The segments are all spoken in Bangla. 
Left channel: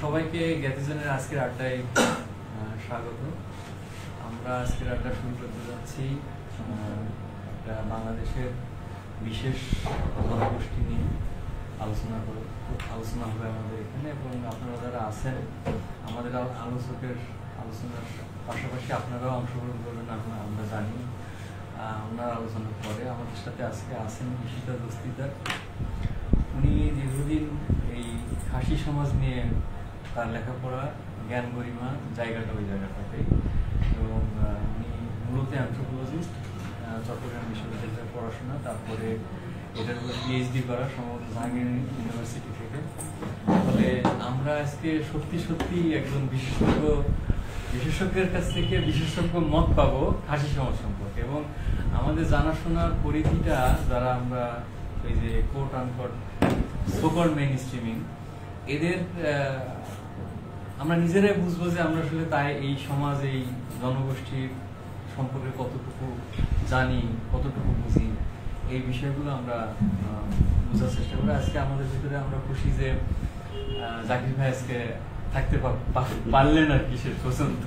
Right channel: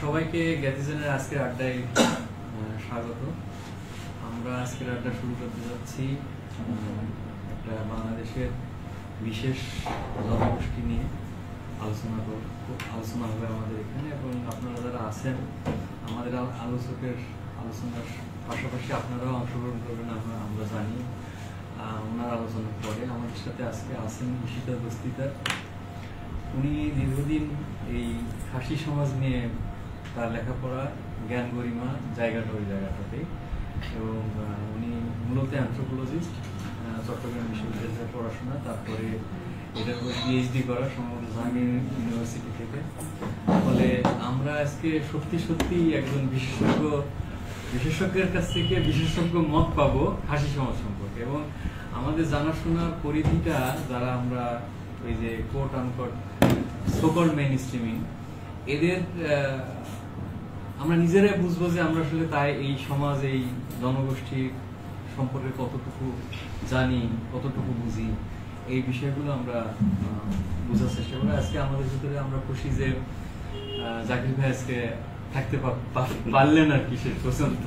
সবাইকে জ্ঞাতিজনের আজকের আড্ডায় স্বাগত। আমরা আজকের আড্ডা শুরু করতে যাচ্ছি বাংলাদেশের বিশেষ জনগোষ্ঠী নিয়ে আলোচনা হবে আমাদের এখানে, এবং আপনারা যারা আছেন আমাদের আলোচনার পাশাপাশি আপনারাও অংশগ্রহণ করবেন আমরা জানি। ওনার আলোচনার পরে আমাদের সাথে আজকে আছেন ঈশিতা দস্তিদার। উনি দীর্ঘদিন এই খাসি সমাজ নিয়ে তার লেখাপড়া, জ্ঞান গরিমা জায়গাটা ওই জায়গাটাতে, এবং উনি মূলত অ্যানথ্রোপোলজিস্ট, চট্টগ্রাম বিশ্ববিদ্যালয়ের পড়াশোনা, তারপরে এটার উপর পিএইচডি করা সম্ভবত জাহাঙ্গীর ইউনিভার্সিটি থেকে। ফলে আমরা আজকে সত্যি একজন বিশেষজ্ঞের কাছ থেকে বিশেষজ্ঞ মত পাবো খাসি সমাজ সম্পর্কে, এবং আমাদের জানাশোনার পরিধিটা যারা আমরা ওই যে কোট আনকোট সোকল মেইন স্ট্রিমিং, এদের আমরা নিজেরাই বুঝবো যে আমরা আসলে তাই এই সমাজ, এই জনগোষ্ঠী সম্পর্কে কতটুকু জানি, কতটুকু বুঝি, এই বিষয়গুলো আমরা বোঝার চেষ্টা করি। আজকে আমাদের ভিতরে আমরা খুশি যে জাকির ভাই আজকে থাকতে পারলেন আর কি। শেষ পর্যন্ত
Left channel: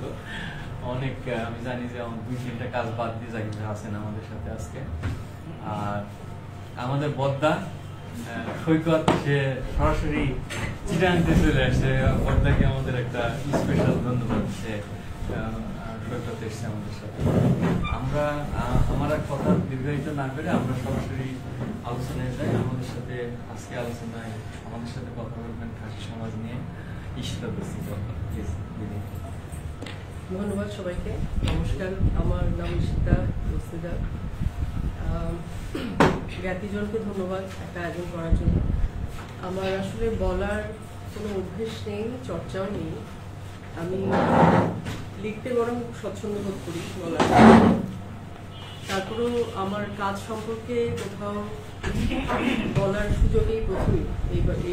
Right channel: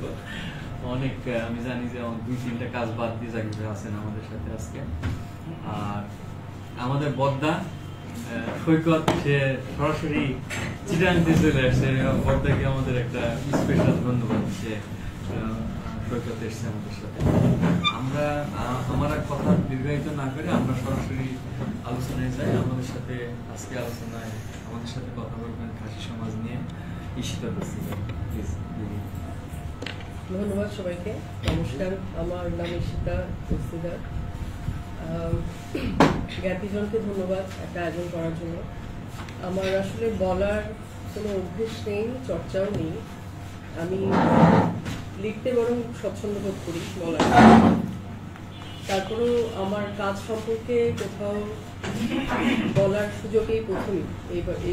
অনেক আমি জানি যে 2-3টা কাজ বাদ দিয়ে জাকির ভাই আছেন আমাদের সাথে আজকে। আর আমাদের বদ্দা সৈকত, সে সরাসরি চিটাগাংতে চলে আসে। বদ্দাকে আমাদের একটা স্পেশাল ধন্যবাদ, সে সৈকত এসছে আমাদের সাথে। আমার কথা দীর্ঘায়িত না করে আমরা সরাসরি আলোচনায় যাই। আমাদের সাথে আজকে আলোচনায় আমাদের সাথে কথা বলবেন খাসি সমাজ নিয়ে ঈশিতা দস্তিদার। প্লিজ। ধন্যবাদ সবাইকে। নমস্কার, আমার নাম ঈশিতা দস্তিদার। জ্ঞাতিজনকে ধন্যবাদ একটা আয়োজন করার জন্য। আমার আসলে বলার কোনো অভ্যেস নেই, চর্চাও নেই। আমি লিখতে বরং স্বচ্ছন্দ বোধ করি বলার। তারপরেও আমার কাজ সম্পর্কে কোথাও বলার সুযোগ এই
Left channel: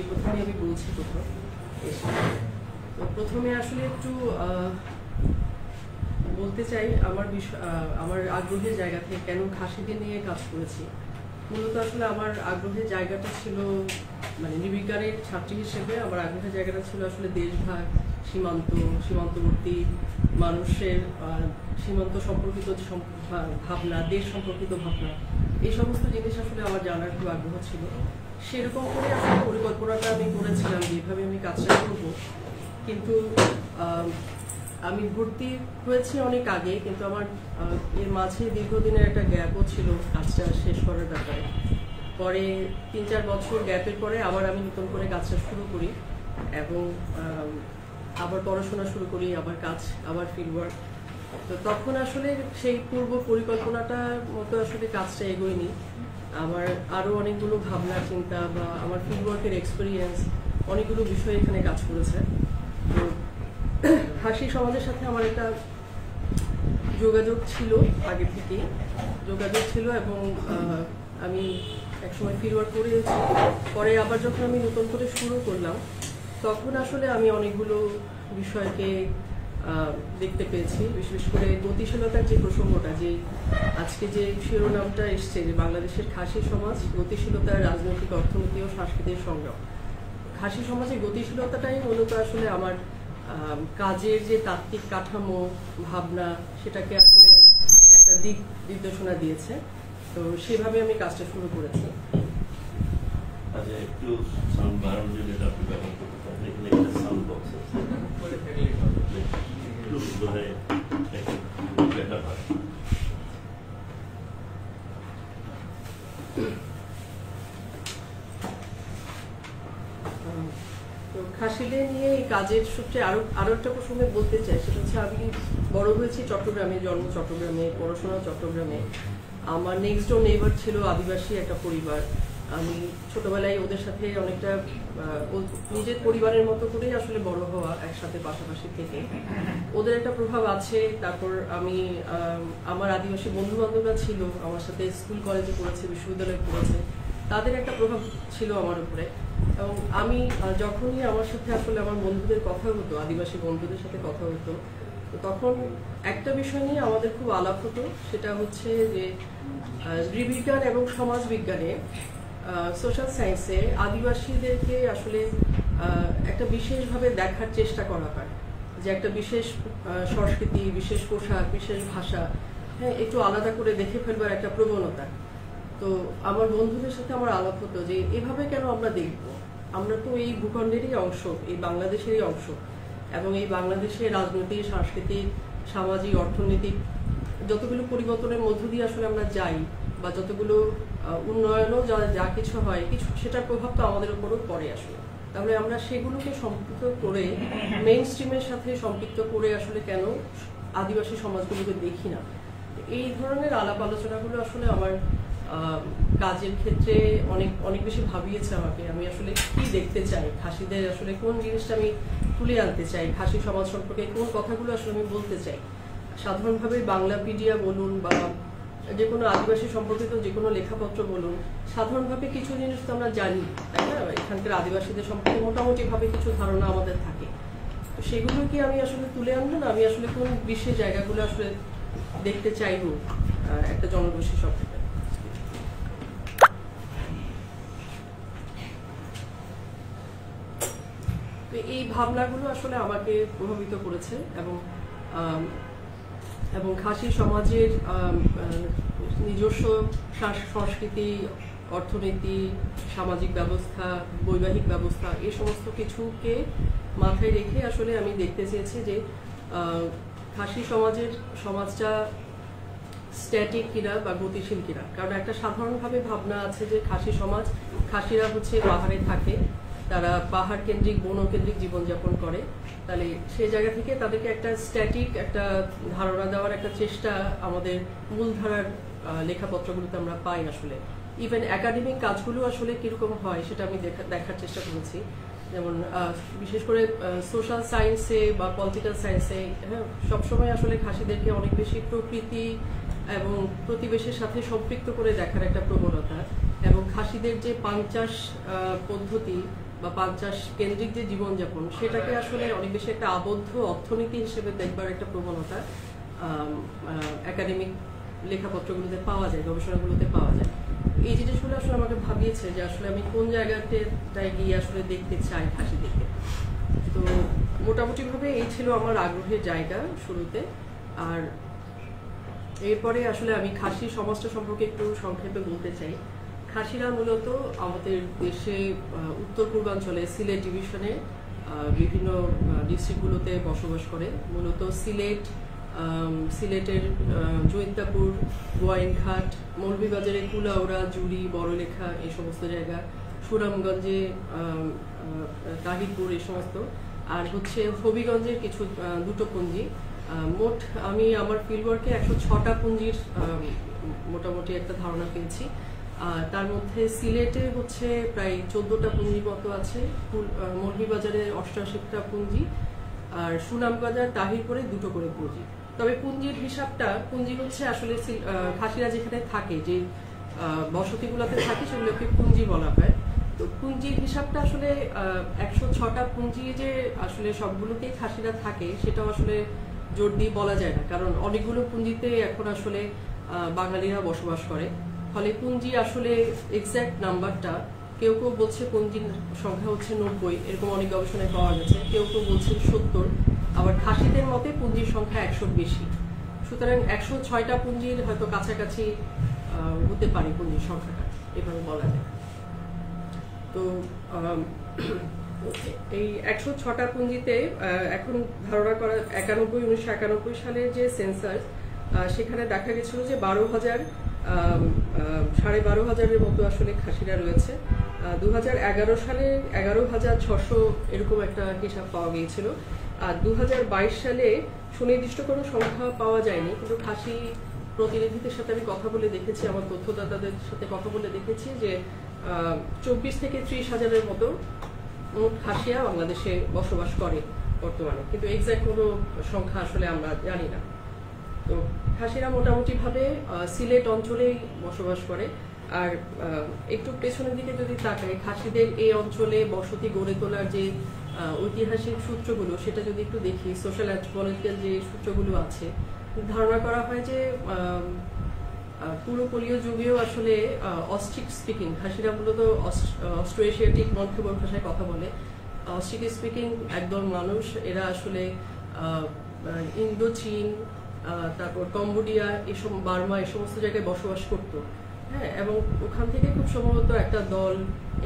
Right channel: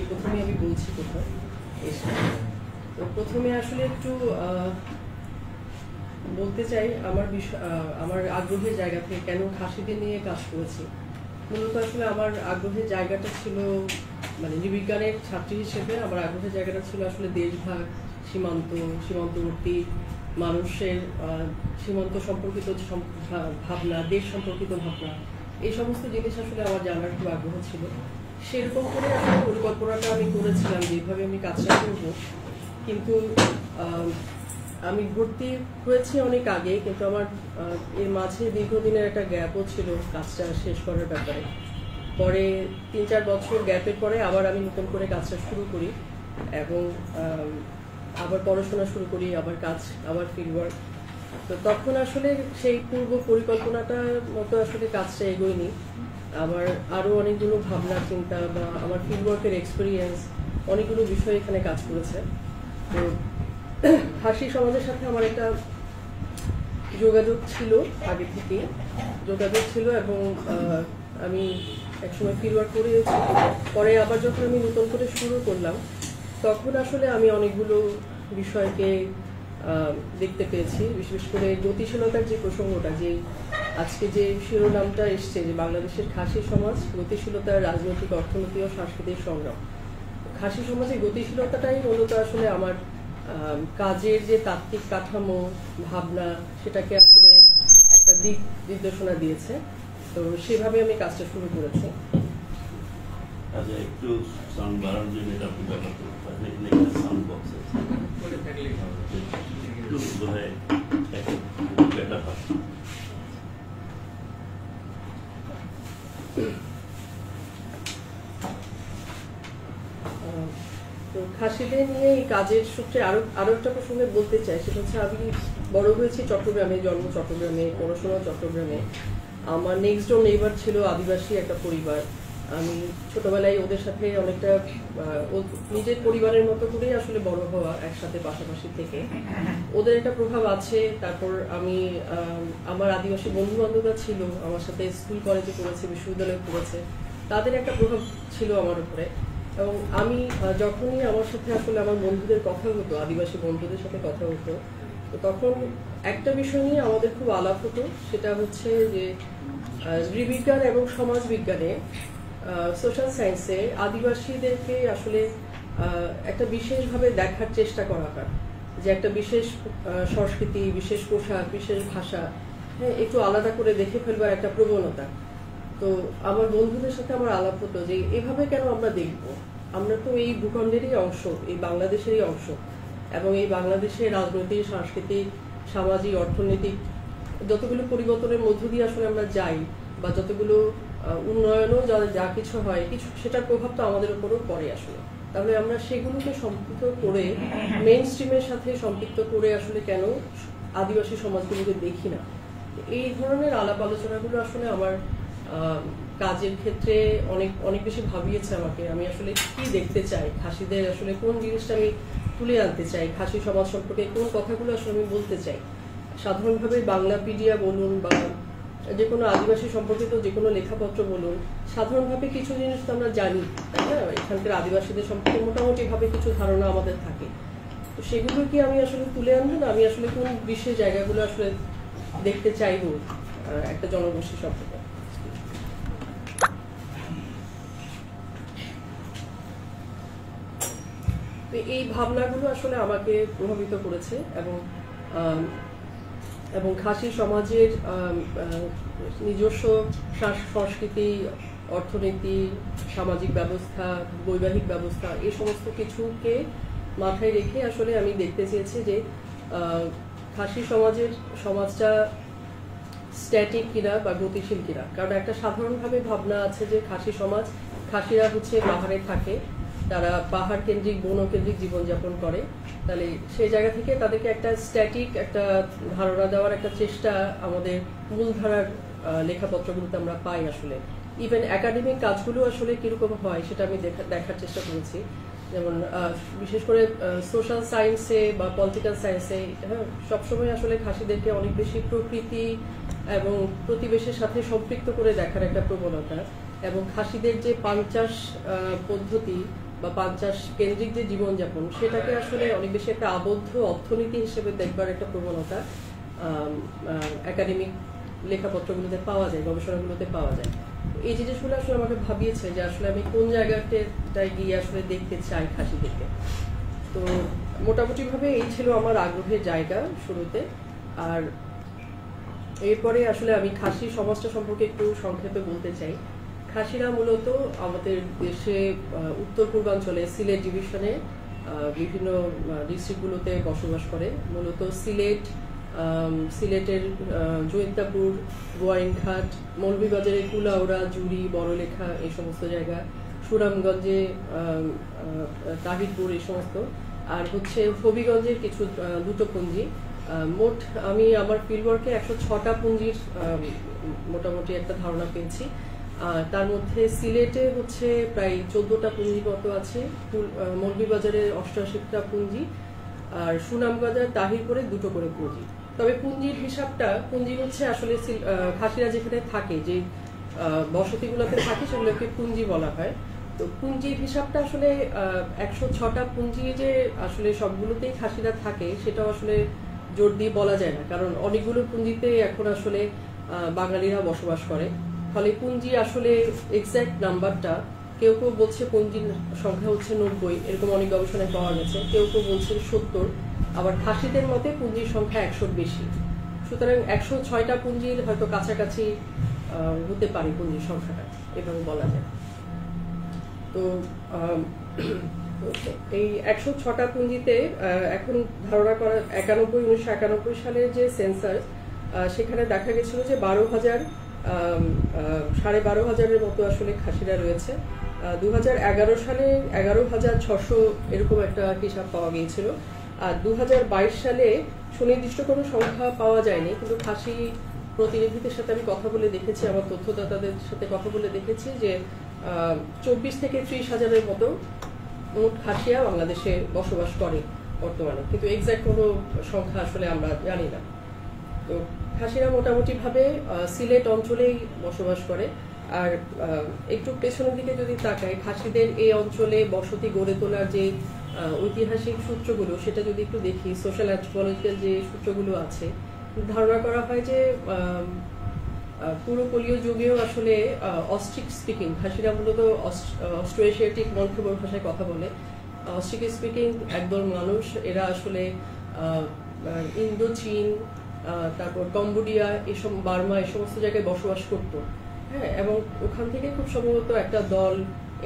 প্রথমে আমি বলছি কোথাও এসে। তো প্রথমে আসলে একটু বলতে চাই আমার আগ্রহের জায়গা থেকে কেন খাসিদের নিয়ে কাজ করেছি। মূলত আসলে আমার আগ্রহের জায়গাটা ছিল, মানে নৃবিজ্ঞানের ছাত্রী হিসেবে আমার আগ্রহের জায়গাটা ছিল আসলে দেশভাগ, সীমান্তবর্তী মানুষের সীমান্ত সম্পর্কিত ভাবনা, দেশ সম্পর্কিত ভাবনা, এই সমস্ত জিনিস আসলে আমার জানার খুব আগ্রহ ছিল। সেরকম করে আসলে পরিকল্পনাটা আমি করেছিলাম যেভাবে আমি কাজটা করব। কিন্তু আমি ভর্তি হয়েছি অনেক আগে, কিন্তু আমার এর মাঝে দীর্ঘদিনের একটা গ্যাপও ছিল কাজটা শেষ করার ব্যাপারে। পরে 3-4 বছর গ্যাপের পরে আবার আমি নতুন করে কাজটা শুরু করি, এবং আবার পড়াশোনা শুরু করি, আবার ফিল্ড ওয়ার্ক। তো তখন আসলে সেই পূর্ব পরিকল্পনাটার মতো আসলে কাজটা এগোয়নি। আমার আরো অনেকগুলো ভাবনা চিন্তা বা আমার ফিল্ড ওয়ার্কের এক্সপিরিয়েন্স অনেকগুলো বিষয় এখানে কাজ করেছে। তো খাসি সমাজের সাথে আমার একটা যোগাযোগ ছিল, আগে থেকে যোগাযোগ ছিল, এবং আমি একসময় ফিল্ড ওয়ার্ক করেছি। পরে আবার যখন আমি নতুন করে শুরু করলাম, তখন আসলে আমি অনেকগুলো বিষয়কে দেখতে পেয়েছি। বিশেষ করে গতিশীলতার যে প্রসঙ্গটা, যে আজকে যে শিরোনামটা এসছে, যে বাংলাদেশের খাসি সমাজ, গতিশীলতা, রাজনৈতিক, অর্থনৈতিক ও সাংস্কৃতিক সংগ্রাম। খাসি সমাজের গতিশীলতাটাই মূলত আসলে আমার কাজের যে তাত্ত্বিক কাঠামো, ভাবনা, সেটাকে আসলে একটা দিক নির্দেশনা দিয়েছে। তো সেভাবে আমি কাজটা শুরু করেছি। আচ্ছা, একটু সাউন্ড বাড়ানোর জন্য এটা আপনি ব্যবহার করতে পারেন। এখানে একটা সাউন্ড বক্স আছে, একটু বোধহয় বেটার হয়। তো খাসিদের নিয়ে এই কাজের সূত্রে আরো একটা প্রসঙ্গে বলতে চাই, সেটা হচ্ছে আমি বড় হয়েছি চট্টগ্রামে, জন্ম চট্টগ্রামে, পড়াশোনা চট্টগ্রামে। আমার নেক্সট ডোর নেইবার ছিল আদিবাসী একটা পরিবার। আমি ছোটবেলায় ওদের সাথে অনেকটা নিজের পরিবারের মতো করেই আসলে বড় হওয়া, একসাথে পাশাপাশি থেকে ওদের একটা প্রভাব আছে। তারপর আমি আমার আদিবাসী বন্ধু বান্ধবরা ছিল, আমার সাথে স্কুল কলেজে পড়েছে, বিশ্ববিদ্যালয়ে পড়েছে, তাদের একটা প্রভাব ছিল আমার উপরে। এবং আমি যখনই আমার সাথে আসলে আমার বন্ধুদের কথা হতো, আদিবাসী বন্ধুদের সাথে কথা হতো, তো তখন একটা বিষয় নিয়ে আমাদের খুব আলাপ হতো, সেটা হচ্ছে যে নৃবিজ্ঞান এবং সমাজ বিজ্ঞানে সোশ্যাল সায়েন্সে আদিবাসীদেরকে আসলে একটা বিশেষভাবে দেখার চেষ্টা করা হয়, যে একটা বিশেষ সংস্কৃতি, বিশেষ পোশাক, বিশেষ ভাষা, হ্যাঁ, একটু আলাদা করে দেখে ফেলবার একটা প্রবণতা। তো আমার বন্ধুদের সাথে আমার আলাপ হতো যে এভাবে কেন আমরা দেখব, আমরা তো এই ভূখণ্ডেরই অংশ, এই বাংলাদেশেরই অংশ, এবং এই বাংলাদেশের রাজনৈতিক, সাংস্কৃতিক, সামাজিক, অর্থনৈতিক যতগুলো পরিবর্তনের মধ্য দিয়ে আসলে আমরা যাই, বা যতগুলো উন্নয়নও যা কিছু হয়, কিছু সেটার প্রভাব তো আমাদের উপরও পড়ে আসলে। তাহলে আমরা সেগুলোকে সম্পৃক্ত করে, মেইন স্ট্রিমের সাথে সম্পৃক্ত করে আসলে কেন আদিবাসী সমাজগুলোকে দেখি না? এই ধরনের আলাপ আলোচনাগুলো আসলে আমার কাজের ক্ষেত্রে অনেক অনেক বেশি ভাবিয়েছে আমাকে। আমি আসলে কি দেখতে চাই, খাসিদের আসলে কোন জিনিসটা আমি তুলে আনতে চাই, খাসি সমাজ সম্পর্কে কোন কথাগুলো আসলে আমি বলতে চাই। সাধারণভাবে বাংলাপিডিয়া বলুন বা যে কোনো আদিবাসী সম্পর্কিত যে কোনো লেখাপত্র বলুন, সাধারণভাবে কিছু জিনিস তো আমরা জানি, তাই না? এখানকার আদিবাসীদের সম্পর্কে মোটামুটি ভাবে কিছু ধারণা আমাদের থাকে। তো সেগুলো কি আমি আসলে তুলে আনবো না, আমি আসলে কোন বিশেষ জায়গাগুলো আসলে দেখতে চাইবো একটা জনগোষ্ঠী সম্পর্কে? তো এই ভাবনাগুলো আসলে আমাকে প্রভাবিত করেছে, এবং খাসি সমাজের নিজস্ব সংস্কৃতি, অর্থনীতি, সামাজিক ব্যবস্থা, বৈবাহিক ব্যবস্থা, এই সমস্ত কিছুকে মাথায় রেখে আসলে আমি দেখতে চেয়েছি যে খাসি সমাজটা স্ট্যাটিক কিনা বা গতিশীল কিনা। কারণ একটা সাধারণভাবে ভাবনা আছে যে খাসিরা হচ্ছে পাহাড়ে থাকে, তারা পাহাড় কেন্দ্রিক, বন কেন্দ্রিক জীবনযাপন করে। তাহলে সেই জায়গা থেকে তাদেরকে একটা স্ট্যাটিক একটা ধারণা দেওয়ার একটা চেষ্টা আমাদের মূলধারার লেখাপত্রগুলোতে আমরা পাই আসলে। ইভেন একাডেমিক কাজগুলো আসলে কিরকম হয় সেটা আমি দেখার চেষ্টা করেছি। যেমন বিশেষ করে সোশ্যাল সায়েন্সে বা পলিটিক্যাল সায়েন্সে, হ্যাঁ, সবসময় আসলে খাসিদেরকে অনেক বেশি প্রকৃতি এবং প্রতিবেশের সাথে সম্পৃক্ত করে দেখার একটা প্রবণতা, এবং খাসিদের যে পাঞ্চাশ পদ্ধতি বা পাঞ্চাশ কেন্দ্রিক যে জীবনযাপন, সেটাকে আসলে অনেক বেশি একটা আবদ্ধ অর্থনীতি হিসেবে দেখবার একটা প্রবণতা একাডেমিক লেখাপত্রগুলোতে পাওয়া যায়, গবেষণাগুলোতে পাওয়া যায়। এই জিনিসগুলো আসলে আমাকে ভাবিয়েছে যে আসলে আমি কোন জায়গাটায় গিয়ে আসলে দেখতে চাই খাসিদেরকে। তো মোটামুটি ভাবে এই ছিল আমার আগ্রহের জায়গা শুরুতে। আর এরপরে আসলে আমি খাসি সমাজটা সম্পর্কে একটু সংক্ষেপে বলতে চাই। খাসিরা মূলত আমাদের দেশে উত্তর পূর্বাঞ্চলে সিলেট ডিভিশনে বিভিন্ন ডিস্ট্রিক্টগুলোতে বসবাস করে। মূলত সিলেটের জৈন্তাপুর, গোয়াইনঘাট, মৌলভীবাজারের কুলাউড়া, জুড়ি, বড়লেখা, এই সমস্ত জায়গা, সুনামগঞ্জে তাহিরপুর, এই সমস্ত, আর হচ্ছে হবিগঞ্জের কিছু দুটো পুঞ্জি। মোট আমি আমার ফিল্ডওয়ার্কে 106টা পুঞ্জির মোটামুটি একটা ধারণা পেয়েছি। তার মধ্যে সিলেটে হচ্ছে প্রায় 14টা পুঞ্জির মতো আছে, মৌলভীবাজারের 88টা পুঞ্জি, আর সুনামগঞ্জের তাহিরপুরে 2টো করে পুঞ্জি। তবে পুঞ্জির হিসাবটা, পুঞ্জি হচ্ছে আসলে খাসিরা যেখানে থাকে, যে বসতিগুলোতে থাকে, সেগুলোকে পুঞ্জি বলা হয়। তো পুঞ্জির হিসাবটা আসলে 106টা পুঞ্জি যে আসলে সবগুলোতেই খাসিরা থাকে সেটাও আসলে জোর দিয়ে বলা যায় না, কারণ অনেকগুলো পুঞ্জিতে এখন আসলে বাঙালিরা বসবাস করে। ফলে পুঞ্জি আসলে এক্সাক্ট নাম্বারটা, কেউ কেউ বলছে পুঞ্জির সংখ্যা হচ্ছে 90, এরকম অনেক গবেষণায় পাওয়া গেছে, কেউ কেউ বলছেন 70, আবার খাসিদের মতে পুঞ্জির সংখ্যা 100-র বেশি। সুতরাং 106টা পুঞ্জির হয়তো কাছাকাছি হতে পারে পুঞ্জির সংখ্যাটা, এভাবে বলা যায়। তো এই 106টা পুঞ্জিতে এখন ধারণা করা 1991 সালের যে সেন্সাস, সেখানে দেখা গেছিল যে 12,500-এর মতো আসলে খাসিরা রয়েছে। 2011 সালে 11,600 এরকম একটা হিসাব পাওয়া গিয়েছিল। আর 2022 সালে সুনির্দিষ্ট কোনো সংখ্যা পাওয়া যায়নি, কিন্তু খাসি প্রতিনিধিদের সাথে আমি কথা বলে দেখেছি, আমার তথ্যদাতাদের সাথে কথা বলে দেখেছি যে 24 থেকে 30 হাজারের মতো খাসিয়া বাংলাদেশে বসবাস করে বর্তমানে, কিন্তু এক্সাক্ট কোনো সংখ্যা আসলে আমরা জানি না। তো খাসিরা মোটামুটি ভাবে সিলেট অঞ্চলেই বসবাস করে। আর একটু পেছনের দিকে যদি তাকাই, খাসিদের এই অঞ্চলে বসতি গড়ে তোলার যে ঐতিহাসিক সূত্রগুলো, সেটা যদি একটু দেখি, সোশ্যাল অ্যান্থ্রোপোলজিক্যাল যে সূত্রগুলো আছে, ধারণা করা হয় যে পুরোপলীয় যুগেও আসলে অস্ট্রিক স্পিকিং, খাসিরা মূলত অস্ট্রো এশিয়াটিক মনখেমর ভাষায় কথা বলে। অস্ট্রিক স্পিকিং একদল মানুষ, এরা আসলে ইন্দো চীন, তারপর কম্বোডিয়া, এসব বার্মা, এই সমস্ত জায়গায় বসবাস করতো। হ্যাঁ, এবং ওখান থেকে খুব সম্ভবত একটা দল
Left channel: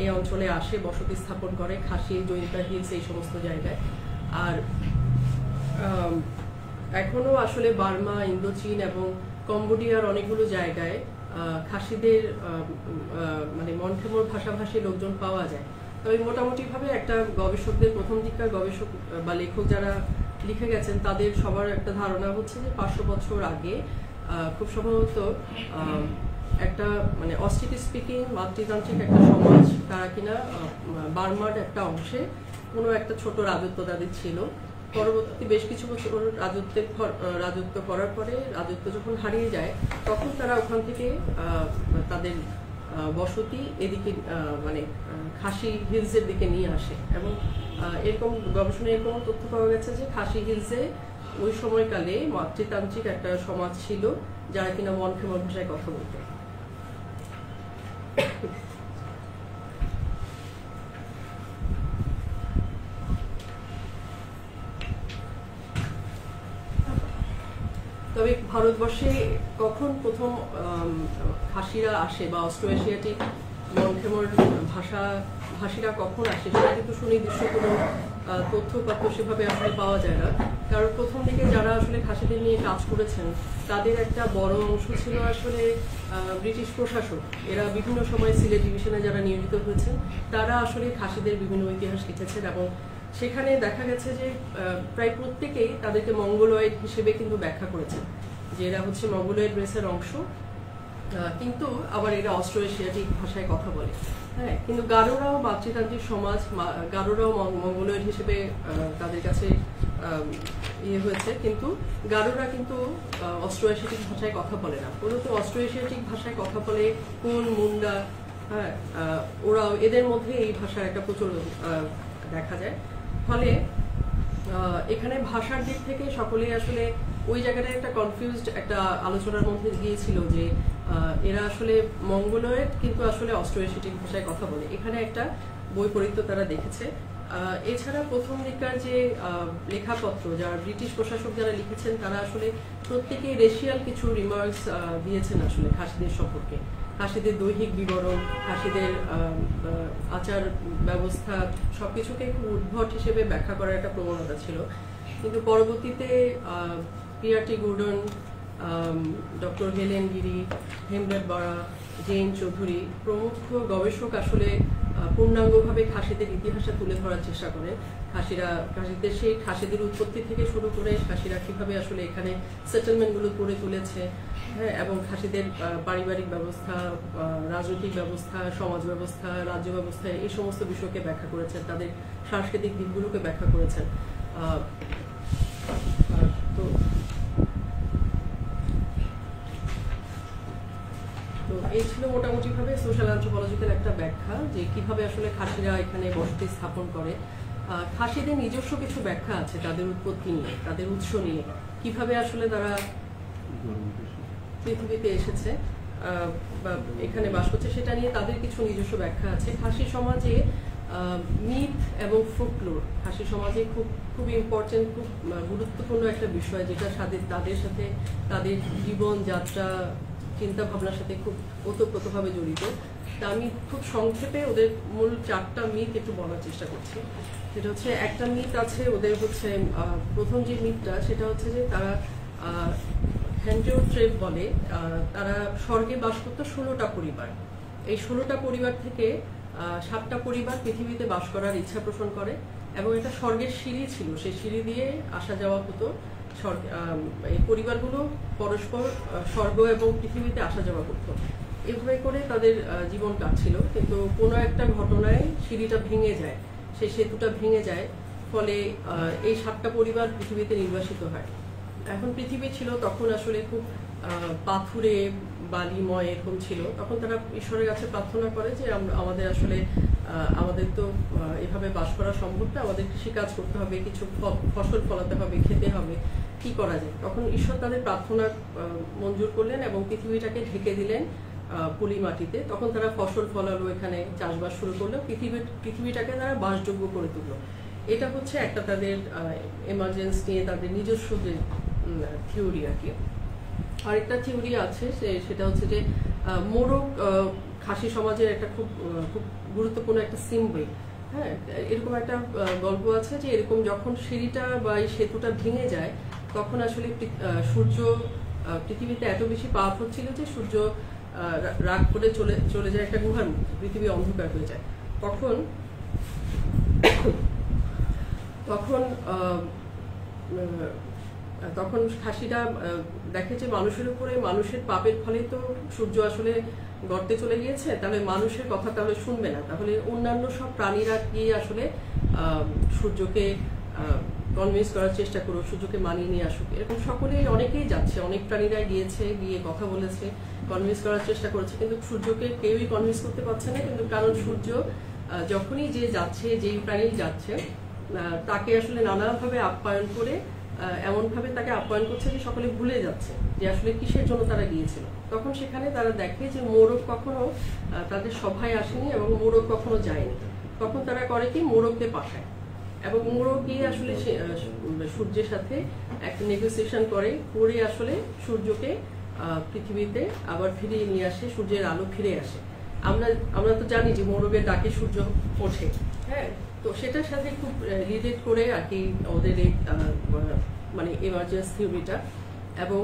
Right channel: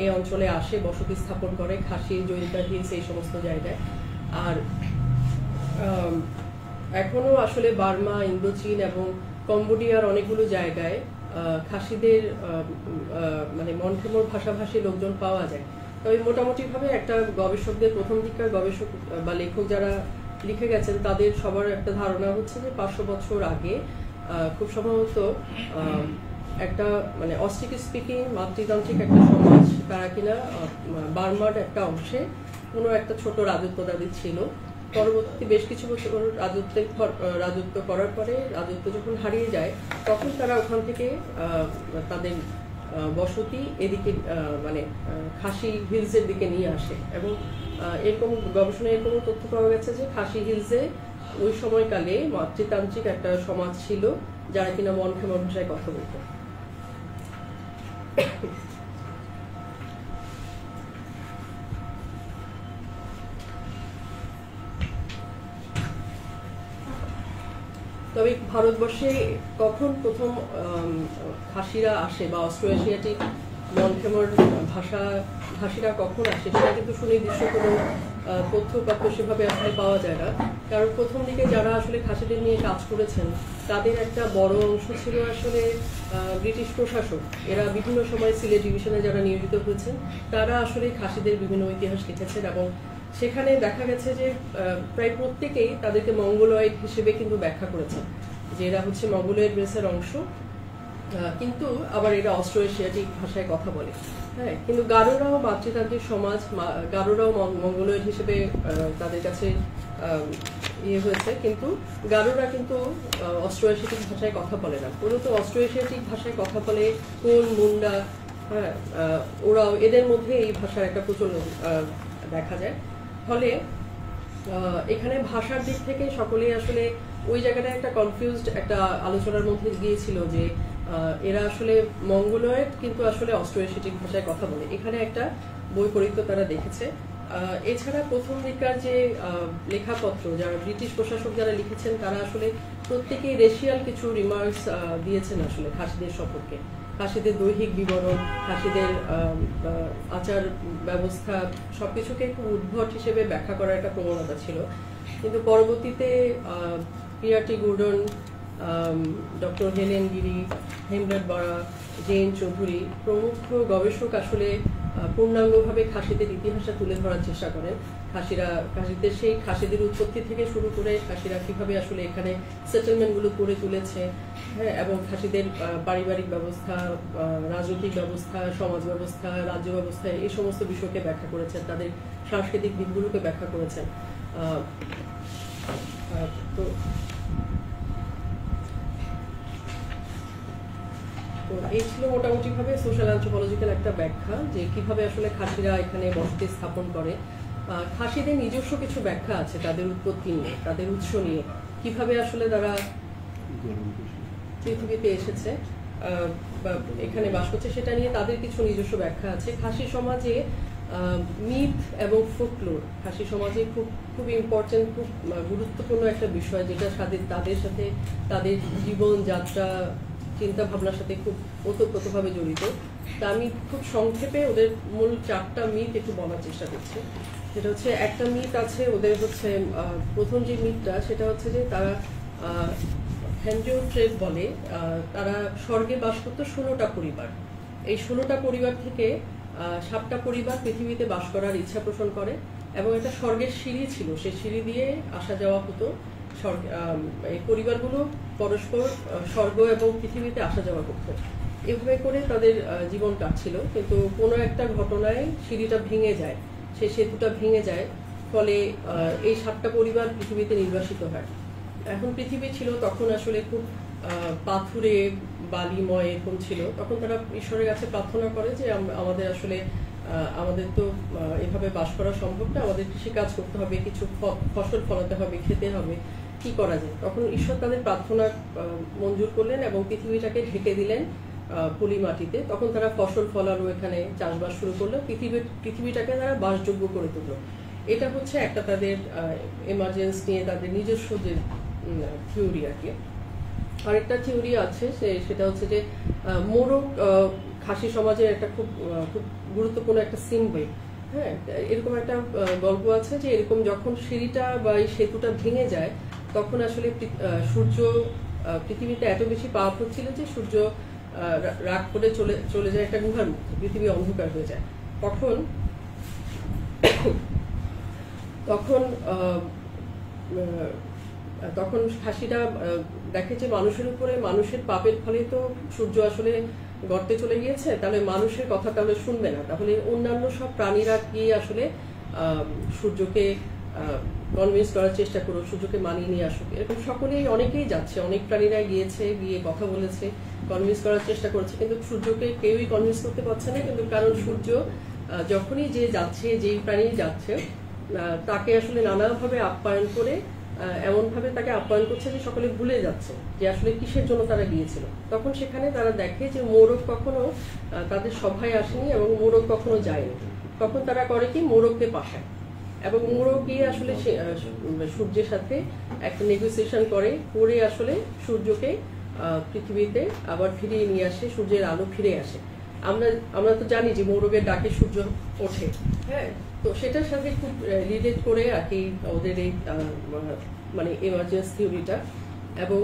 এই অঞ্চলে আসে, বসতি স্থাপন করে খাসি, জয়িতা হিলস, এই সমস্ত জায়গায়। আর এখনো আসলে বার্মা, ইন্দো চীন এবং কম্বোডিয়ার অনেকগুলো জায়গায় খাসিদের মানে মনখেমর ভাষাভাষী লোকজন পাওয়া যায়। তবে মোটামুটি ভাবে একটা গবেষকদের, প্রথম দিককার গবেষক বা লেখক যারা লিখে গেছেন, তাদের সবার একটা ধারণা হচ্ছে যে 500 বছর আগে খুব সম্ভবত একটা মানে অস্ট্রিক স্পিকিং মাতৃতান্ত্রিক একটা সমাজ, তারা কিনা বার্মার একটা অংশে কোনো একটা ছোট রাজত্ব তাদের ছিল। পরবর্তী বেশ কিছু বছর রাজত্ব করার পরে রাজত্ব যখন হারিয়ে যায়, তখন তারা ওখান থেকে তাদের বসতি এদিকে মানে খাসি হিলসের দিকে নিয়ে আসে। এবং এরকম গবেষণায় এরকম তথ্য পাওয়া গেছে যে খাসি হিলসে ওই সময়কালে মাতৃতান্ত্রিক একটা সমাজ ছিল, যারা কিনা মনখেমর ভাষায় কথা বলতো। তবে ভারতবর্ষে কখন প্রথম খাসিরা আসে বা অস্ট্রো এশিয়াটিক মনখেমর ভাষীরা কখন আসে, সেটা কিন্তু সুনির্দিষ্ট কোনো তথ্যপাত্র সেভাবে আসলে পাওয়া যায় না। কারণ প্রথম দিকে যারা আসলে খাসিদের নিয়ে কাজ করেছেন, তাদের একটা বড় অংশ ছিল আসলে ব্রিটিশ প্রশাসক। এরা বিভিন্ন সময় সিলেট ডিভিশনে যারা নিয়োজিত হয়েছেন, তারা আসলে খাসিদের বিভিন্ন ইতিহাস লিখেছেন এবং সেখানে দেখা গেছে যে প্রায় প্রত্যেকেই তাদেরকে মঙ্গোলয়েড হিসেবে কিন্তু ব্যাখ্যা করেছেন, যে এরা হচ্ছে মঙ্গোলয়েড রেসের অংশ, কিন্তু আবার এরা অস্ট্রো এশিয়াটিক ভাষায় কথা বলে। হ্যাঁ, কিন্তু গারোরাও মাতৃতান্ত্রিক সমাজ, গারোরাও মঙ্গোলয়েড হিসেবে তাদের কাছে ইয়ে হয়েছে, কিন্তু গারোরা কিন্তু অস্ট্রো এশিয়াটিক ভাষায় কথা বলে না। মূলত অস্ট্রো এশিয়াটিক ভাষায় কথা বলে কোন, মুন্ডা, হ্যাঁ, ওরাও, এদের মধ্যে এই ভাষার একটা প্রচলন দেখা যায়। ফলে এখানে ভাষার দিক থেকে সকলেই আসলে ওই জায়গাটা একটা কনফিউজড একটা আলোচনার মধ্যে গিয়েছিল যে এরা আসলে মঙ্গোলয়েড কিন্তু আসলে অস্ট্রো এশিয়াটিক ভাষায় কথা বলে। এখানে একটা বৈপরীত্য তারা দেখেছে। এছাড়া প্রথম দিককার যে লেখাপত্র, যারা ব্রিটিশ প্রশাসক যারা লিখেছেন, তারা আসলে প্রত্যেকেই রেশিয়াল কিছু রিমার্কস দিয়েছেন আসলে খাসিদের সম্পর্কে। খাসিদের দৈহিক বিবরণ, খাসিদের আচার ব্যবস্থা, সবকিছুকে খুব উদ্ভট হিসেবে ব্যাখ্যা করার একটা প্রবণতা ছিল। কিন্তু পরবর্তীতে পিয়ারটি গুর্ডন, ডক্টর হেলেন গিরি, হেমব্রেট বরা, জেন চৌধুরী প্রমুখ গবেষক আসলে পূর্ণাঙ্গভাবে খাসিদের ইতিহাসটা তুলে ধরার চেষ্টা করেন। খাসিদের সেই খাসিদের উৎপত্তি থেকে শুরু করে খাসিরা কিভাবে আসলে এখানে সেটেলমেন্টগুলো করে তুলেছে, হ্যাঁ, এবং খাসিদের পারিবারিক ব্যবস্থা, রাজনৈতিক ব্যবস্থা, সমাজ ব্যবস্থা, রাজ্য ব্যবস্থা, এই সমস্ত বিষয়কে ব্যাখ্যা করেছেন, তাদের সাংস্কৃতিক দিকগুলোকে ব্যাখ্যা করেছেন। তো এই ছিল মোটামুটি ভাবে সোশ্যাল অ্যানথ্রোপলজিক্যাল একটা ব্যাখ্যা যে কিভাবে আসলে খাসিরা এখানে বসতি স্থাপন করে। খাসিদের নিজস্ব কিছু ব্যাখ্যা আছে তাদের উৎপত্তি নিয়ে, তাদের উৎস নিয়ে, কিভাবে আসলে তারা পৃথিবীতে এসেছে বা এখানে বাস করছে, সেটা নিয়ে তাদের কিছু নিজস্ব ব্যাখ্যা আছে। খাসি সমাজে মিথ এবং ফোকলোর খাসি সমাজে খুব ইম্পর্টেন্ট, খুব গুরুত্বপূর্ণ একটা বিষয়, যেটা তাদের সাথে তাদের জীবন যাত্রা, চিন্তা ভাবনার সাথে খুব ওতপ্রোতভাবে জড়িত। তা আমি খুব সংক্ষেপে ওদের মূল 4টা মিথ একটু বলার চেষ্টা করছি। যেটা হচ্ছে, একটা মিথ আছে ওদের হচ্ছে, প্রথম যে মিথটা সেটা হচ্ছে যে তারা হ্যান্ডিওট্রেপ বলে, তারা স্বর্গে বাস করতো 16টা পরিবার। এই 16টা পরিবার থেকে 7টা পরিবার পৃথিবীতে বাস করার ইচ্ছা পোষণ করে এবং একটা স্বর্গের সিঁড়ি ছিল, সেই সিঁড়ি দিয়ে আসা যাওয়া হতো। এই পরিবারগুলো পরস্পর স্বর্গ এবং পৃথিবীতে আসা যাওয়া করতো। এভাবে করে তাদের জীবন কাটছিল, কিন্তু কোনো একটা ঘটনায় সিঁড়িটা ভেঙে যায়, সেই সেতুটা ভেঙে যায়, ফলে এই 7টা পরিবার পৃথিবীতে নির্বাসিত হয়। এখন পৃথিবী ছিল তখন আসলে খুব পাথুরে বালিময় এরকম ছিল। তখন তারা ঈশ্বরের কাছে প্রার্থনা করে যে আমাদের আসলে আমাদের তো এভাবে বাস করা সম্ভব না, আমাদের কৃষিকাজ করতে হবে, কিছু ফসল ফলাতে হবে, খেতে হবে। কি করা যায়। তখন ঈশ্বর তাদের প্রার্থনা মঞ্জুর করলেন এবং পৃথিবীটাকে ঢেকে দিলেন পলি মাটিতে। তখন তারা ফসল ফলালো, এখানে চাষবাস শুরু করলো, পৃথিবীটাকে তারা বাসযোগ্য করে তুললো। এটা হচ্ছে একটা তাদের এমার্জেন্সি নিয়ে তাদের নিজস্ব যে থিওরি আর কি। আরেকটা থিওরি আছে সেটা হচ্ছে যে মোরগ খাসি সমাজের একটা খুব খুব গুরুত্বপূর্ণ একটা সিম্বল। হ্যাঁ, এরকম একটা গল্প আছে যে এরকম যখন সিঁড়িটা বা এই সেতুটা ভেঙে যায় তখন আসলে সূর্য পৃথিবীতে এত বেশি পাওয়ারফুল ছিল যে সূর্য রাগ করে চলে যায় একটা গুহার মধ্যে, পৃথিবী অন্ধকার হয়ে যায়। তখন খাসিটা দেখে যে মানুষের উপরে, মানুষের পাপের ফলে তো সূর্য আসলে গর্তে চলে গিয়েছে, তাহলে মানুষের কথা তাহলে শুনবে না, তাহলে অন্যান্য সব প্রাণীরা গিয়ে আসলে সূর্যকে কনভিন্স করার চেষ্টা করো, সূর্যকে মানিয়ে নিয়ে আসুক। এরকম অনেকেই যাচ্ছে, অনেক প্রাণীরাই গিয়ে কথা বলেছে, কনভিন্স করার চেষ্টা করেছে, কিন্তু সূর্যকে কেউই কনভিন্স করতে পারছে না। কিন্তু কারণ সূর্য যখনই যে যাচ্ছে, যেই প্রাণী যাচ্ছে তাকে আসলে নানাভাবে আপ্যায়ন করে, এমন ভাবে তাকে আপ্যায়ন করছে যে সকলে ভুলে যাচ্ছে যে আসলে কিসের জন্য তারা গিয়েছিল। তখন সেখানে তারা দেখে যে মোরগ কখনো তাদের সভায় আসেনি এবং মোরগ কখনো যায়নি। তখন তারা করে কি, মোরগকে পাঠায় এবং মোরগ গিয়ে আসলে সূর্যের সাথে একটা নেগোসিয়েশন করে আসলে সূর্যকে পৃথিবীতে আবার ফিরিয়ে নিয়ে আসে, সূর্যের আলো ফিরে আসে। আমরা তো জানি যে মোরগের ডাকে সূর্য ওঠে। হ্যাঁ, তো সেটার সাথে খুব রিলেট করে আর কি ওদের এই মানে এমার্জেন্সি থিওরিটা। এবং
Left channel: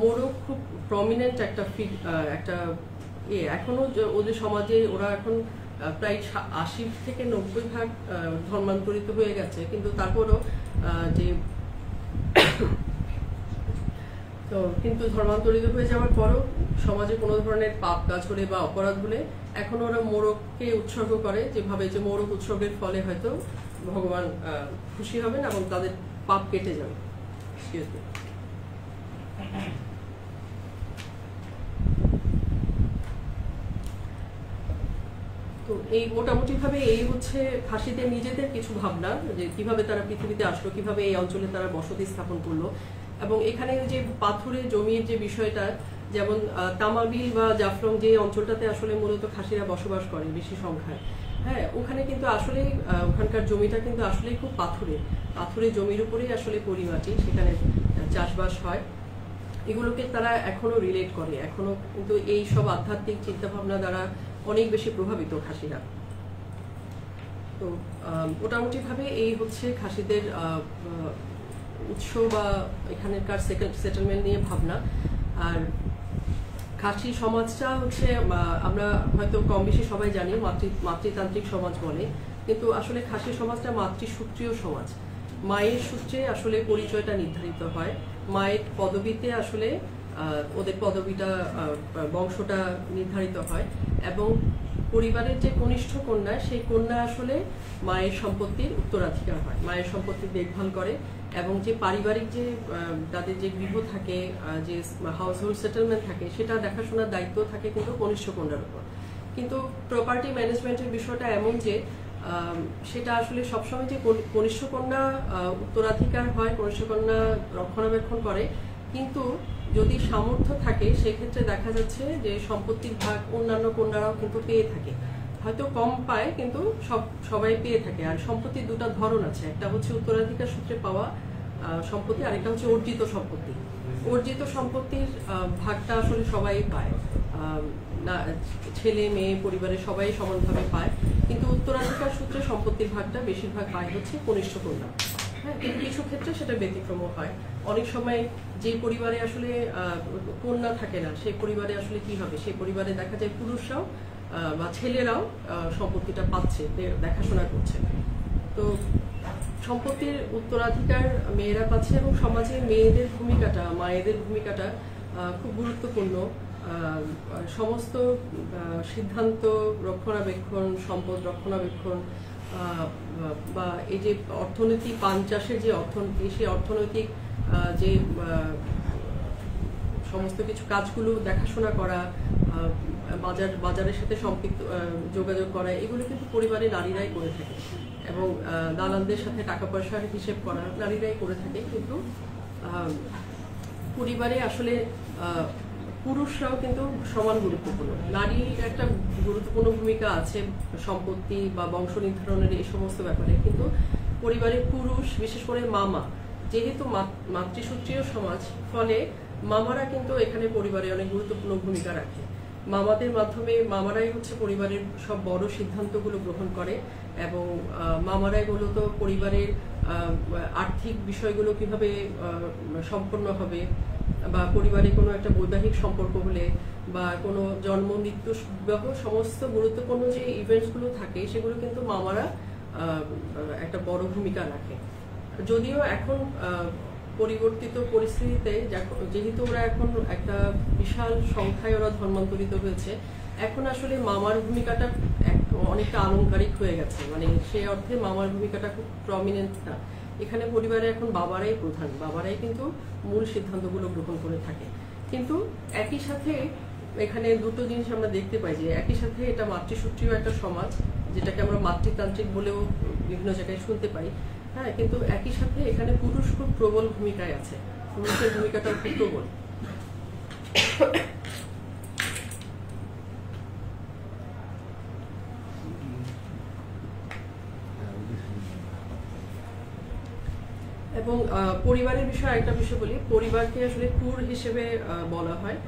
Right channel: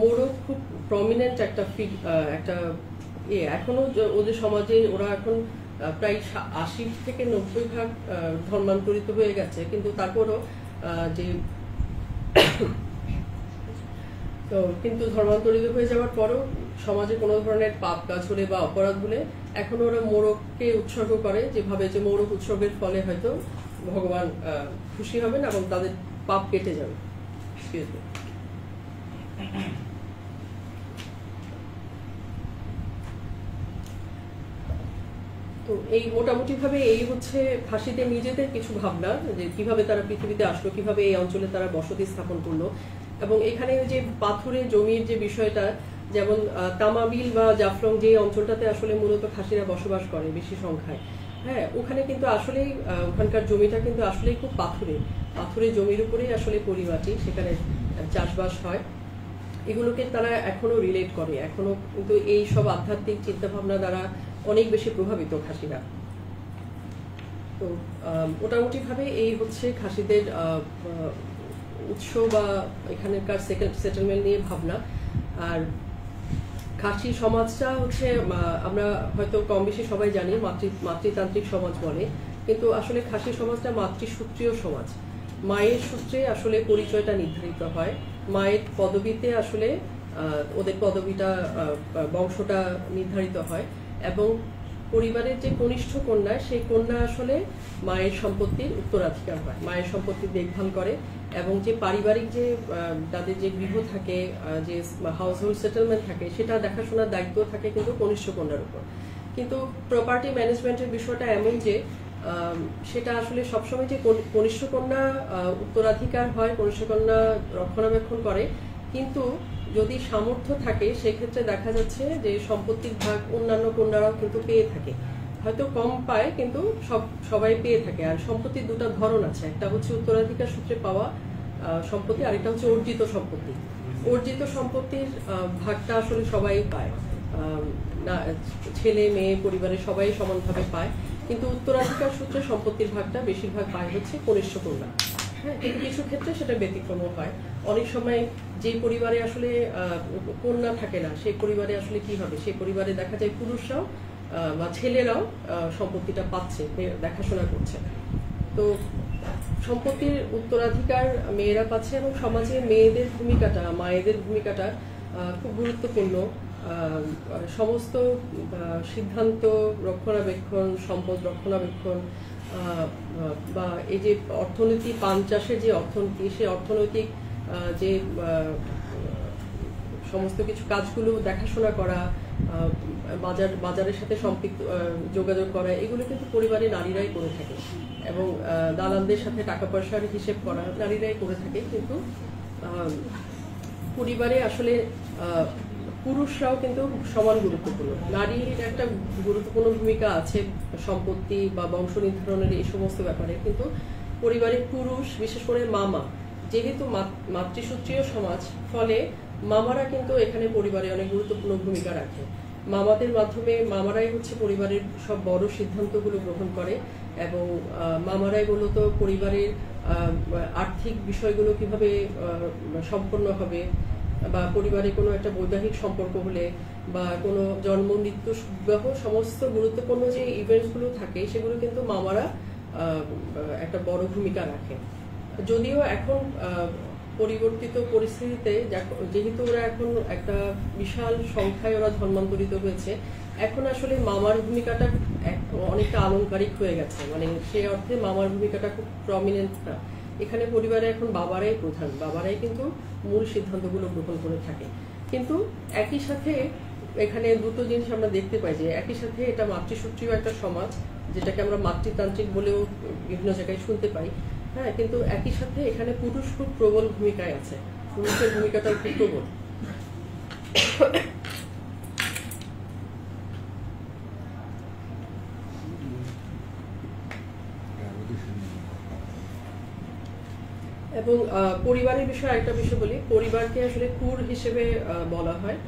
মোরগ খুব প্রমিনেন্ট একটা এখনো ওদের সমাজে ওরা এখন প্রায় 80 থেকে 90% ধর্মান্তরিত হয়ে গেছে, কিন্তু তারপরও কিন্তু ধর্মান্তরিত হয়ে যাওয়ার পরও সমাজে কোনো ধরনের পাপ কাজ হলে বা অপরাধ হলে এখন ওরা মোরগকে উৎসর্গ করে, যেভাবে যে মোরগ উৎসর্গের ফলে হয়তো ভগবান খুশি হবেন এবং তাদের পাপ কেটে যাবে। তো এই মোটামুটি ভাবে এই হচ্ছে খাসিদের নিজেদের কিছু ভাবনা, যে কিভাবে তারা পৃথিবীতে আসলো, কিভাবে এই অঞ্চলে তারা বসতি স্থাপন করলো। এবং এখানে যে পাথুরে জমির যে বিষয়টা, যেমন তামাবিল বা জাফলং যে অঞ্চলটাতে আসলে মূলত খাসিরা বসবাস করে বেশি সংখ্যায়, হ্যাঁ, ওখানে কিন্তু আসলে ওখানকার জমিটা কিন্তু আসলে খুব পাথুরে জমির উপরেই আসলে পরিমাটি, সেখানে চাষবাস হয়। এগুলোকে তারা এখনো রিলেট করে, এখনো কিন্তু এই সব আধ্যাত্মিক চিন্তা ভাবনা দ্বারা অনেক বেশি প্রভাবিত খাসিরা। তো মোটামুটি ভাবে এই হচ্ছে খাসিদের উৎস বা এখানকার সেটেলমেন্ট নিয়ে ভাবনা। আর খাসি সমাজটা হচ্ছে আমরা হয়তো কম বেশি সবাই জানি মাতৃতান্ত্রিক সমাজ বলে, কিন্তু আসলে খাসি সমাজটা মাতৃসূত্রীয় সমাজ। মায়ের সূত্রে আসলে পরিচয়টা নির্ধারিত হয়, মায়ের পদবিতে আসলে ওদের পদবিটা, বংশটা নির্ধারিত হয়। এবং পরিবারের যে কনিষ্ঠ কন্যা, সেই কন্যা আসলে মায়ের সম্পত্তির উত্তরাধিকার হয়, মায়ের সম্পত্তির দেখভাল করে। এবং যে পারিবারিক যে তাদের যে গৃহ থাকে, যে হাউস হোল্ড সেটেলমেন্ট থাকে, সেটা দেখাশোনার দায়িত্ব থাকে কিন্তু কনিষ্ঠ কন্যার উপর। কিন্তু প্রপার্টি ম্যানেজমেন্টের বিষয়টা এমন যে সেটা আসলে সবসময় যে কনিষ্ঠ কন্যা উত্তরাধিকার হয়, কনিষ্ঠ কন্যা রক্ষণাবেক্ষণ করে, কিন্তু যদি সামর্থ্য থাকে সেক্ষেত্রে দেখা যাচ্ছে যে সম্পত্তির ভাগ অন্যান্য কন্যারাও কিন্তু পেয়ে থাকে, হয়তো কম পায় কিন্তু সবাই পেয়ে থাকে। আর সম্পত্তির দুটো ধরন আছে, একটা হচ্ছে উত্তরাধিকার সূত্রে পাওয়া সম্পত্তি, আরেকটা হচ্ছে অর্জিত সম্পত্তি। অর্জিত সম্পত্তির ভাগটা আসলে সবাই পায়, ছেলে মেয়ে পরিবারের সবাই সমানভাবে পায়, কিন্তু উত্তরাধিকার সূত্রে সম্পত্তির ভাগটা বেশিরভাগ পায় হচ্ছে কনিষ্ঠ কন্যা। হ্যাঁ, কিন্তু কিছু ক্ষেত্রে সেটা ব্যতিক্রমও হয়। অনেক সময় যে পরিবারে আসলে কন্যা থাকে না, সেই পরিবারে আসলে কি হবে, সেই পরিবারে দেখা যায় পুরুষরাও বা ছেলেরাও সম্পত্তিটা পাচ্ছে, দেখাশোনা করছে। তো সম্পত্তির উত্তরাধিকার মেয়েরা পাচ্ছে এবং সমাজে মেয়েদের ভূমিকাটা, মায়েদের ভূমিকাটা খুব গুরুত্বপূর্ণ। সমস্ত সিদ্ধান্ত রক্ষণাবেক্ষণ, সম্পদ রক্ষণাবেক্ষণ বা এই যে অর্থনীতি, পান চাষের যে অর্থনীতি, সেই অর্থনৈতিক যে সমস্ত কিছু কাজগুলো দেখাশোনা করা, বাজারের সাথে সম্পৃক্ত যোগাযোগ করা, এগুলো কিন্তু পরিবারে নারীরাই করে থাকে। এবং দালালদের সাথে টাকা পয়সার হিসেব করা নারীরাই করে থাকে, কিন্তু পরিবারে আসলে পুরুষরাও কিন্তু সমান গুরুত্বপূর্ণ। নারীর একটা গুরুত্বপূর্ণ ভূমিকা আছে সম্পত্তি বা বংশ নির্ধারণের এই সমস্ত ব্যাপারে, কিন্তু পরিবারের পুরুষ, বিশেষ করে মামা, যেহেতু মাতৃসূত্রীয় সমাজ, ফলে মামারা কিন্তু এখানে পরিবারে অনেক গুরুত্বপূর্ণ ভূমিকা রাখে। মামাদের মাধ্যমে মামারাই হচ্ছে পরিবারের সব বড় সিদ্ধান্তগুলো গ্রহণ করে, এবং মামারাই মূলত পরিবারের আর্থিক বিষয়গুলো কিভাবে সম্পন্ন হবে, বা পরিবারে কোনো একটা বৈবাহিক সম্পর্ক হলে বা কোনো জন্ম মৃত্যু বিবাহ সমস্ত গুরুত্বপূর্ণ যে ইভেন্টসগুলো থাকে সেগুলো কিন্তু মামারা একটা বড় ভূমিকা রাখে। যদিও এখন পরিবর্তিত পরিস্থিতিতে যেহেতু ওরা এখন একটা বিশাল সংখ্যায় ওরা ধর্মান্তরিত হয়েছে, এখন আসলে মামার ভূমিকাটা অনেকটা আলংকারিক হয়ে গেছে, মানে সে অর্থে মামার ভূমিকাটা খুব প্রমিনেন্ট না। এখানে পরিবারে এখন বাবারাই প্রধান, বাবারাই কিন্তু মূল সিদ্ধান্তগুলো গ্রহণ করে থাকে। কিন্তু একই সাথে এখানে দুটো জিনিস আমরা দেখতে পাই, যে একই সাথে এটা মাতৃসূত্রীয় একটা সমাজ, যেটাকে আমরা মাতৃতান্ত্রিক বলেও বিভিন্ন জায়গায় শুনতে পাই, হ্যাঁ, কিন্তু একই সাথে এখানে পুরুষ খুব প্রবল ভূমিকায় আছে, পুরুষের ভূমিকাটাও খুব প্রবল। এবং পরিবারের বিষয়ে একটা বিষয় বলি, পরিবারকে আসলে কুর হিসেবে বলা হয়।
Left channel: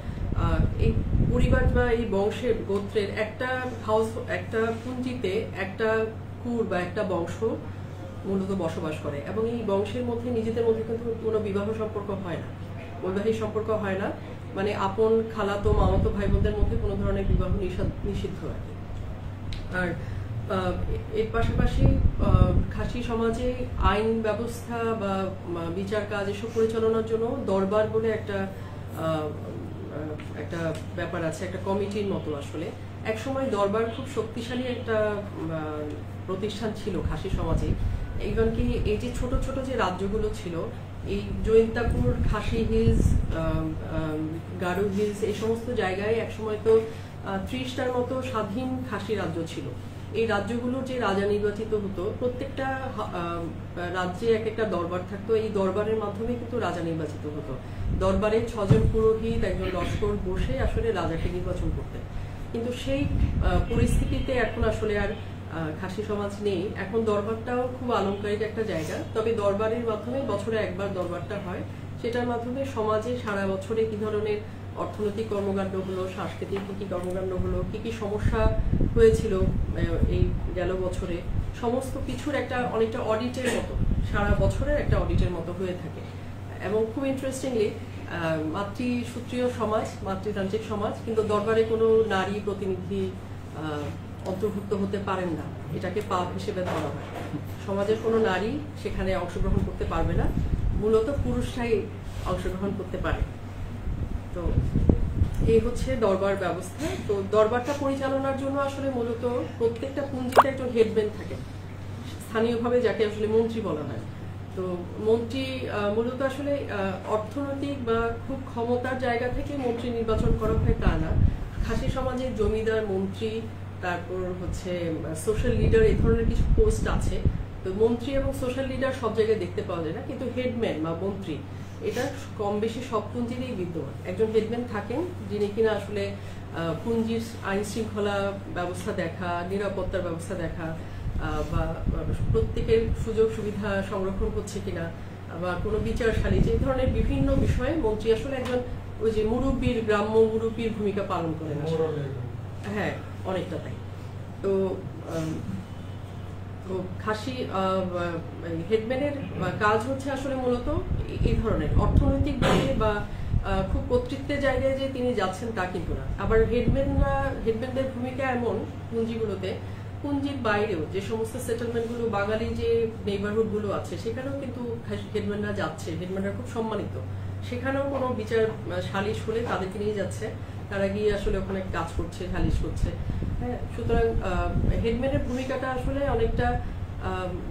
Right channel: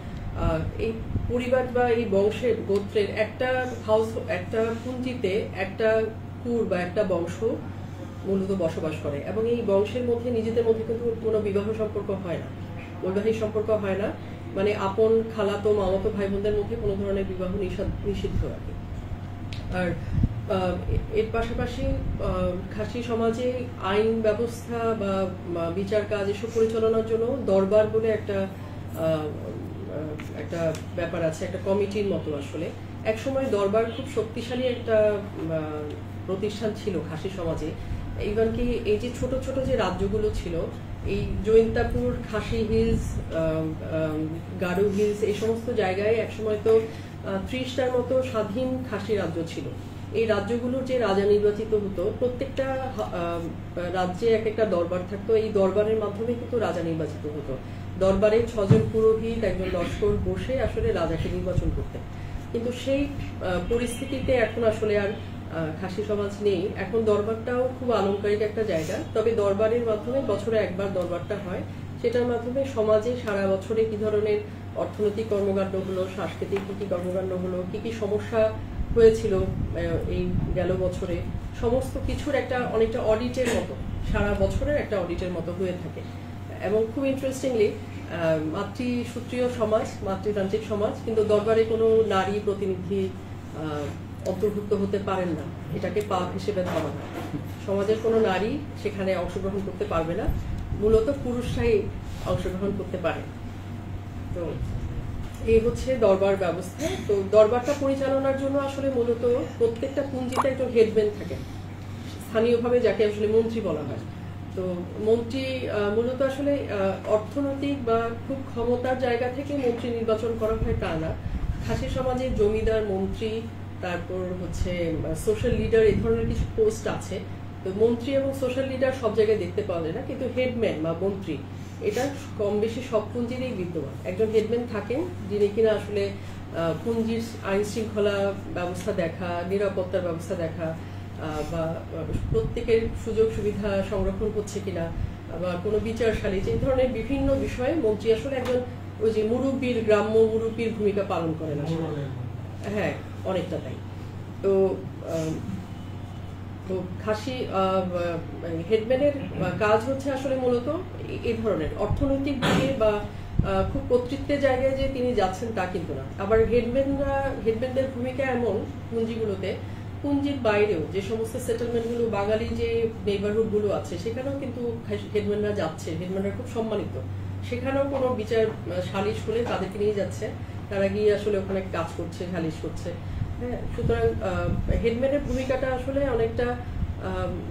এই পরিবার বা এই বংশের গোত্রের একটা হাউস, একটা পুঞ্জিতে একটা কুর বা একটা বংশ মূলত বসবাস করে, এবং এই বংশের মধ্যে নিজেদের মধ্যে কিন্তু কোনো বিবাহ সম্পর্ক হয় না, বৈবাহিক সম্পর্ক হয় না, মানে আপন খালাতো মামাতো ভাই বোনদের মধ্যে কোনো ধরনের বিবাহ নিষিদ্ধ আর কি। আর এর পাশাপাশি খাসি সমাজে আইন ব্যবস্থা বা বিচার কাজ এসব পরিচালনার জন্য দরবার বলে একটা ব্যাপার আছে, একটা কমিটির মতো। আসলে একসময় দরবার খুব শক্তিশালী একটা প্রতিষ্ঠান ছিল খাসি সমাজে। ইভেন কি এই যে ছোট ছোট যে রাজ্যগুলো ছিল, এই জৈন্তাপুর, খাসি হিলস, গারু হিলস, এই সমস্ত জায়গায় একসময় তো 30টার মতো স্বাধীন খাসি রাজ্য ছিল। এই রাজ্যগুলোর যে রাজা নির্বাচিত হতো, প্রত্যেকটা রাজ্যে এক একটা দরবার থাকতো, এই দরবারের মাধ্যমে কিন্তু রাজা নির্বাচিত হতো। দরবারে 6 জন পুরোহিত, একজন লস্কর বসে আসলে রাজাকে নির্বাচন করতেন। কিন্তু সেই পরিস্থিতিতে এখন আসলে আর খাসি সমাজ নেই। এখন দরবারটাও খুব আলংকারিক একটা জায়গা, তবে দরবারের মাধ্যমে বছরে একবার দরবারটা হয়, সেটার মাধ্যমে সমাজে সারা বছরে কি ধরনের অর্থনৈতিক কর্মকাণ্ড হলো, সাংস্কৃতিক কি কি কর্মকাণ্ড হলো, কি কি সমস্যা হয়েছিল এই গেল বছরে, সমস্ত কিছুর একটা অনেকটা অডিটের মতো, সারা বছরের একটা অডিটের মতো হয়ে থাকে। এবং খুব ইন্টারেস্টিংলি মাতৃসূত্রীয় সমাজ, মাতৃতান্ত্রিক সমাজ, কিন্তু দরবারে কোনো নারী প্রতিনিধি অন্তর্ভুক্ত হতে পারেন না, এটাকে পাপ হিসেবে ধরা হয়। সমাজের কোনো নারী সেখানে অংশগ্রহণ করতে পারবে না, মূলত পুরুষরাই অংশগ্রহণ করতে পারে। তো এই হচ্ছে দরবার ব্যবস্থা। তো দরবারটা পরিচালনার জন্য আসলে মূলত প্রত্যেকটা পুঞ্জিতে একজন হেডম্যান থাকে, স্থানীয়ভাবে যাকে আসলে মন্ত্রী বলা হয়। তো মন্ত্রী মূলত আসলে অর্থনৈতিক বা খুব ক্ষমতার জায়গা থেকে মন্ত্রী নির্বাচন করা হয় তা না। খাসি সমাজে জমিদার, মন্ত্রী, তারপর হচ্ছে সোশ্যাল লিডার, এই ধরনের কিছু পোস্ট আছে। তো মন্ত্রী এবং সোশ্যাল লিডার সব জায়গায় দেখতে পাওয়া যায় না, কিন্তু হেডম্যান বা মন্ত্রী এটা কম বেশি সব পুঞ্জিরই বিদ্যমান। একজন হেডম্যান থাকেন যিনি কিনা আসলে পুঞ্জির আইন শৃঙ্খলা ব্যবস্থা দেখা, নিরাপত্তার ব্যবস্থা দেখা, বা প্রত্যেকের সুযোগ সুবিধা সংরক্ষণ হচ্ছে কিনা, বা কোনো বিচার সালিস, এই ধরনের বিভিন্ন বিষয়ে মন্ত্রী আসলে একজন ওই যে মুরব্বীর, গ্রাম্য মুরব্বীর ভূমিকা পালন করেন আসলে। হ্যাঁ, অনেকটা তাই। তো খাসি হেডম্যানের কাজ হচ্ছে আসলে মূলত এই ধরনের অর্থনৈতিক দিকে বা খুব কর্তৃত্বের জায়গায় যে তিনি যাচ্ছেন তা কিন্তু না। আবার হেডম্যানদের ভূমিকা এমন পুঞ্জিগুলোতে, পুঞ্জির বাইরেও যে সমস্ত সেটেলমেন্টগুলো, বাঙালি যে নেইবারহুডগুলো আছে, সেখানেও কিন্তু হেডম্যানরা যাচ্ছে, হেডম্যানরা খুব সম্মানিত। সেখানেও কোনো বিচার সালিশ হলে তাদেরকে নিয়ে যাচ্ছে, তারা গিয়ে আসলে ওখানে কাজ করছে, সালিশ করছে। হ্যাঁ, সুতরাং হেডম্যানের ভূমিকাটা আসলে অনেকটা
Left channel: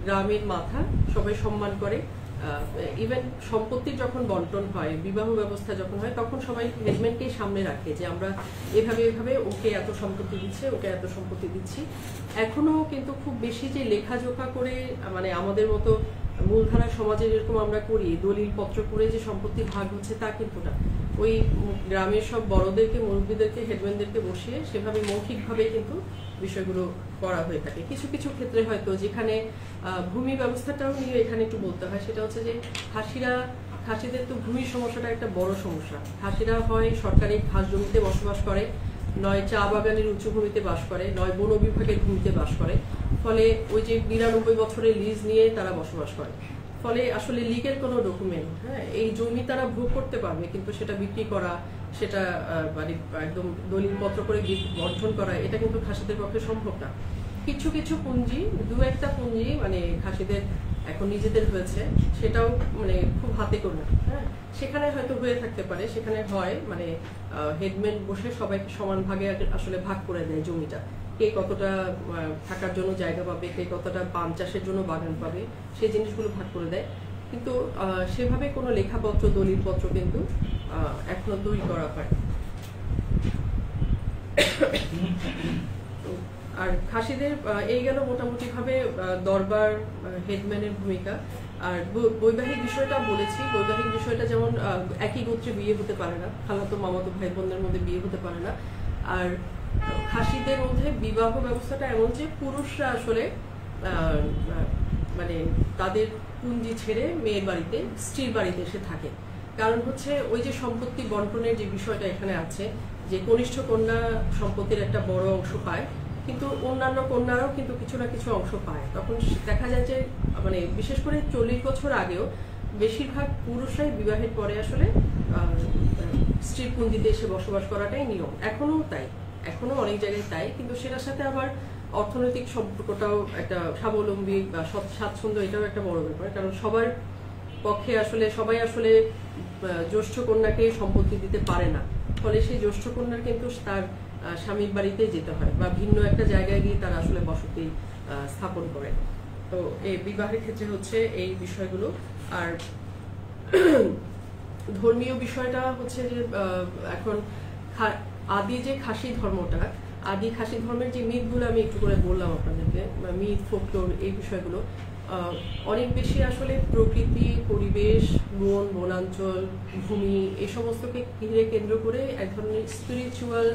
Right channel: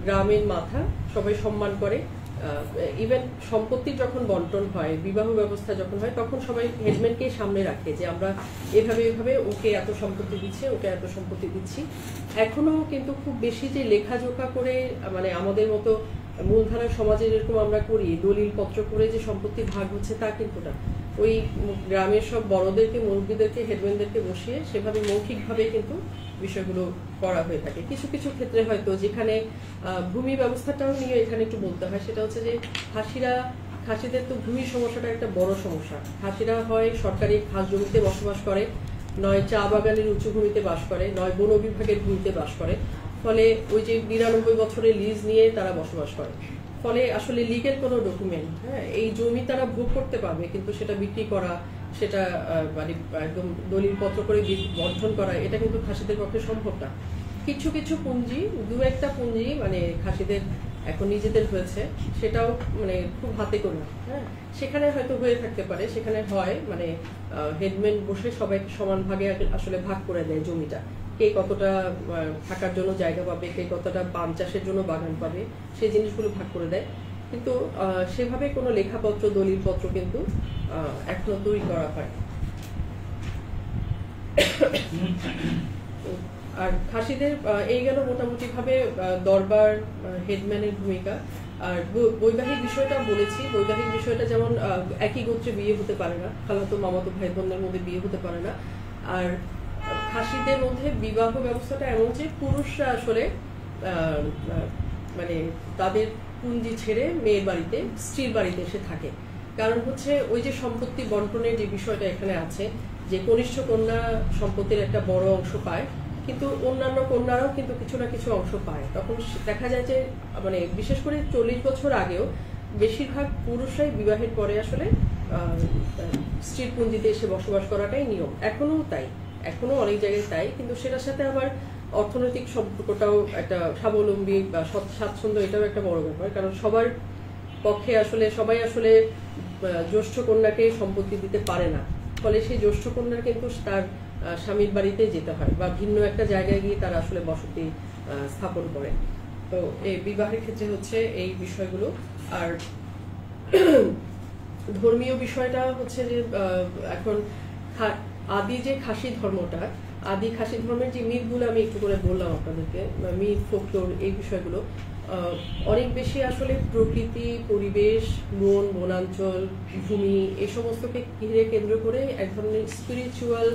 গ্রামের মাথা, সবাই সম্মান করে। ইভেন সম্পত্তির যখন বন্টন হয়, বিবাহ ব্যবস্থা যখন হয়, তখন সবাই হেডম্যানকেই সামনে রাখে যে আমরা এভাবে এভাবে ওকে এত সম্পত্তি দিচ্ছে, ওকে এত সম্পত্তি দিচ্ছি। এখনো কিন্তু খুব বেশি যে লেখাজোখা করে, মানে আমাদের মতো মূলধারার সমাজে যেরকম আমরা করি দলিল পত্র করে যে সম্পত্তি ভাগ হচ্ছে তা কিন্তু না। ওই গ্রামের সব বড়দেরকে, মুরব্বীদেরকে, হেডম্যানদেরকে বসিয়ে সেভাবে মৌখিকভাবে কিন্তু বিষয়গুলো করা হয়ে থাকে। কিছু কিছু ক্ষেত্রে হয়তো যেখানে ভূমি ব্যবস্থাটাও নিয়ে এখানে একটু বলতে হয়, সেটা হচ্ছে যে খাসিদের তো ভূমি সমস্যাটা একটা বড় সমস্যা। খাসিরা হয় সরকারি ঘাস জমিতে বসবাস করে, নয় চা বাগানের উঁচু ভূমিতে বাস করে, নয় বন বিভাগের ভূমিতে বাস করে। ফলে ওই যে 92 বছরের লিজ নিয়ে তারা বসবাস করে। ফলে আসলে লিগেল কোনো ডকুমেন্ট, এই জমি তারা ভোগ করতে পারবে, কিন্তু সেটা বিক্রি করা, সেটা মানে একদম দলিল পত্র করে বর্ধন করা, এটা কিন্তু খাসিদের পক্ষে সম্ভব না। কিছু কিছু পুঁজি, দু একটা পুঁজি মানে খাসিদের এখন নিজেদের হয়েছে, সেটাও মানে খুব হাতে গোনা। সেখানে হয়তো হয়ে থাকতে পারে, সেখানে হয় মানে হেডম্যান বসে সবাইকে সমান ভাগে আসলে ভাগ করে দেয় জমিটা, কে কতটা থাকার জন্য জায়গা পাবে, কে কতটা পান চাষের জন্য বাগান পাবে, সেই জিনিসগুলো ভাগ করে দেয়। কিন্তু সেভাবে কোনো লেখাপত্র, দলিলপত্র কিন্তু এখনো তৈরি করা হয়। আর খাসিদের এই গেল মোটামুটি ভাবে দরবার, হেডম্যানের ভূমিকা। আর বৈবাহিক বিষয়টা বলেছি, বৈবাহিক বিষয়টা যেমন একই গোত্রে বিয়ে হতে পারে না, খালাতো মামাতো ভাই বোনদের মধ্যে বিয়ে হতে পারে না। আর খাসিদের মধ্যে বিবাহ ব্যবস্থাটা এমন যে পুরুষরা আসলে মানে তাদের পুঞ্জি ছেড়ে মেয়ের বাড়িতে, স্ত্রীর বাড়িতে এসে থাকে। কারণ হচ্ছে ওই যে সম্পত্তি বন্টনের যে বিষয়টা এখানে আছে, যে কনিষ্ঠ কন্যা সম্পত্তির একটা বড় অংশ পায়, কিন্তু অন্যান্য কন্যারাও কিন্তু কিছু না কিছু অংশ পায়। তখন দেখা যায় যে মানে বিশেষ করে 40 বছর আগেও বেশিরভাগ পুরুষরাই বিবাহের পরে আসলে স্ত্রীর পুঞ্জিতে এসে বসবাস করাটাই নিয়ম। এখনো তাই, এখনো অনেক জায়গায় তাই, কিন্তু সেটার সাথে আবার অর্থনৈতিক সম্পর্কটাও একটা স্বাবলম্বী বা স্বাচ্ছন্দ্য, এটাও একটা বড় ব্যাপার। কারণ সবার পক্ষে আসলে সবাই আসলে জ্যেষ্ঠ কন্যাকে সম্পত্তি দিতে পারে না, ফলে সেই জ্যেষ্ঠ কন্যার কিন্তু তার স্বামীর বাড়িতে যেতে হয় বা ভিন্ন একটা জায়গায় গিয়ে তারা আসলে বসতি স্থাপন করে। তো এই বিবাহের ক্ষেত্রে হচ্ছে এই বিষয়গুলো। আর ধর্মীয় বিষয়টা হচ্ছে যে এখন আদি যে খাসি ধর্মটা, আদি খাসি ধর্মের যে মিথগুলো আমি একটু করে বললাম আপনাদেরকে, মিথ, ফোকলোর, এই বিষয়গুলো অনেক বেশি আসলে প্রকৃতি, পরিবেশ, বন, বনাঞ্চল, ভূমি, এই সমস্তকে ঘিরে কেন্দ্র করে এক ধরনের স্পিরিচুয়াল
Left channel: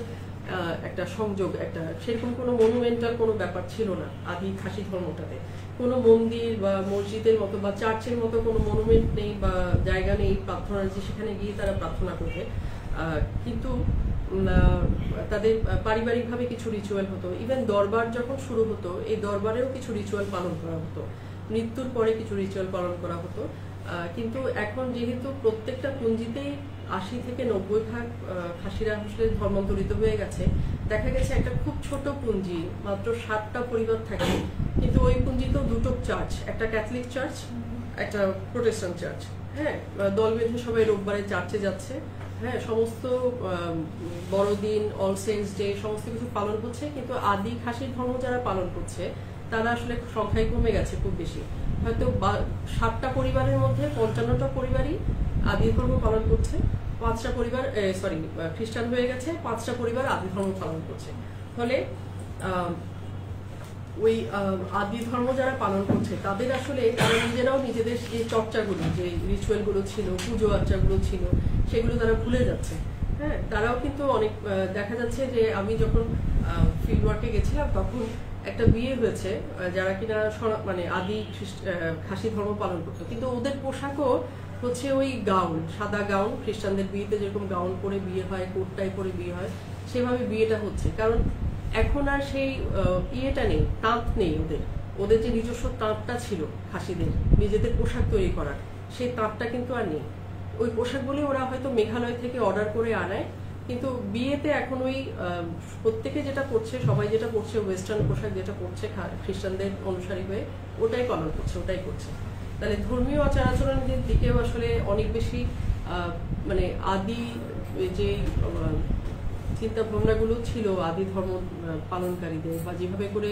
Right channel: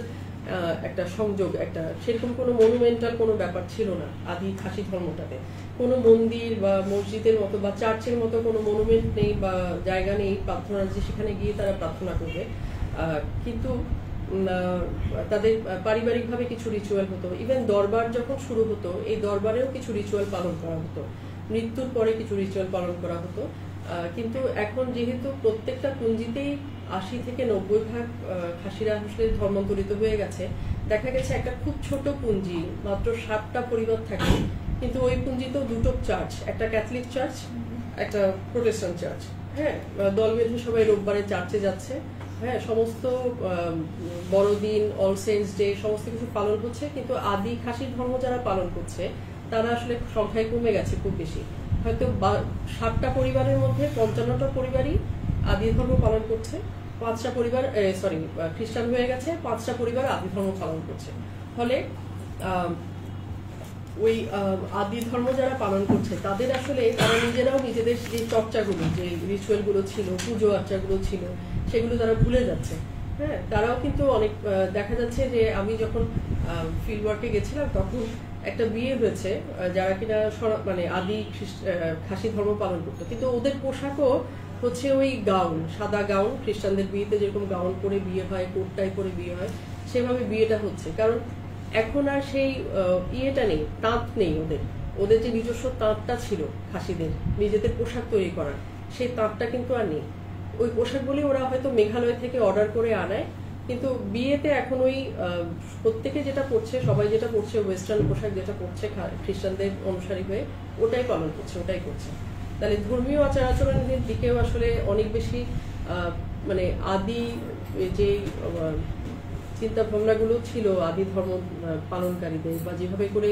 একটা সংযোগ, একটা সেরকম কোনো মনুমেন্টাল কোনো ব্যাপার ছিল না আদি খাসি ধর্মটাতে। কোনো মন্দির বা মসজিদের মতো বা চার্চের মতো কোনো মনুমেন্ট নেই বা জায়গা নেই প্রার্থনার, যে সেখানে গিয়ে তারা প্রার্থনা করবে। কিন্তু তাদের পারিবারিকভাবে কিছু রিচুয়াল হতো। ইভেন দরবার যখন শুরু হতো, এই দরবারেও কিছু রিচুয়াল পালন করা হতো, মৃত্যুর পরে কিছু রিচুয়াল পালন করা হতো। কিন্তু এখন যেহেতু প্রত্যেকটা পুঞ্জিতেই 80 থেকে 90% খাসিরা আসলে ধর্মান্তরিত হয়ে গেছে, দেখা গেছে একটা খুব ছোট পুঞ্জি, মাত্র 7টা পরিবার থাকে, কিন্তু ওই পুঞ্জিতেও দুটো চার্চ, একটা ক্যাথলিক চার্চ, একটা প্রোটেস্ট্যান্ট চার্চ। দল বেঁধে সবাই রোববারে চার্চে যাচ্ছে, সমস্ত বড়দিন, অল সেন্টস ডে, সমস্ত কিছু পালন হচ্ছে। কিন্তু আদি খাসির ধর্ম যারা পালন করছে তারা আসলে সংখ্যায় কমে গেছে খুব বেশি। হয়তো 7টা পরিবারের মধ্যে 55টা পরিবারই আদি ধর্ম পালন করছে, 5টা পরিবার খ্রিস্টান হয়ে গেছে, 5টা পরিবার আদি ধর্ম পালন করছে। ফলে ওই আদি ধর্ম যারা পালন করছে তাদের আসলে তারা নিজেরাও নিজেদের যে চর্চাগুলো, যে রিচুয়ালগুলো ছিল, পুজো আর্চাগুলো ছিল, সেগুলো তারা ভুলে যাচ্ছে। তারাও কিন্তু অনেক দেখা যাচ্ছে যে আমি যখন ফিল্ড ওয়ার্কে গেছিলাম তখন একটা বিয়ে হয়েছে যারা কিনা মানে আদি খাসি ধর্ম পালন করতো, কিন্তু ওদের পোশাকও হচ্ছে ওই গাউন, সাদা গাউন, খ্রিস্টানদের বিয়েতে যেরকম গাউন পরে বিয়ে হয়, কোট টাই পরে বিয়ে হয়, সেভাবে বিয়েটা হচ্ছে। কারণ এখন আর সেই ইয়েটা নেই, তাঁত নেই ওদের যে নিজস্ব তাঁতটা ছিল খাসিদের, নিজেদের পোশাক তৈরি করার, সেই তাঁতটা কিন্তু আর নেই। ওই পোশাকগুলি ওরা হয়তো মেঘালয় থেকে অর্ডার করে আনায়, কিন্তু বিয়েতে এখন ওই প্রত্যেকে যেটা পড়ছে, সবাই যেটা পড়ছে, ওয়েস্টার্ন পোশাক যেটা পড়ছে খ্রিস্টানদের অনুসারী হয়ে, ওটাই পালন করছে, ওটাই করছে। তাহলে ধর্মীয় আচার আচরণের দিকেও আসলে অনেক বেশি মানে আদি যে চিন্তা ভাবনাগুলো ছিল আদি ধর্ম পালনকারীদের, বা যেভাবে করে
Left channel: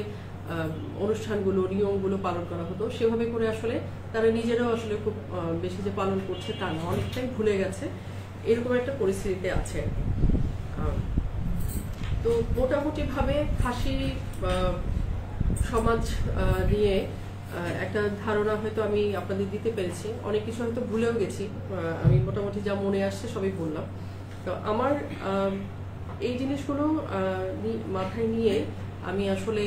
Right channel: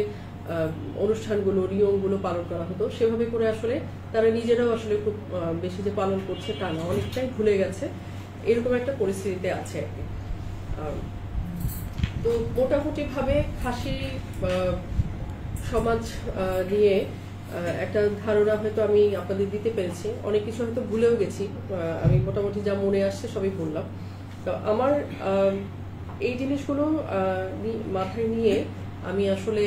অনুষ্ঠানগুলো, নিয়মগুলো পালন করা হতো, সেভাবে করে আসলে তারা নিজেরাও আসলে খুব বেশি যে পালন করছে তা না, অনেকটাই ভুলে গেছে, এরকম একটা পরিস্থিতিতে আছে আর কি। তো মোটামুটি ভাবে খাসি সমাজ নিয়ে একটা ধারণা হয়তো আমি আপনাদের দিতে পেরেছি। অনেক কিছু হয়তো ভুলেও গেছি, আমি মোটামুটি যা মনে আসছে সবই বললাম। তো আমার এই জিনিসগুলো মাথায় নিয়ে আমি আসলে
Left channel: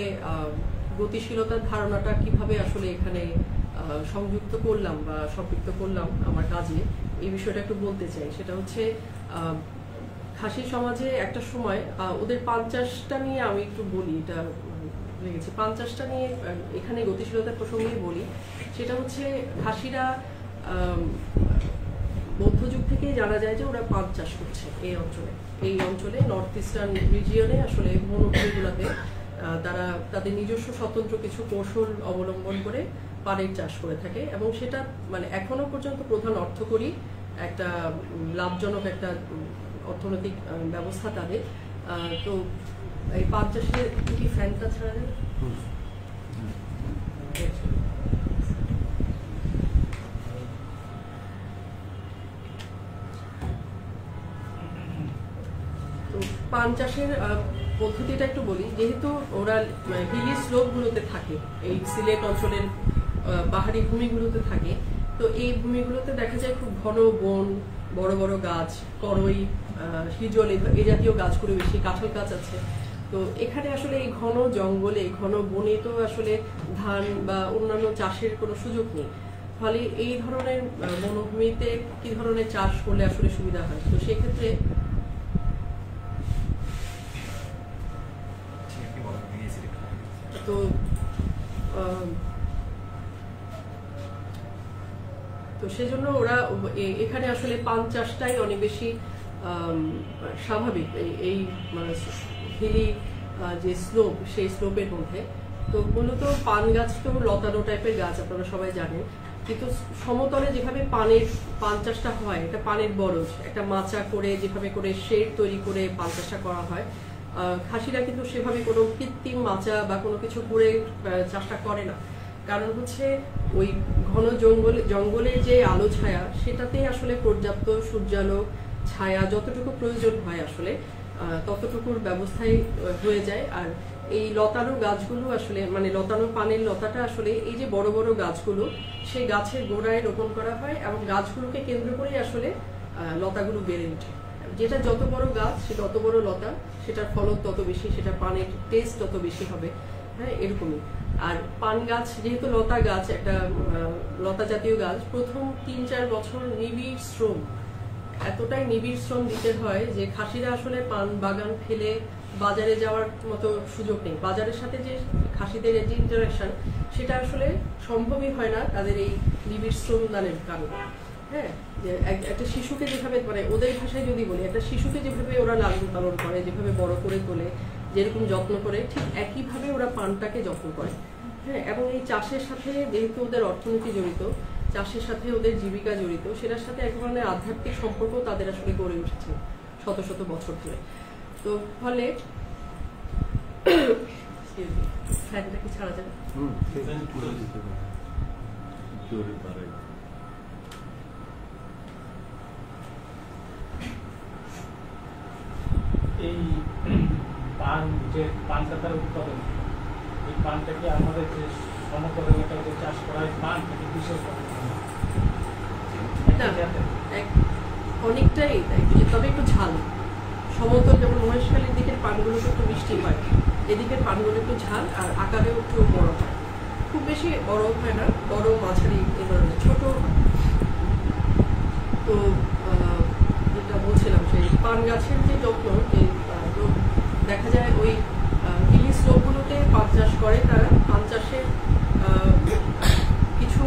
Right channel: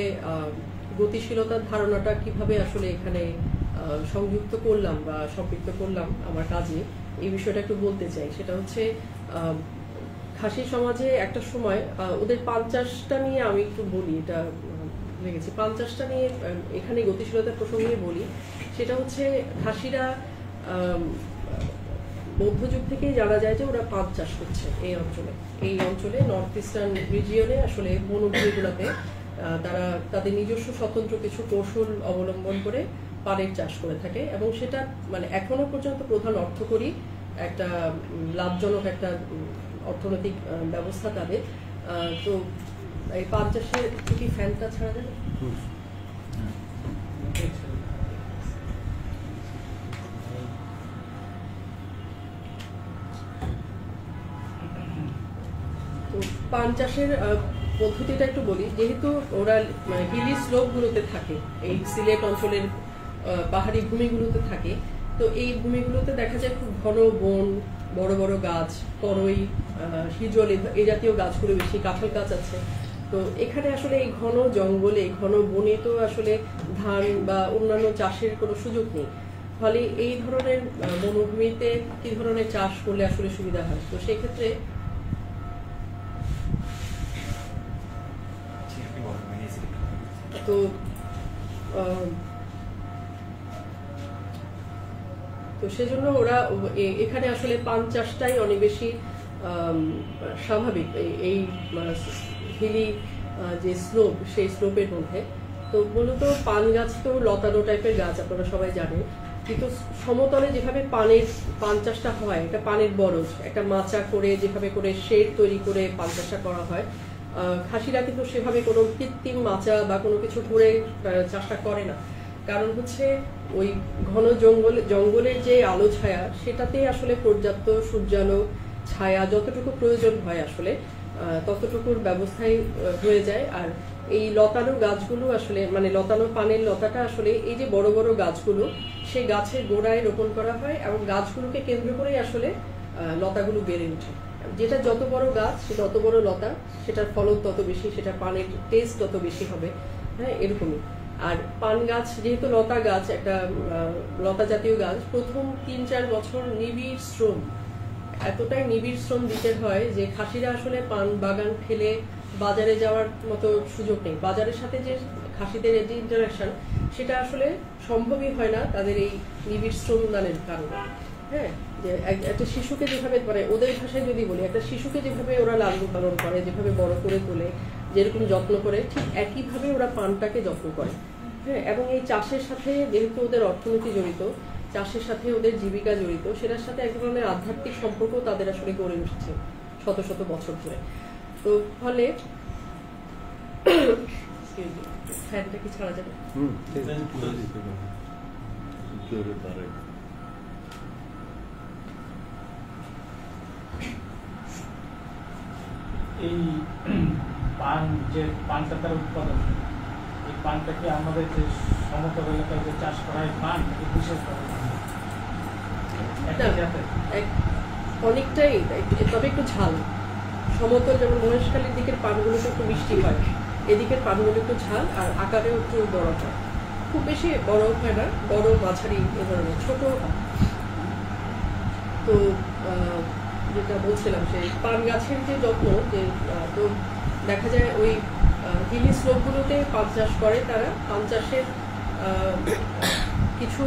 গতিশীলতার ধারণাটা কিভাবে আসলে এখানে সংযুক্ত করলাম বা সম্পৃক্ত করলাম আমার কাজে, এই বিষয়টা একটু বলতে চাই। সেটা হচ্ছে খাসি সমাজে একটা সময় ওদের পাঞ্চাশটা নিয়ে আমি একটু বলি, এটা লেগেছে পাঞ্চাশটা নিয়ে এখানে গতিশীলতার প্রসঙ্গেই বলি। সেটা হচ্ছে খাসিরা মধ্যযুগ থেকে জানা যায় যে ওরা পান চাষ করছে এই অঞ্চলে নর্থ ইস্টার্ন রিজিয়নে আসলে বনভূমিগুলোতে তারা তাদের নিজস্ব স্বতন্ত্র কিছু কৌশল অবলম্বন করে পানের চাষ করে থাকে, এবং সেটা মানে এখনো পর্যন্ত প্রধান অর্থকরী একটা লাভজনক একটা অর্থনৈতিক ব্যবস্থা তাদের। তো এই পান চাষের একটু কি ফ্যানটা ছাড়া যাবে? তো পান চাষের পদ্ধতিটা একটু বলি। যেহেতু ওরা হিলি স্লোপ গুলোতে থাকে, এই সিলেট অঞ্চলের পাহাড়ি ভূমিগুলোতে থাকে, তো এই ভূমিগুলোতে দেখা যায় খুব ঘন বন, বড় বড় গাছ, করই, হিজল, এই জাতীয় গাছগুলো বেশি, কাঁঠাল গাছ আছে। তো এখানে আসলে এই ঘন জঙ্গলে, ঘন বনে তো আসলে ধান বা অন্যান্য চাষের কোনো সুযোগ নেই। ফলে এই ধরনের বনভূমিতে কি ধরনের চাষ করলে আসলে সুবিধা হয়? তো সেক্ষেত্রে তো সেজন্য ওরা এখানে আসলে পান চাষটাই অনেক বেশি স্বাভাবিক এই হিলি যে স্লোপ, সেই স্লোপের মধ্যে। তো মূলত পান গাছ তো লতানো টাইপের গাছ, আপনারা সবাই জানেন। কিন্তু সমতলে যেভাবে পান চাষটা হয়, এটা পানের বরজ, একটা মাচা করে যেভাবে করে শেড তৈরি করে পান চাষটা করা হয়, খাসিরা কিন্তু সেভাবে কোনো কৃত্রিম মাচা বা কোনো কিছু করে চাষটা করে না। কারণ হচ্ছে ওই ঘন জঙ্গলের যে আলো ছায়া, সেটাতে আসলে পর্যাপ্ত সূর্যালো ছায়া যতটুকু প্রয়োজন হয় আসলে ততটুকুর ব্যবস্থাই হয়ে যায়। আর এই লতানো গাছগুলো আসলে মানে লতানো পানের লতাটা আসলে এই যে বড় বড় গাছগুলো, সেই গাছের গোড়ায় রোপণ করা হয়, এবং গাছগুলোকে কেন্দ্র করেই আসলে লতাগুলো বেড়ে ওঠে। যেটা যত বড় গাছ, সে তত বড় লতা, সেটার ফলন তত বেশি, সেটা পানের টেস্ট তত বেশি হবে। হ্যাঁ, এরকমই। আর পান গাছ যেহেতু লতা গাছ, একটা লতা জাতীয় গাছ, প্রথম ৩-৪ বছর নিবিড় শ্রম, এতটাই নিবিড় শ্রম দিতে হয় যে খাসিরা আসলে পান বাগান ফেলে বাজারে যাওয়ার মতো সুযোগ নেই। বাজারের সাথে যে খাসিদের যে ইন্টারাকশন, সেটা আসলে সম্ভবই হয় না তাদের এই নিবিড় শ্রম দানের কারণে। হ্যাঁ, যে একটা শিশুকে যেভাবে, মানে ওদের ভাষায় যদি বলি, একটা শিশুকে যেভাবে ওরা লালন পালন করে, যেভাবে বড় করে তোলে, যেরকম যত্ন করে, ঠিক একইভাবে ওরা পানটাকে যত্ন করে। হ্যাঁ, এবং এই চাষের সাথে যেহেতু ওদের অর্থনীতি জড়িত, চাষের সাথে ওদের জীবিকা জড়িত, সেটার সাথে এক ধরনের আধ্যাত্মিক সম্পর্ক তাদের আসলে গড়ে উঠছে শত শত বছর ধরে। তো ফলে ফ্যানটা কি ছাড়া যাবে? এই পান যে পান পাতার উৎপাদন, এই পানটা কি আমাদের যে সমতল এলাকায় যে চাষ করা হয় পান, বিশেষ অনেকটাই, তবে একটু ঝাল। সমতল যেমন মহেশখালীর দিকের পানগুলো একটু মিষ্টি হয়, এদিকের পানগুলো একটু ঝাল, আর আকারেও একটু বড় হয়। খুব বেশি বড় হয় না, বড় মাঝারি এ ধরনের, ছোট হয়। তো যেটা বলছিলাম, সেই পান গাছের যে যত্ন, যে তো দেখা যায় ওই হিলি স্লোপগুলোতে পান চাষ করে তারা। পান চাষের কিছু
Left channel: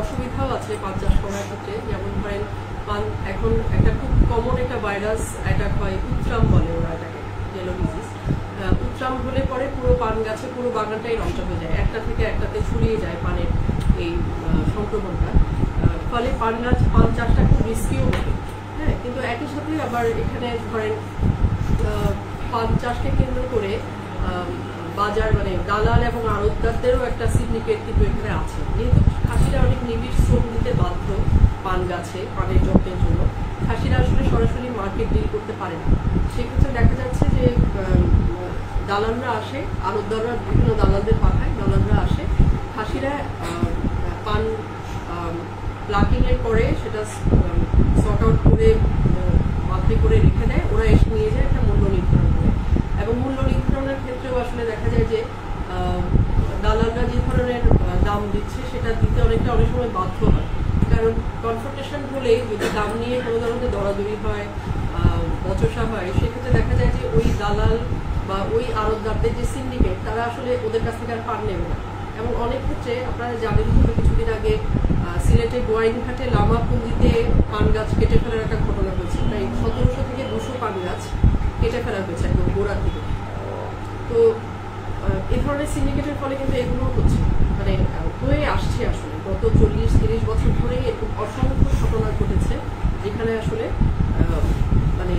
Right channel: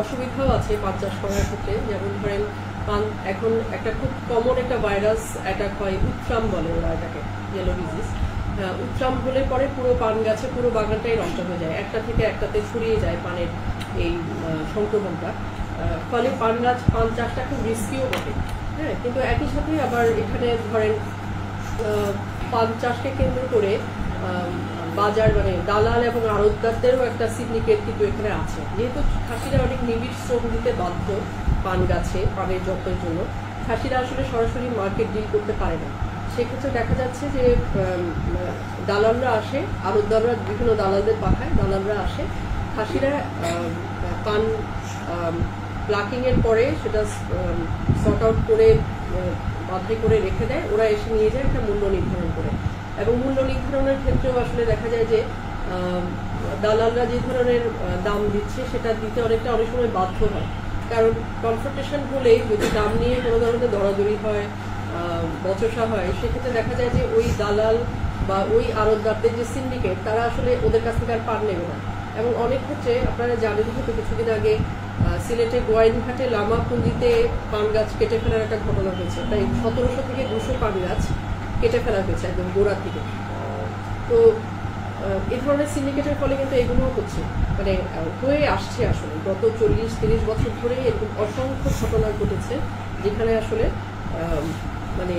অসুবিধাও আছে পান চাষ করার ক্ষেত্রে। যেমন ধরেন, পান এখন একটা খুব কমন একটা ভাইরাস অ্যাটাক হয়, উত্রাম বলে ওরা এটাকে, ইয়েলো ডিজিজ। উত্রাম হলে পরে পুরো পান গাছে, পুরো বাগানটাই নষ্ট হয়ে যায়, একটা থেকে একটাতে ছড়িয়ে যায় পানের এই সংক্রমণটা। ফলে পান চাষটা খুব রিস্কিও বটে। হ্যাঁ, কিন্তু একই সাথে আবার এখানে ধরেন পান চাষকে কেন্দ্র করে বাজার, মানে দালাল এবং আড়তদারদেরও একটা সিন্ডিকেট কিন্তু এখানে আছে। যেহেতু খাসিরা অনেক নিবিড় শ্রম দিতে বাধ্য পান গাছে, পানের যত্নের জন্য, খাসিরা আসলে সরাসরি মার্কেট ডিল করতে পারে না। সেক্ষেত্রে দেখা যাচ্ছে যে দালালরা আসে, আড়তদাররা বিভিন্ন দালালদের পাঠায়, দালালরা আসে, খাসিরা পান প্লাকিং এর পরে সেটা সর্ট আউট করে বাছাই করে রেখে দেয়, ওরা এসে নিয়ে যায় একটা মূল্য নির্ধারণ করে। এবং মূল্য নির্ধারণের ক্ষেত্রেও আসলে দেখা যায় যে দালালরা যে ধরনের দাম দিচ্ছে সেটা দিতে অনেক সময় বাধ্য হয়, কারণ কনফ্রন্টেশন হলে যদি দাম নিয়ে কোনো ধরনের দরাদরি হয়, বচসা হয়, সেক্ষেত্রে দেখা যায় যে ওই দালাল বা ওই আড়তদারদের যে সিন্ডিকেট তারা আসলে ওদের কাছ থেকে আর পান নেবে না। এবং অনেক ক্ষেত্রে আপনারা জানেন হয়তো কিছুদিন আগে সিলেটের গোয়াইনঘাটে লামা পুঞ্জিতে পান গাছ কেটে ফেলার একটা ঘটনা হয়েছে, প্রায় 1700 থেকে 200 পান গাছ কেটে ফেলা হয়েছে একদম গোড়া থেকে। তো এই ধরনের সিন্ডিকেটের ফলে কিন্তু এগুলো হচ্ছে, মানে হয়ে আসছে আসলে গত 40-30 বছর ধরে এরকম অসংখ্য ঘটনা ঘটেছে যেখানে আসলে মানে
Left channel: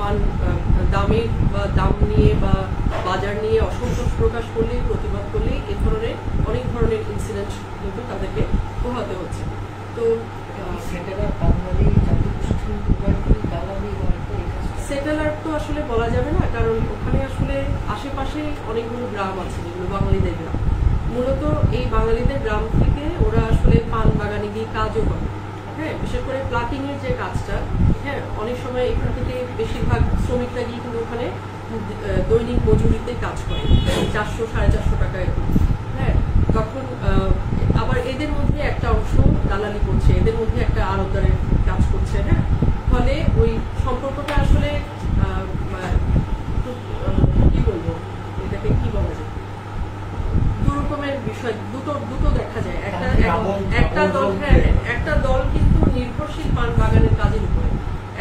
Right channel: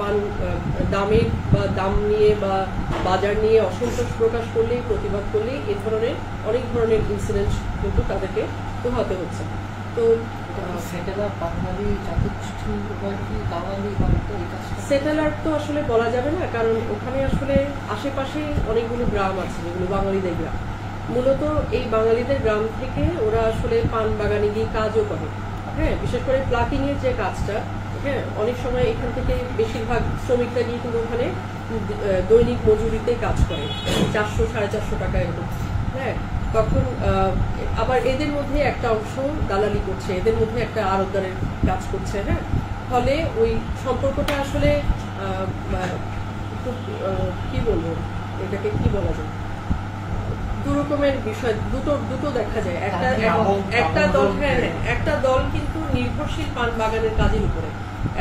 পান দামের বা দাম নিয়ে বা বাজার নিয়ে অসন্তোষ প্রকাশ করলেই, প্রতিবাদ করলেই এ ধরনের অনেক ধরনের ইনসিডেন্ট কিন্তু তাদেরকে পোহাতে হচ্ছে। তো সেটেলার তো আসলে বলা যাবে না, কারণ ওখানে আসলে আশেপাশে অনেকগুলো গ্রাম আছে যেগুলো বাঙালিদের গ্রাম। মূলত এই বাঙালিদের গ্রাম থেকে ওরা আসলে পান বাগানে গিয়ে কাজও করে। হ্যাঁ, বিশেষ করে প্লাকিং এর যে কাজটা, হ্যাঁ, অনেক সময় এখান থেকে বেশিরভাগ শ্রমিকরা গিয়ে কিন্তু ওখানে দৈনিক মজুরিতে কাজ করে, 400-450 টাকা এরকম। হ্যাঁ, তখন আবার এদের মধ্যে একটা অংশ দালালি করছে, এদের মধ্যে একটা আড়তদারের কাজ করছে। হ্যাঁ, ফলে ওই সম্পর্কটা আসলে কি বলবো, এটাকে কি বলা যায়, দু রকমের বিষয়, দুটো দেখা যায়। একটা দল কিন্তু নির্ভরশীল পান বাগানের কাজের উপরে,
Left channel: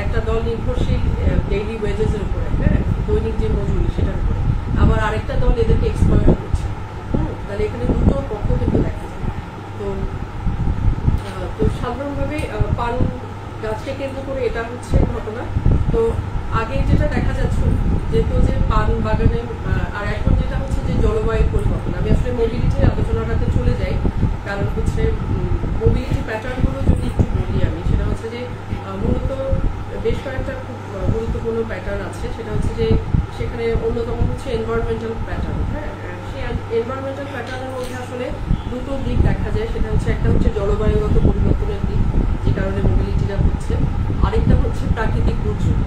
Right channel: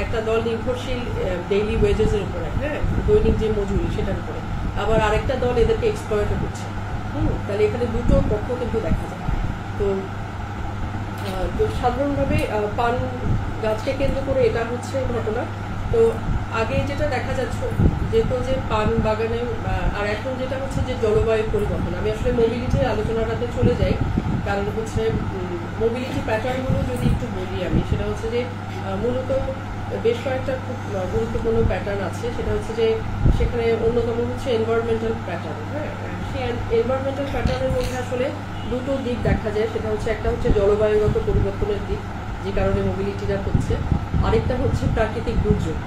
একটা দল নির্ভরশীল ডেইলি ওয়েজেস এর উপরে, হ্যাঁ, দৈনিক যে মজুরি সেটার উপরে, আবার আরেকটা দল এদেরকে এক্সপ্লয়েট করছে। তাহলে এখানে দুটো পক্ষ কিন্তু দেখা যায়। তো সাধারণভাবে পান গাছকে কেন্দ্র করে এটা হচ্ছে ঘটনা। তো আগে যেটা দেখা যাচ্ছে যেত যে পান বাগানে, আর এখন যেটা হচ্ছে যে জলবায়ু পরিবর্তন। আমি আসলে মোবিলিটির আলোচনাটাতে চলে যাই, কারণ হচ্ছে মোবিলিটি প্যাটার্নগুলো যদি একটু বলি আমি, সেটা হচ্ছে যে মূলত বেশ কয়েকটা খুব গুরুত্বপূর্ণ প্যাটার্ন আছে। সেটা হচ্ছে যে সেখানে অন্যতম হচ্ছে এনভায়রনমেন্টাল প্যাটার্ন। হ্যাঁ, সেই এনভায়রনমেন্টাল প্যাটার্নের মধ্যে আসলে দুটো দিক দেখা যায়। সেটা হচ্ছে একটা হচ্ছে জলবায়ুগত পরিবর্তনের দিক, যে কারণে মোবিলিটিটা হচ্ছে, আরেকটা হচ্ছে প্রাকৃতিক দুর্যোগ।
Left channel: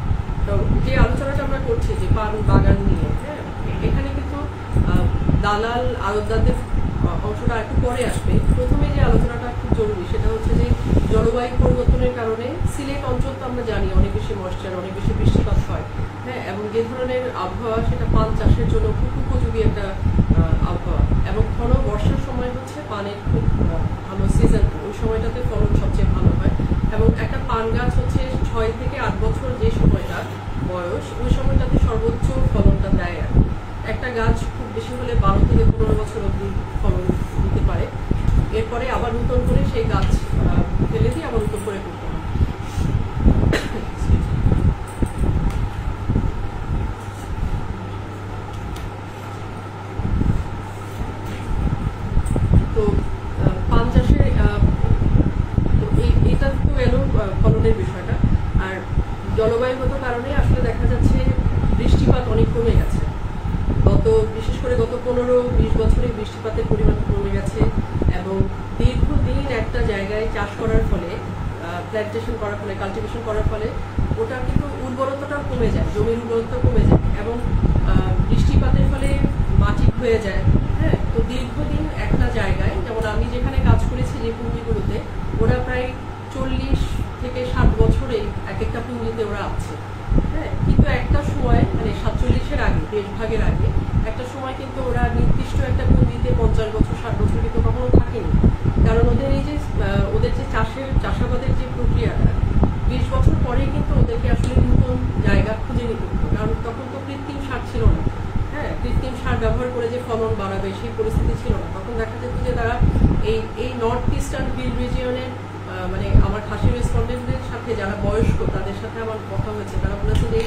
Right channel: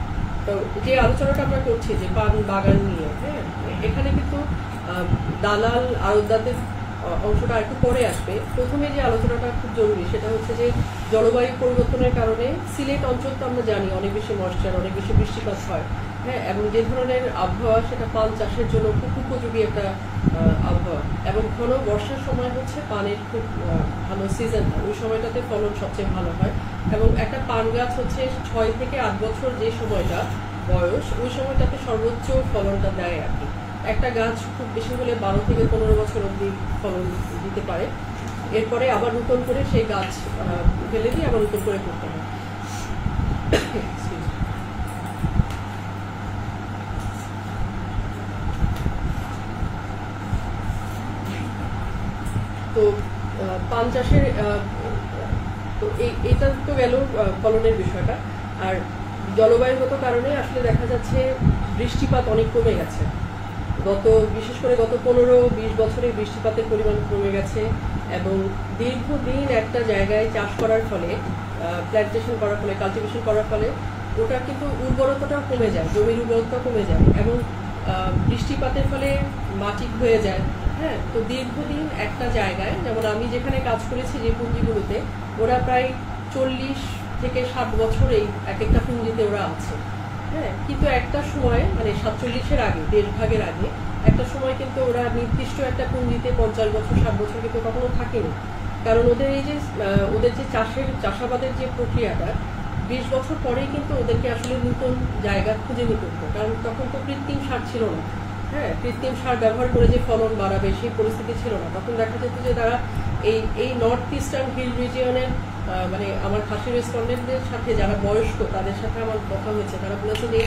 তো যে আলোচনাটা আমরা করছি যে পান বাগান নিয়ে, হ্যাঁ, এখানে কিন্তু দালাল আড়তদারদের অংশটা একটু পরে আসবে। প্রথমে যে আলোচনাটা খুব জরুরি সেটা হচ্ছে যে জলবায়ু পরিবর্তনের কারণে সিলেট অঞ্চল তো আমরা জানি অনেক বেশি ময়েশ্চার, অনেক বেশি বৃষ্টিপাত হয়। হ্যাঁ, এবং যে ধরনের আবহাওয়া সেটা পান চাষের জন্য খুব উপযোগী একটা আবহাওয়া, এবং ঘন বর্ষার সময় হচ্ছে পানের খুব ভালো সিজন, ওই সময়টাতে ফলন সবচেয়ে ভালো হয়। এবং একটা পান গাছ হচ্ছে 6 থেকে 8 বছর যে সময়টা বয়স, ওই সময়টাতে সর্বোচ্চ ফলনটা দেয় আর কি। একটা গাছ খুব বেশি হলে 12 থেকে 15 বছর অবধি ফলন দিতে পারে, এরপরে আবার নতুন করে সেই গাছ ফেলে দিয়ে আবার নতুন করে করতে হয়। তো পান চাষের তো এইটা তো গেল ফলনের বিষয়টা। আর জলবায়ুগত কারণে আসলে দেখা যাচ্ছে বৃষ্টিপাত অনেক কমে গেছে। বিশেষ করে গত 15-20 বছরে বৃষ্টিপাতের পরিমাণ কমে গেছে, এবং দীর্ঘদিন একটা জায়গায় চাষ করার ফলে, প্ল্যান্টেশন করার ফলে, কাল্টিভেশন করার ফলে ওটা কিন্তু উর্বরতাটাও কমে যায়, জমির উর্বরতা কমে যায়, এবং বৃষ্টিপাতের ফলে মাটি ক্ষয়ে যায়। হ্যাঁ, তো দীর্ঘদিন একটা জায়গায়, যেমন আমি যেখানে কাজ করেছি যে পুঞ্জিগুলোতে, ওরা প্রায় 40 থেকে 60 বছরেই এক একটা পুঞ্জিতে ওরা আছে। হ্যাঁ, কিন্তু একটা সময় মানে 47-এর আগে, দেশভাগের আগে একটা সময় কিন্তু ওরা নির্দিষ্ট একটা পুঞ্জিতে 50 বছর 60 বছর কিন্তু কখনো থাকেনি, কারণ ওদের এই যে ওদের যে চাষাবাদের যে প্রক্রিয়াটা 20 বছর পরেই কিন্তু ওদেরকে আসলে নতুন জায়গা খুঁজে নিতে হতো, কারণ তখন তো কৃত্রিম সার ছিল না। হ্যাঁ, কৃত্রিম সার ব্যবহার করে যে ফলন বাড়াবে সেই পরিস্থিতি ছিল না। তখন দেখা যেত যে তারা এই নর্থ ইস্টার্ন হিল রিজিয়নের, মানে আমার খাসি রেসপন্ডেন্টদের সাথে যারা বয়স্ক তাদের সাথে আমার কথা হয়েছে, তারা বলেছে যে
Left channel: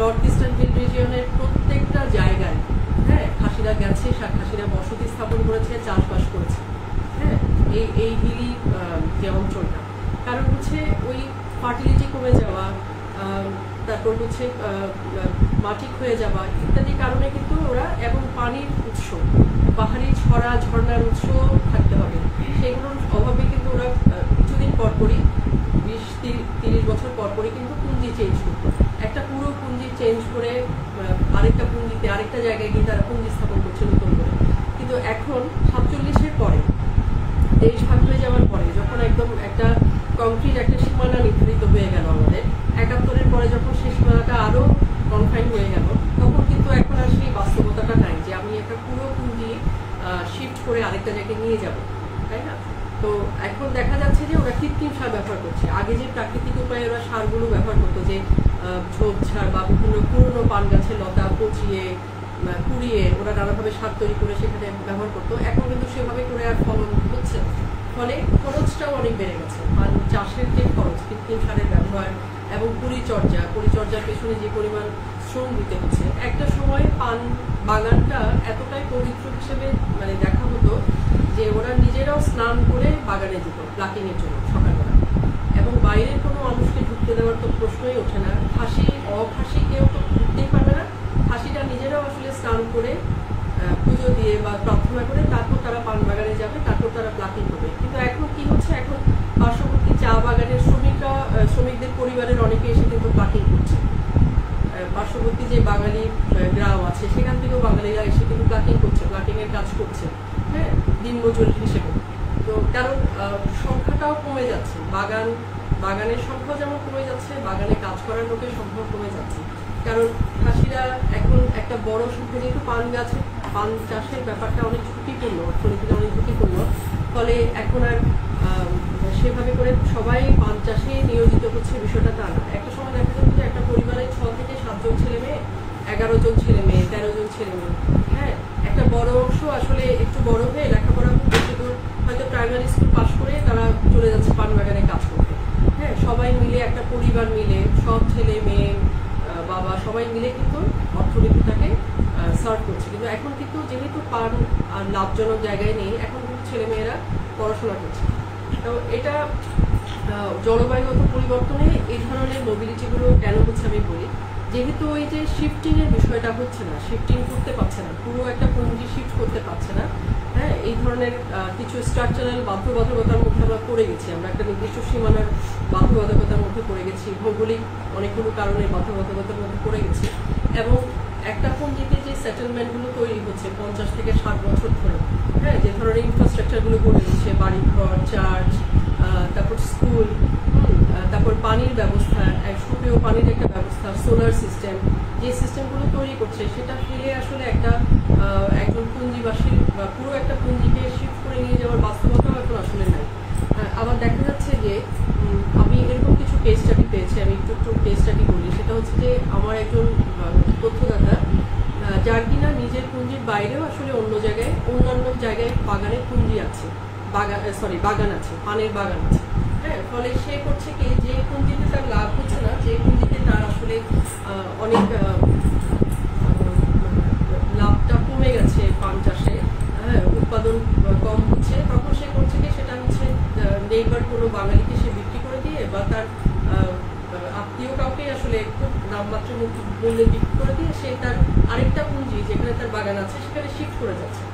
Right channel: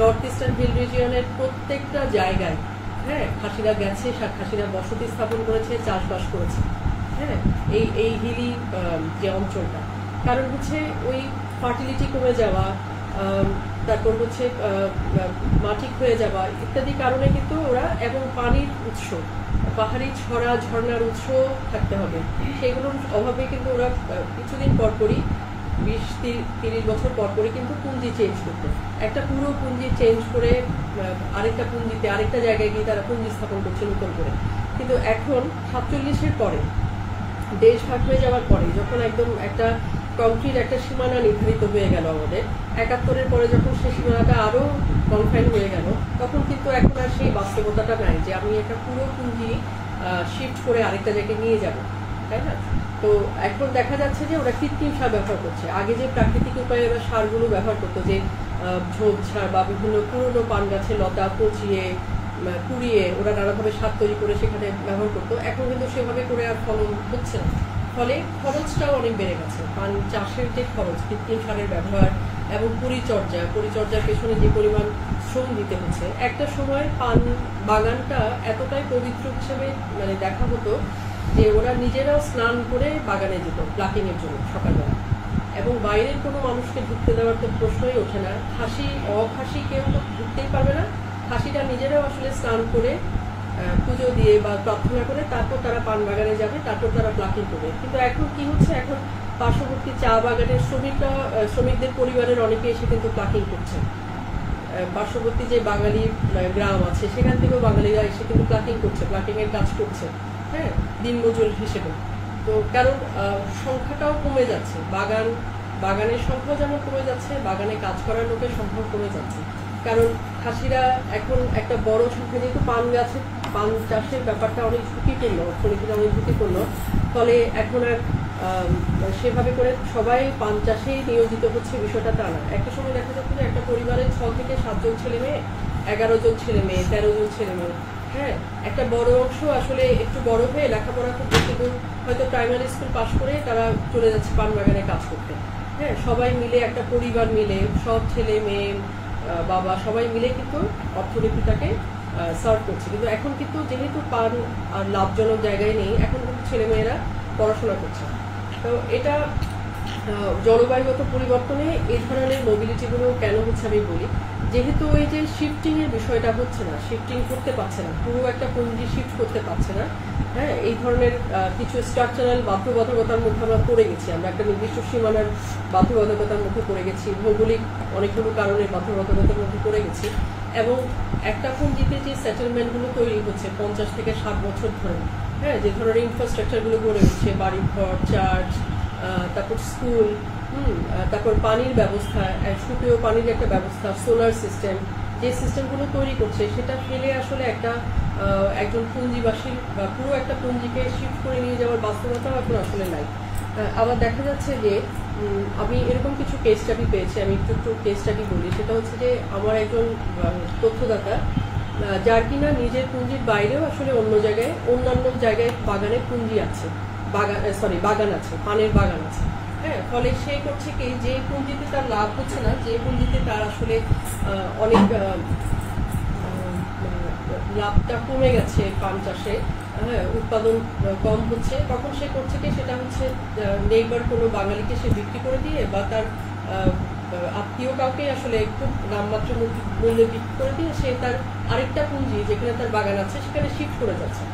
নর্থ ইস্টার্ন হিল রিজিয়নের প্রত্যেকটা জায়গায়, হ্যাঁ, খাসিরা গেছে, খাসিরা বসতি স্থাপন করেছে, চাষবাস করেছে। হ্যাঁ, এই হিলি যে অঞ্চলটা, কারণ হচ্ছে ওই ফার্টিলিটি কমে যাওয়া, তারপর হচ্ছে মাটি ক্ষয়ে যাওয়া ইত্যাদি কারণে কিন্তু ওরা, এবং পানির উৎস, পাহাড়ি ছড়া ঝর্ণার উৎস থাকতে হবে, সেগুলোর অভাবে কিন্তু ওরা কিছুদিন পরপরই 20-30 বছর পরপরই কিন্তু পুঞ্জি চেঞ্জ করতো। একটা পুরো পুঞ্জি চেঞ্জ করে আরেকটা পুঞ্জিতে আরেকটা জায়গায় গিয়ে তারা পুঞ্জি স্থাপন করছে নতুন করে। কিন্তু এখন 47-এর পরে, দেশ ভাগ হয়ে যাওয়ার পরে, যখন একদম একটা কংক্রিট একটা সীমানা নির্ধারিত হয়ে গেল আমাদের, 71-এর পরে যখন সেই সীমানাটা আরো কনফাইন হয়ে গেল, তখন কিন্তু এখন আর সেই বাস্তবতাটা নাই যে আমি একটা পুরো পুঞ্জি শিফট করে আরেকটা জায়গায় নিয়ে যাব, তাই না? তো এখন দেখা যাচ্ছে যে ওরা কৃত্রিম সার ব্যবহার করছে। আগে যে প্রাকৃতিক উপায়ে ওরা সারগুলো ব্যবহার করতো, যে ঝোপঝাড় বা বিভিন্ন পুরনো পান গাছের লতা পচিয়ে পুড়িয়ে ওরা নানাভাবে সার তৈরি করে সেখানে ব্যবহার করতো, এখন কিন্তু সেভাবে করে আর ফলন হচ্ছে না। ফলে খরচটাও অনেক বেড়ে গেছে। পান চাষের যে খরচ, কৃত্রিম সারের ব্যবহার এবং পরিচর্যার পেছনে যে পরিমাণ শ্রম দিতে হচ্ছে, একটা সময় পান বাগানটা এতটাই পবিত্র হিসেবে মানে দেখা হতো যে ওরা নিজেরাও স্নান করে বাগানে যেত প্লাকিং এর জন্য সকালবেলা, এবং বাইরের কোনো মানুষকে ঢুকতে দেওয়ার তো প্রশ্নই ওঠে না। খাসি অখাসি কেউ তো ঢুকতেই পারবে না। খাসিটা নিজেরাও আসলে স্নান করে পুজো দিয়ে বা প্রার্থনা করে তারপর তারা পান বাগানে যাবে, তারপর তারা প্লাকিং করবে। কিন্তু এখন কি হচ্ছে, এখন পার্শ্ববর্তী চা বাগানের শ্রমিকদের পরিবারের অনেকে এসে কিন্তু প্লাকিং করছে। পার্শ্ববর্তী যে বাঙালি গ্রাম আছে সেখান থেকেও বাঙালিরা এসে কিন্তু প্লাকিং করছে, প্লাকিং এর কাজ করছে, হ্যাঁ, দিনমজুর হিসেবে। তো কারণ সংখ্যাটাও কমে যাচ্ছে, বাগানের সংখ্যাও যেমন কমে যাচ্ছে, বাগানে কাজ করার লোকের সংখ্যাও কমে যাচ্ছে। কারণ খাসিরা এখন একটা বড় সংখ্যা, যেহেতু পান চাষের ব্যাপারটা অনেক ঝুঁকিপূর্ণ, অর্থনীতিটা অনেক ঝুঁকিপূর্ণ, ফলে এখন আর সেভাবে করে সবাই পান চাষে নিয়োজিত হচ্ছে বিষয়টা তা না। একটা সময় দেখা যাচ্ছে যে একটা পরিবারের 6 থেকে 7 জন ছেলে মেয়ে, 11 জন ছেলে মেয়ে, 13 জন ছেলে মেয়ে, হ্যাঁ, একটা বড় অংশ আসলে একটু বড় হয়ে লেখাপড়া খুব বেশি দূর হয়তো প্রাইমারি স্কুল পাশ করে তারা চলে যাচ্ছে পান বাগানে কাজ করতে, হ্যাঁ, সবাই মিলে একটা পরিবার মিলে সব ছেলে মেয়ে বাবা সবাই মিলে কিন্তু অর্থনীতিটাকে সার্ভ করছে। কিন্তু এখন কিন্তু যেহেতু পান আর লাভজনক জায়গায় নেই, এখন কিন্তু ছেলেমেয়েরা পড়াশোনা করছে। তো এটা জলবায়ুগত পরিবর্তনে এই ধরনের মোবিলিটিগুলো কেন হচ্ছে আমি বলি, যেহেতু ওই যে শিফটিং এর বিষয়টা হচ্ছে না, শিফটিং করতে পারছে না, পুরো একটা পুঞ্জি শিফট করতে পারছে না, হ্যাঁ, এই ধরনের কিছু স্ট্রাকচারাল বাধ্যবাধকতার মধ্যে আমরা পড়ে গেছি, আমরা একটা নির্দিষ্ট সীমানার বাধ্যবাধকতার মধ্যে পড়ে গেছি, ভৌগোলিক অনেকগুলো কারণে বাধ্যবাধকতার মধ্যে পড়ে গেছি। এবং একটা পুঞ্জিতে যে সেটেলমেন্টগুলো তৈরি হচ্ছে 50 থেকে 60 বছর ধরে, হ্যাঁ, যে ধরনের ইনফ্রাস্ট্রাকচারগুলো গড়ে উঠছে, বাড়িঘর, চার্চ, তারপর স্কুল, তারপর পানির ব্যবস্থা, সুপেয় পানির একটা ব্যবস্থা, সোলার সিস্টেম, যে সিস্টেমগুলো তৈরি করছে সেটা ফেলে আসলে একজন পুঞ্জিবাসীর বা পুরো একটা পুঞ্জিকে শিফট করে নিয়ে যাওয়ার বাস্তবতাও এখন আসলে নাই। আবার দেখা যাচ্ছে যে আমি এরকম কিছু কেস স্টাডি পেয়েছি, আমি একটু কেস স্টাডি বলি। সেটা হচ্ছে যে আমার একজন তথ্যদাতা, যার কিনা নিজের পুঞ্জির বাইরেও আসলে অন্যান্য জায়গায় বাগানে পুঞ্জি আছে, বাগান আছে, পানের বাগান আছে, হ্যাঁ। ফলে সে করছে কি, যে পুঞ্জিতে তার লাভ হচ্ছে না, যে পুঞ্জিতে তার আসলে অনেক লাভটা কমে গেছে পান চাষে, হ্যাঁ, উৎপাদন কম হচ্ছে, তখন সে করছে কি, সেটা হচ্ছে নেইবার কোনো বাঙালিকে সে বিক্রি করে দিয়ে বা তার আত্মীয় কাউকে আসলে খুব নামমাত্র মূল্যে বিক্রি করে দিয়ে সে তার আরেকটা পুঞ্জি যেখানে তার বাগান আছে সেখানে শিফট করে যাচ্ছে।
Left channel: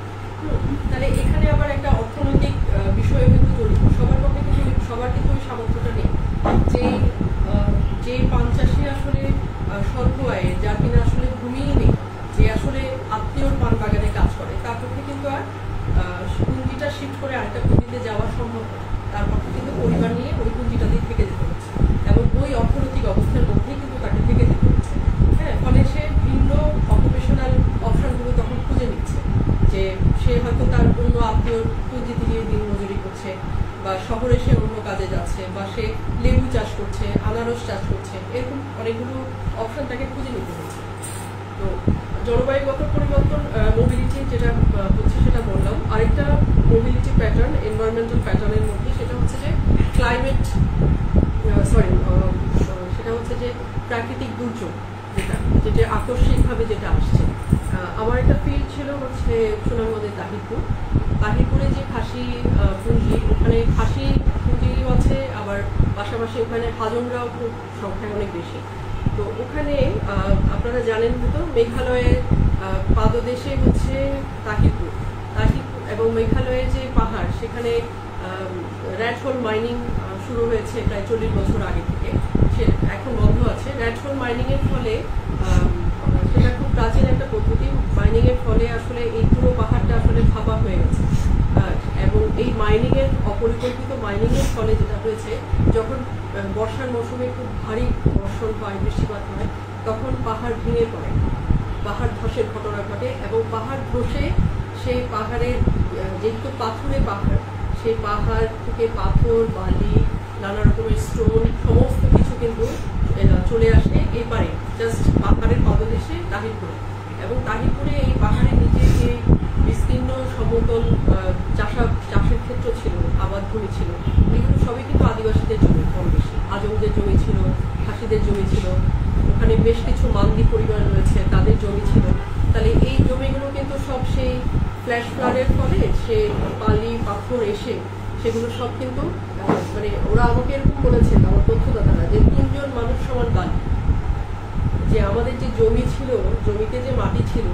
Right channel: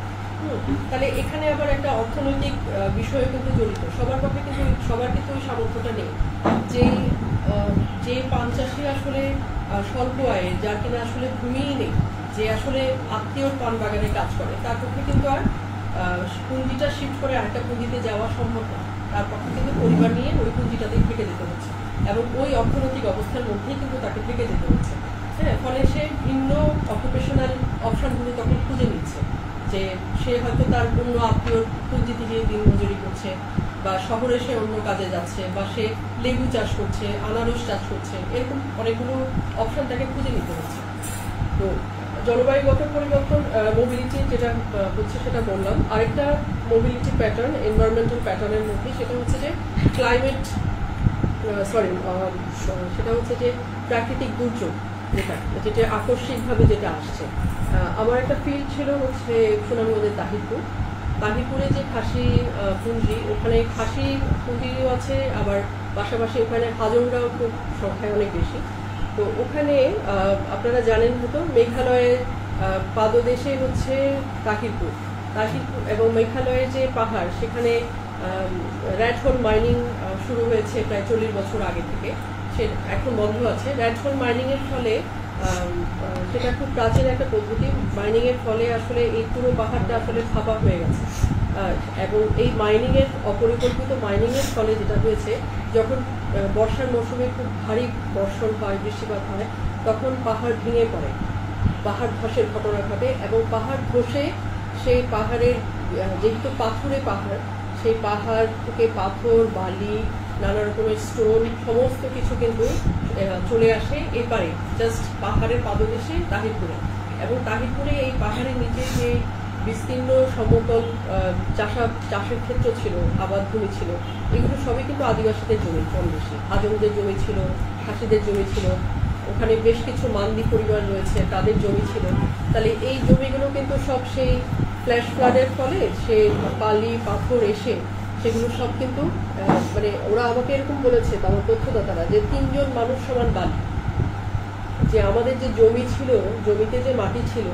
তাহলে এখানে আবার একটা অর্থনৈতিক বিষয় কিন্তু জড়িত। সবার কিন্তু ওই সামর্থ্যটা নেই, যে পান চাষি আসলে স্বল্প আয়ে, যার কিনা আসলে ভূমিই নেই, যে আসলে আত্মীয়র পান বাগানে কাজ করে, তার পক্ষে কিন্তু আর পুঞ্জিটা শিফট করে আরেকটা পুঞ্জিতে যাওয়া সম্ভব না। তার পক্ষে কিন্তু পরিবার নিয়ে ওই পুঞ্জিটাতেই থেকে যেতে হচ্ছে এবং ওই অর্থনৈতিক অবস্থার মধ্যেই কিন্তু তাকে থেকে যেতে হচ্ছে, হ্যাঁ। ফলে সে ভিন্ন অকুপেশনাল অপশনগুলো তখন খুঁজে নিচ্ছে, যে সে হয়তো তার অন্য আত্মীয়র পুঞ্জি থেকে দিন মজুরি করছে, বা শহরে সে অন্য কাজে যাচ্ছে, বা সে লেবু চাষ করছে, আনারস চাষ করছে, এরকম অনেকগুলো অপশন তাকে খুঁজে নিতে হচ্ছে। তো জলবায়ুগত পরিবর্তন, মোবিলিটি যেটা হচ্ছে সেটা বললাম। আরেকটা মোবিলিটি প্যাটার্ন, এনভায়রনমেন্টাল প্যাটার্নের মধ্যে, সেটা হচ্ছে যে সেটা হচ্ছে যে প্রাকৃতিক দুর্যোগ, যেটা আকস্মিকভাবে যেটা আসছে। আমার একটা ফিল্ড ছিল হচ্ছে সুনামগঞ্জের তাহিরপুরে যে খাসি পুঞ্জি, ওখানে খাসি পুঞ্জিও আছে, আবার পাশাপাশি ওখানে হাজংরাও খুব সংখ্যায় অনেক বেশি। তো ওখানে আপনারা জানেন হয়তো মেঘালয়ের পাদদেশে হচ্ছে তাহিরপুর এবং মেঘালয়ের যে পাহাড় সেখানে র্যাড হোল মাইনিং শুরু হয়েছে প্রায় 40 বছর আগে থেকে, সে এখন বন্ধ আছে। র্যাড হোল মাইনিং এর ফলে সেটা খুব প্রাচীন একটা পদ্ধতি, মাইনিং এর ফলে আসলে এই পুরো পাহাড়টা আসলে ফাঁপা হয়ে গেছে। এবং এই মাইনিং এর অপরিকল্পিত মাইনিং এর ফলে যেটা হয়েছে, যখন বর্ষার মৌসুমে খুব ভারী বর্ষণ হয়, বৃষ্টিপাত হয়, তখন পাহাড় ভেঙে পড়ে, পাহাড় ধসের ঘটনা ঘটে এবং পাহাড় ধসে সেই পাহাড়ের যেহেতু পাথুরে পাহাড়, সেই পাহাড় থেকে পাথর, বালি, নানা রকমের স্টোন সমস্ত কিছু কিন্তু চলে আসে এই পারে, জাস্ট পাহাড়ের পাদদেশে তাহিরপুরে। এবং তাহিরপুরে এই পাহাড়ের নিচে যে বিস্তীর্ণ সমতল চাষের ক্ষেত্র ছিল, আবাদ ভূমি ছিল, এগুলো সবই কিন্তু আদিবাসীদের জমি, কম বেশি হাজংদের জমি ছিল, খাসিদের জমি ছিল, ওখানে বেশ কিছু মান্দি পরিবার রয়েছে, তাদের জমি ছিল। তাহলে এই জমিগুলো কিন্তু সব সেই ফ্ল্যাশ ফ্লাডের ফলে সে বালি পাথর এসে সেগুলো সব কিন্তু মানে ওরা আমাকে এরকম বলেছে, আমার তথ্যদাতারা, যে 3 জন মানুষ সমান বালি, যে আমাদের যে জমি ছিল, জমিতে যে মাটি ছিল,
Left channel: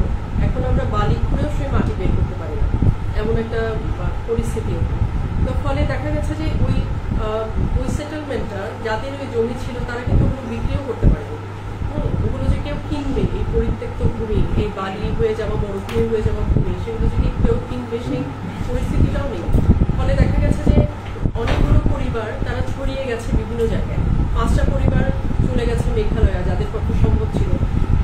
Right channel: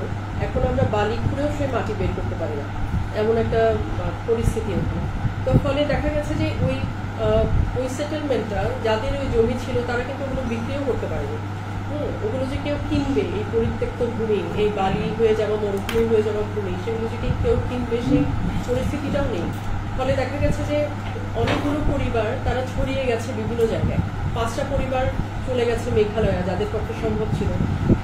এখন আমরা বালি খুঁড়েও সেই মাটি বের করতে পারি না, এমন একটা পরিস্থিতি ওখানে। তো ফলে দেখা গেছে যে ওই সেটেলমেন্টটা, যাদের ওই জমি ছিল, তারা কিন্তু ওগুলো বিক্রিও করতে পারেনি। ওগুলো যে কেউ কিনবে, এই পরিত্যক্ত ভূমি, এই বালি হয়ে যাওয়া, মরুভূমি হয়ে যাওয়া ভূমি, সেগুলো যদি কেউ কিনবে সেই পরিস্থিতিটাও নেই। ফলে দেখা গেছে যে অনেকগুলো পরিবার তারা ছড়িয়ে গেছে বিভিন্ন জায়গায়। 5টা পরিবার চলে গেছে মেঘালয়, যাদের পক্ষে সম্ভব ছিল।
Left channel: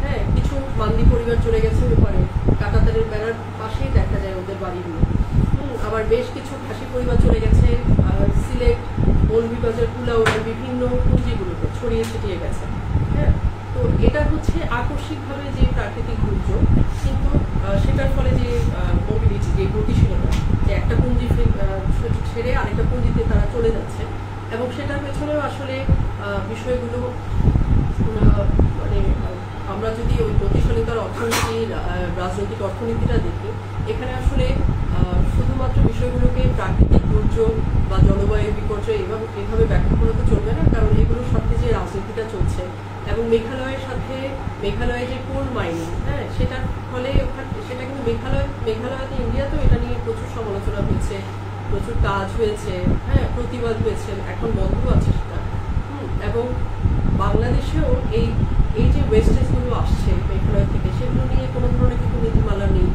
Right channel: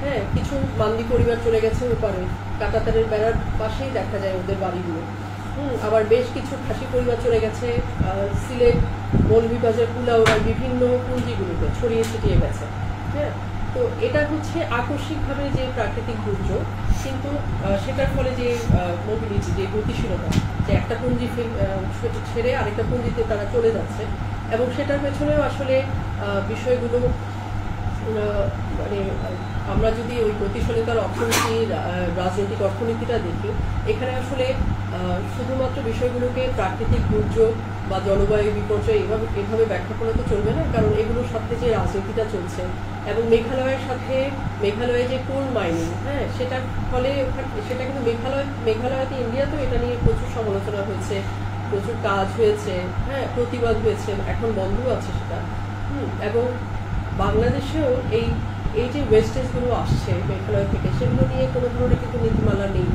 হ্যাঁ, কিছু মান্দি পরিবার চলে গেছে ওপারে, কাঁটাতারের বেড়ার পাশেই দেখা যায় ওদের বাড়িগুলো। আবার বেশ কিছু খাসি পরিবার চলে গেছে সিলেট, মৌলভীবাজার, কুলাউড়ার বিভিন্ন পুঞ্জিগুলোতে ছড়িয়ে ছিটিয়ে গেছে। হ্যাঁ, তো এটা হচ্ছে আকস্মিকভাবে যে প্রাকৃতিক দুর্যোগ, কিন্তু সেটার ফলে যে মোবিলিটি, যে গতিশীলতা, যে একটা পুঞ্জি ছেড়ে আরেকটা পুঞ্জিতে তারা চলে যাচ্ছে, এবং সেটার পেছনেও আসলে বিষয়গুলো মানে আমরা যদি ওই গতিশীলতার অর্থনীতির রাজনৈতিক অর্থনীতিটা দেখি, এখানে আসলে শুধুমাত্র বিষয়গুলোকে প্রাকৃতিক দুর্যোগ বা জলবায়ু বিপর্যয় এভাবে ব্যাখ্যা করে তো চলবে না, কারণ এগুলোর সাথে যে রাজনীতিটা চলছে এবং মেঘালয়ে যে কোল মাইনিং, হ্যাঁ, সেটার ফলে সেটা কিন্তু মেঘালয়তে, ইন্ডিয়াতেও এটা নিয়ে প্রচুর সমালোচনা হয়েছে, প্রচুর কাজ হয়েছে, হ্যাঁ, প্রতিবাদ হয়েছে, এখন বন্ধ আছে সেটা। এবং বাংলাদেশেও এই যে ওয়েস্টেজ গুলো আসছে মেঘালয় থেকে, সেগুলো নিয়ে কোনো ধরনের কিন্তু নীতিমালা নেই,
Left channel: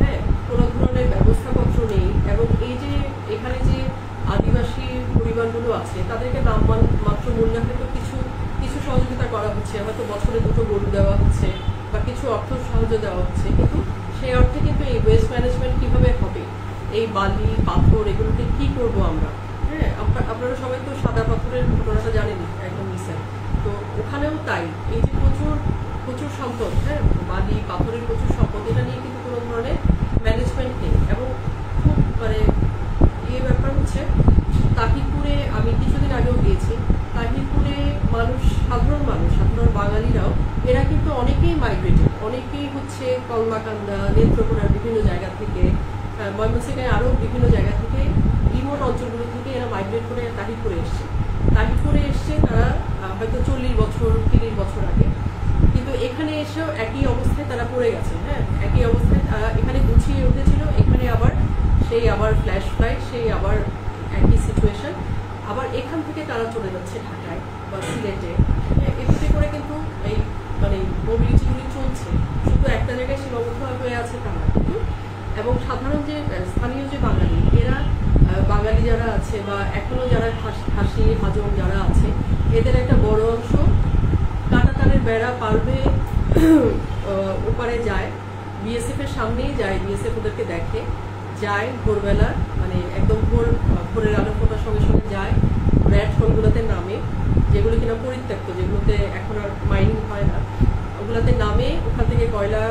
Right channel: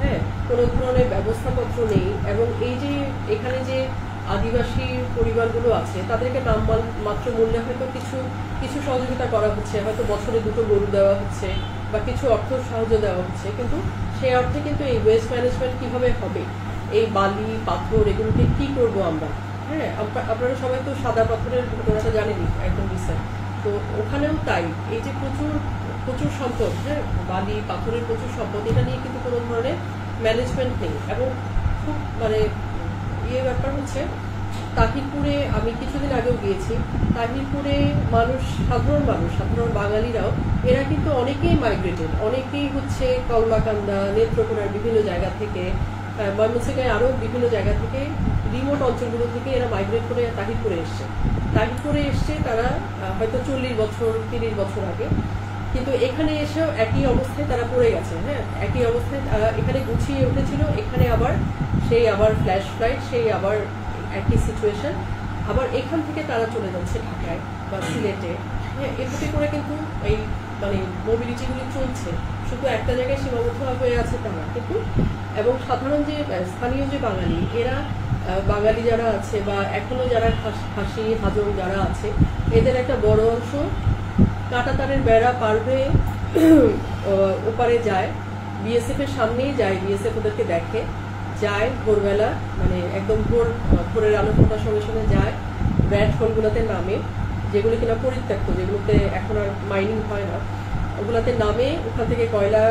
হ্যাঁ, কোনো ধরনের ব্যবস্থাপত্র নেই। এবং এই যে এখানে যে আদিবাসী পরিবারগুলো আছে, তাদেরকে নামমাত্র মূল্যে হয়তো কিছু সহযোগিতা করা হচ্ছে, হয়তো বছরে 2টো গরু দেওয়া হচ্ছে বা কিছু অর্থ সাহায্য দেওয়া হচ্ছে, কিন্তু সেই অর্থে কিন্তু এই ওয়েস্ট ম্যানেজমেন্ট কিভাবে হবে, এই বালি পাথর এগুলোকে কি করব আমরা। হ্যাঁ, আপনারা সবাই তো সাদা পাথরের ঘটনাটা জানেনই, একদম রিসেন্ট। তো ওখানেও তাই, এই যে প্রচুর সম্পদ, হ্যাঁ, বালি পাথরের প্রচুর সম্পদ, এটা নিয়ে কিন্তু কোনো ধরনের ম্যানেজমেন্ট নেই। এবং খুব মানে ব্যাপার হচ্ছে, তাহিরপুরে আমি কিছুদিন আগেও গিয়েছি, তাহিরপুরে সাধারণ বাঙালিরাও, এরা কিন্তু অনেকেই মাইগ্রেটেড, অনেকেই হচ্ছে কলমাকান্দা, নেত্রকোনার বিভিন্ন জায়গা থেকে, ময়মনসিংহের আরো বিভিন্ন জায়গা থেকে, রিমোট অঞ্চলগুলো থেকে এরা মাইগ্রেট করে তাহিরপুরে এসছে তারা হয়তো 40 বছর 30 বছর আগে, কিন্তু এখানে এসেও একই অবস্থায় তারা পড়ে গেছে। হ্যাঁ, একই অবস্থায় এখানে গুছিয়ে উঠেছিল, এখানে আবার ফ্ল্যাশ ফ্লাইট, সেই আবার একই সিচুয়েশন, আবার এখান থেকে তারা চলে যাচ্ছে ঢাকায় বা সিলেটে। হ্যাঁ, এভাবে করে কিন্তু এই মানে মোবিলিটিগুলি চলছে, শুধু একটা জায়গায় সীমাবদ্ধ হয়ে আছে তা না কিন্তু। এবং সাধারণ যে স্থানীয় যে বাঙালি যারা আছে বা এখনো যারা খাসি হাজং যারা আছে, এদের একটা বড় অংশ কাঁটাতারের বেড়া পার হয়ে ওপারে যায়, বিএসএফ এর সামনেই যায়, বিএসএফ ওদেরকে দেখে, যায় ভোরবেলা, মানে একদম ভোরের আলো ফোটার সঙ্গে সঙ্গে যায়, র্যাড হোলগুলোতে নামে, যেগুলো কিনা পরিত্যক্ত, যেগুলোতে এখন আর মাইনিং হয় না, ওগুলাতে নামে, ওখান থেকে কয়লা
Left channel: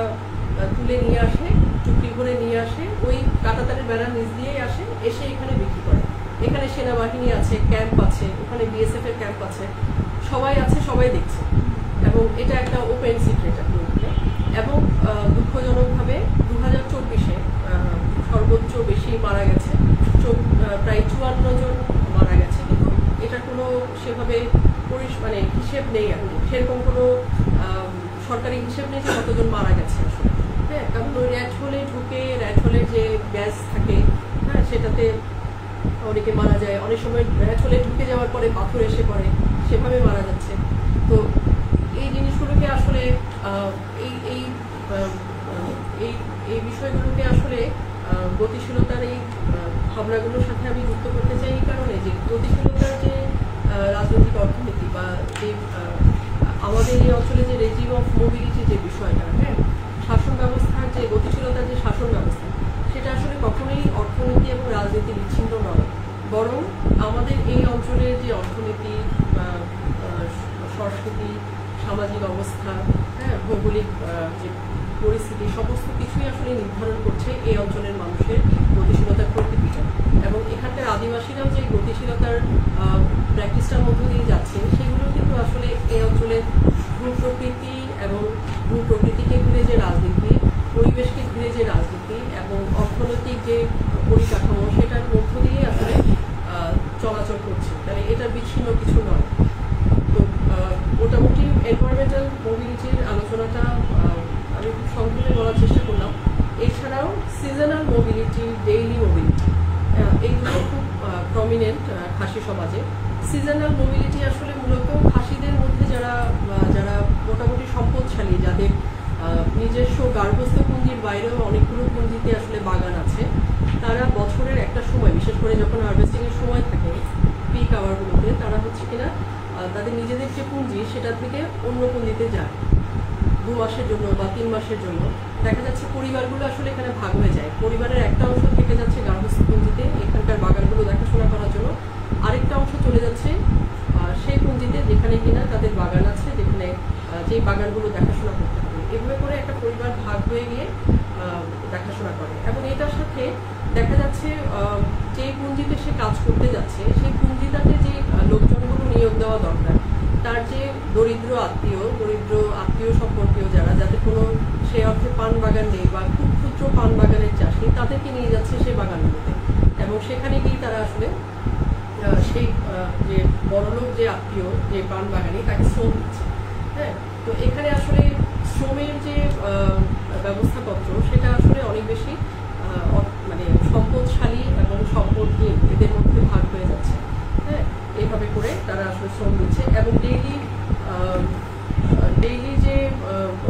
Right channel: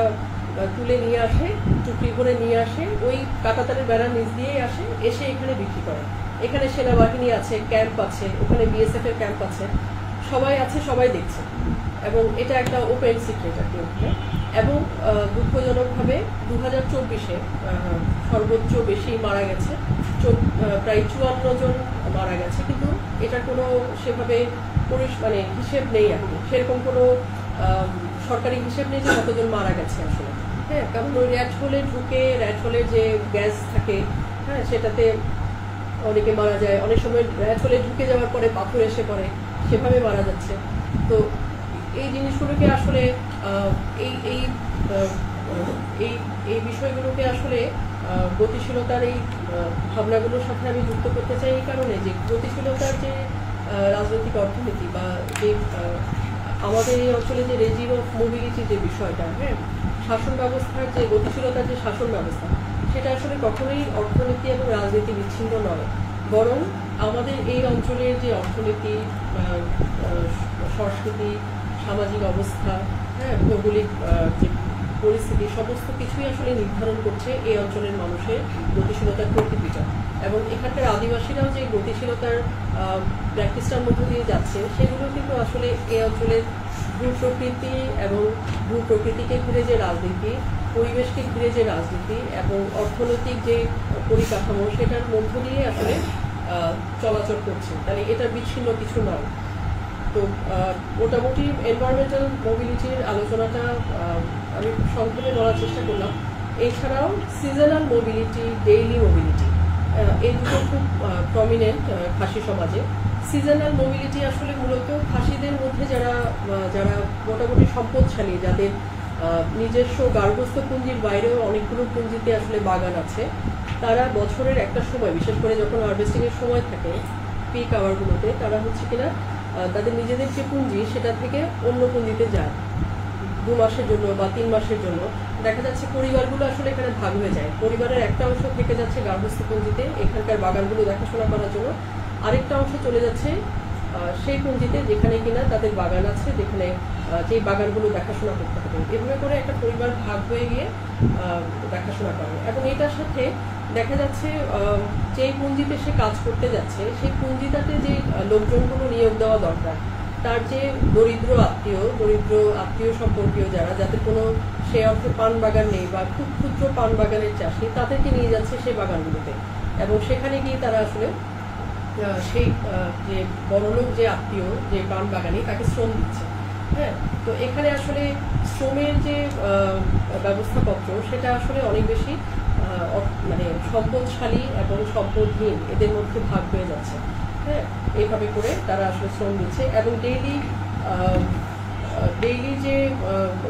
তুলে নিয়ে আসে, টুকরি ভরে নিয়ে আসে, ওই কাঁটাতারের বেড়ার নিচ দিয়েই আসে, এসে এখানে বিক্রি করে। এখানে সেনাবাহিনী আছে, ক্যাম্প আছে, ওখানে বিএসএফ এর ক্যাম্প আছে, সবাই আছে, সবাই দেখছে। এবং এটা একটা ওপেন সিক্রেট আর কি ওখানে। এবং দুঃখজনকভাবে 2024-এ সর্বোচ্চ বেশি মারা গেছে, প্রায় 54 জন মারা গেছে, কিন্তু এটা কোনো সেভাবে মানে হিসেব নেই এখন, সেরকম কোনো সরকারি হিসেব নেই যে কতজন মারা গেছে আসলে। হ্যাঁ, কারণ ওই র্যাট হোলে ঢুকে র্যাট হোলে যে গ্যাস থাকে, হ্যাঁ, সেটাতে অনেকে মারা যায়। অনেক সময় র্যাট হোলে ঢুকে যাওয়ার পরে পাথর এসে পড়ে, সেভাবে মারা যাচ্ছে। তো এই জিনিসগুলোকে আসলে এই বিষয়গুলোকে আসলে গতিশীলতার এই ভাবনাগুলোর সাথে আমি যুক্ত করতে চাই, এই কারণে যে গতিশীলতার যে রাজনৈতিক অর্থনীতি বা যে আমাদের এই অঞ্চলে যে রেজিম অফ মোবিলিটি যে বিষয়টা, হ্যাঁ, শাসন ব্যবস্থার যে গতিশীলতার যে শাসন ব্যবস্থা, সেটা আসলে কখনোই অর্থনীতি এবং রাজনীতি বিচ্ছিন্ন নয়, বরং আমাদের এই অঞ্চলের যে অর্থনীতি, সংস্কৃতি, সামাজিক অবস্থা, হ্যাঁ, ভৌগোলিক যে পরিস্থিতি, সমস্ত কিছুই আসলে নির্ধারণ করছে এই অঞ্চলের মানুষের গতিশীলতার প্রকৃতিটা। এবং এখানকার আদিবাসীরাও যে গতিশীলতার প্র্যাকটিসটার মধ্য দিয়ে যাচ্ছে, সেগুলো কিন্তু আসলে এই অঞ্চলের ভূপ্রকৃতি এবং ভূপ্রকৃতিকে ঘিরে যে রাজনীতি, পরিবেশকে ঘিরে যে রাজনীতি এবং অর্থনৈতিক যে পরিকাঠামো, সেটার মধ্য দিয়ে আসলে চলাচল করছে। তাহলে এটা বিচ্ছিন্ন কিছু নয়। তো মোটামুটি এনভায়রনমেন্টাল মোবিলিটির আলোচনাটা আমি খুব সংক্ষেপে বলার চেষ্টা করলাম। এছাড়াও সিজনাল মোবিলিটি, ডেইলি মোবিলিটি, এই দুটো খুব প্রমিনেন্ট খাসি সমাজে। সিজনাল মোবিলিটি আসলে মূলত খাসিদের মধ্যে যারা মোটামুটি সম্পদশালী, যাদের নিজস্ব গার্হস্থ্য পুঞ্জির বাইরেও অনেকগুলো পুঞ্জিতে আসলে বাগান আছে, তারা বছরের একটা সময়, বিশেষ করে যখন হারভেস্টিং এর সময় থাকে পিক আওয়ারগুলোতে, তারা হচ্ছে কিনা তাদের নিজেদের যে পুঞ্জি সেটা থেকে অন্য পুঞ্জিতে যায় 2 মাসের জন্য বা 3 মাসের জন্য। দেখা যাচ্ছে পরিবারগুলো আসলে এখানে ভাগ হয়ে যায়। পরিবারের একটা অংশ থেকে যাচ্ছে গার্হস্থ্য পুঞ্জিতে এখানকার বাগানগুলো দেখাশোনা করার জন্য, আরেকটা অংশ চলে যাচ্ছে সেই পুঞ্জিতে যেখানে কিনা তাদের বাগান আছে, যেখানে যে বাগানগুলো দেখাশোনা করতে হবে। এভাবে করে একটা পরিবার ভাগ হয়ে গিয়ে দেখাশোনা করে। এবং এটার সাথে দেখা যাচ্ছে যে পুঞ্জিতে সে কাজ করতে যাচ্ছে, সেই পুঞ্জিটাতে যে লোকজনগুলো নিয়োগ দেওয়া দরকার, তার যে দরিদ্র আত্মীয় সম্পর্কীয় যারা, যাতে কোনো সে অর্থে পান বাগান নেই বা খুব ক্ষুদ্র পান বাগানের চাষি, তাদেরকে নিয়ে যাচ্ছে সেই বাগানগুলোতে। এবং সেখানে গিয়ে তারা আসলে সেই যে বড়লোক যে আত্মীয়, যে পান বাগানি, তাকে শ্রম দিচ্ছে। হ্যাঁ, তো এখানে আসলে শ্রমের যে ব্যবস্থাপত্র, সেটা আসলে অনেক বেশি মানে সম্পদশালী এবং সম্পদহীন এদের মধ্যে ভাগ হয়ে যাচ্ছে। হ্যাঁ, এইভাবে করে তারা আসলে শ্রম দিচ্ছে। এবং ডেইলি যে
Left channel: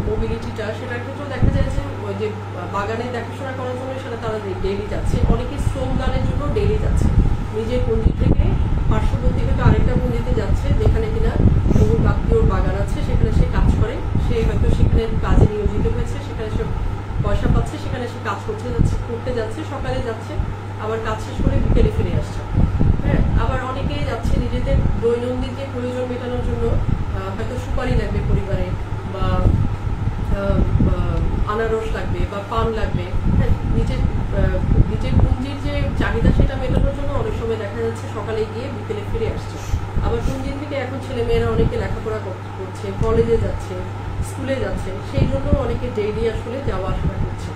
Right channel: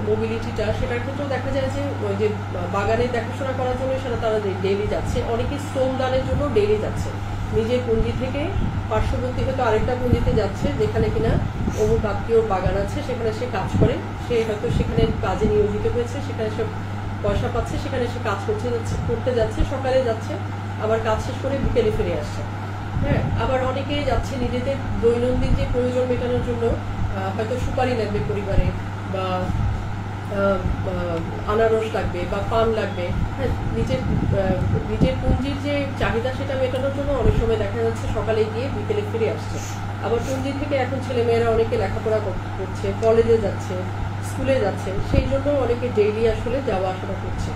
মোবিলিটিটা, সেটার ক্ষেত্রেও দেখা যায় যে ওই যে বাগানে দেখাশোনা করার জন্য সেটা তারা ডেইলি যাচ্ছে। অনেকে শ্রম দানের জন্য ডেইলি যাচ্ছে, নিজের পুঁজি থেকে পার্শ্ববর্তী হয়তো আরেকটা পুঁজিতে যাচ্ছে, যেখানে কিনা অমুক আত্মীয়র বাগান আছে, সেখানে সে কাজ করে, সে হয়তো সেখানে কাজে নিয়োজিত হয়েছে, সেখানে সে পয়সা পাচ্ছে, সেখানে সে কাজ করতে যাচ্ছে, সকালে যাচ্ছে, আবার কাজ শেষ করে বিকেলে ফিরে আসছে। হ্যাঁ, আবার অনেকে যাচ্ছে নিজেদের দৈনন্দিন যে প্রয়োজন মেটানোর জন্য, হয়তো সুপারি লাগবে পরিবারে, বা আনারস লাগবে বা পান লাগবে। হ্যাঁ, নিজের পুঞ্জির যে চাহিদা সেটা মেটানোর জন্য অনেক সময় দেখা যাচ্ছে সকালে গিয়ে বিকেলে ফিরে আসছে। আবার পুঞ্জি থেকে এখন ছেলেমেয়েরা অনেকে লেখাপড়া করছে, কলেজে যাচ্ছে, স্কুলে যাচ্ছে, সেই জন্য অনেকে ডেইলি আসলে যাওয়া আসাটা করছে।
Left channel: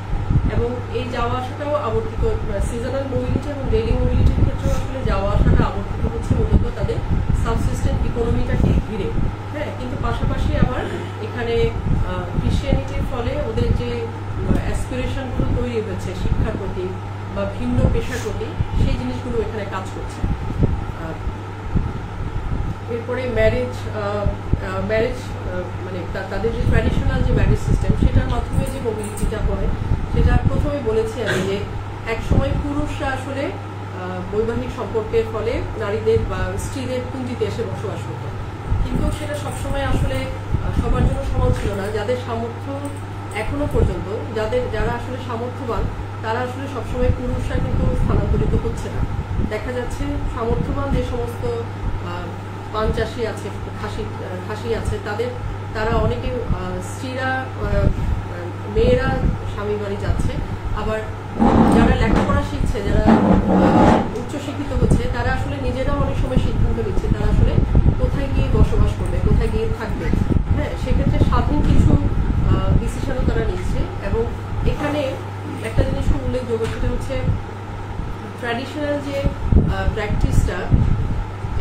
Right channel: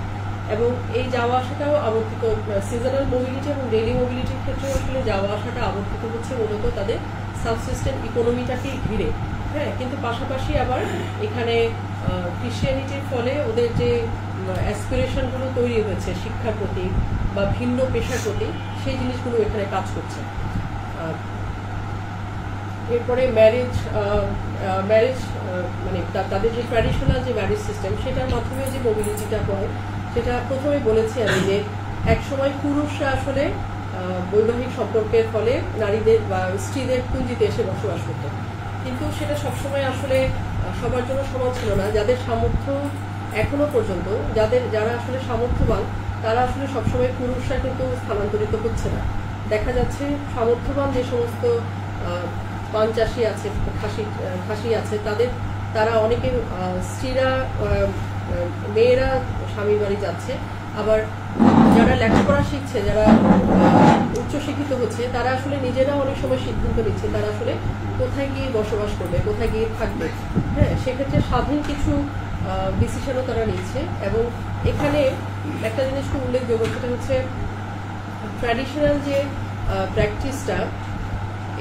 এবং এই যাওয়া আসাটাও আবর্তিত, সিজনাল মোবিলিটি এবং ডেইলি মোবিলিটির ক্ষেত্রেও আসলে যাওয়া আসাটা আবর্তিত হচ্ছে মূলত তাদের সাবসিস্টেন্ট ইকোনমিটাকে ঘিরে। হ্যাঁ, কিন্তু পাশাপাশি আবার এখানে ক্রিশ্চিয়ানিটির ফলে ওদের যে অ্যাসপিরেশনগুলো তৈরি হয়েছে শিক্ষার প্রতি বা ভিন্ন পেশার প্রতি, সেই জিনিসগুলো এখানে কাজ করছে। এরপরে ম্যারেজ মানে তাদের যে ট্র্যাডিশনাল যে ম্যারেজ সিস্টেম, সেটার মাধ্যমে যে মোবিলিটিটা হয়, সেটা প্রথমে বলেছি আমি যে এক সময় পুরুষরা আসলে বৈবাহিক সম্পর্কের ফলে নারীদের বা স্ত্রীদের পুঞ্জিতে এসে বসবাস করত, কিন্তু সেটা সবসময় আসলে সবার জন্য সমান ছিল না। যাদের সামর্থ্য এখনো পর্যন্ত, যারা আসলে সামর্থ্যবান, তারা আসলে সবসময় পুরুষরা কিন্তু স্থানান্তরিত হচ্ছে না। দেখা যাচ্ছে সামর্থ্যবান যে সমস্ত পান চাষি আছে, খাসি আছে, তারা অনেকে স্ত্রীরা, মেয়েরা স্বামীর বাড়ি যাচ্ছে। আবার যারা লেখাপড়া শিখছে, যারা উচ্চশিক্ষিত হচ্ছে, তারা আসলে নিজেরাও অনেক সময় সিদ্ধান্ত নিচ্ছে তারা আসলে কোথায় গিয়ে বসবাস করবে, কোথায় গিয়ে থাকবে। হ্যাঁ, সেক্ষেত্রে স্বাধীন কিছু ডিসিশনও তারা নিচ্ছে। এবং এখানে একটা জিনিস খুব উল্লেখযোগ্য, সেটা হচ্ছে ট্র্যাডিশনাল যে প্র্যাকটিসটা,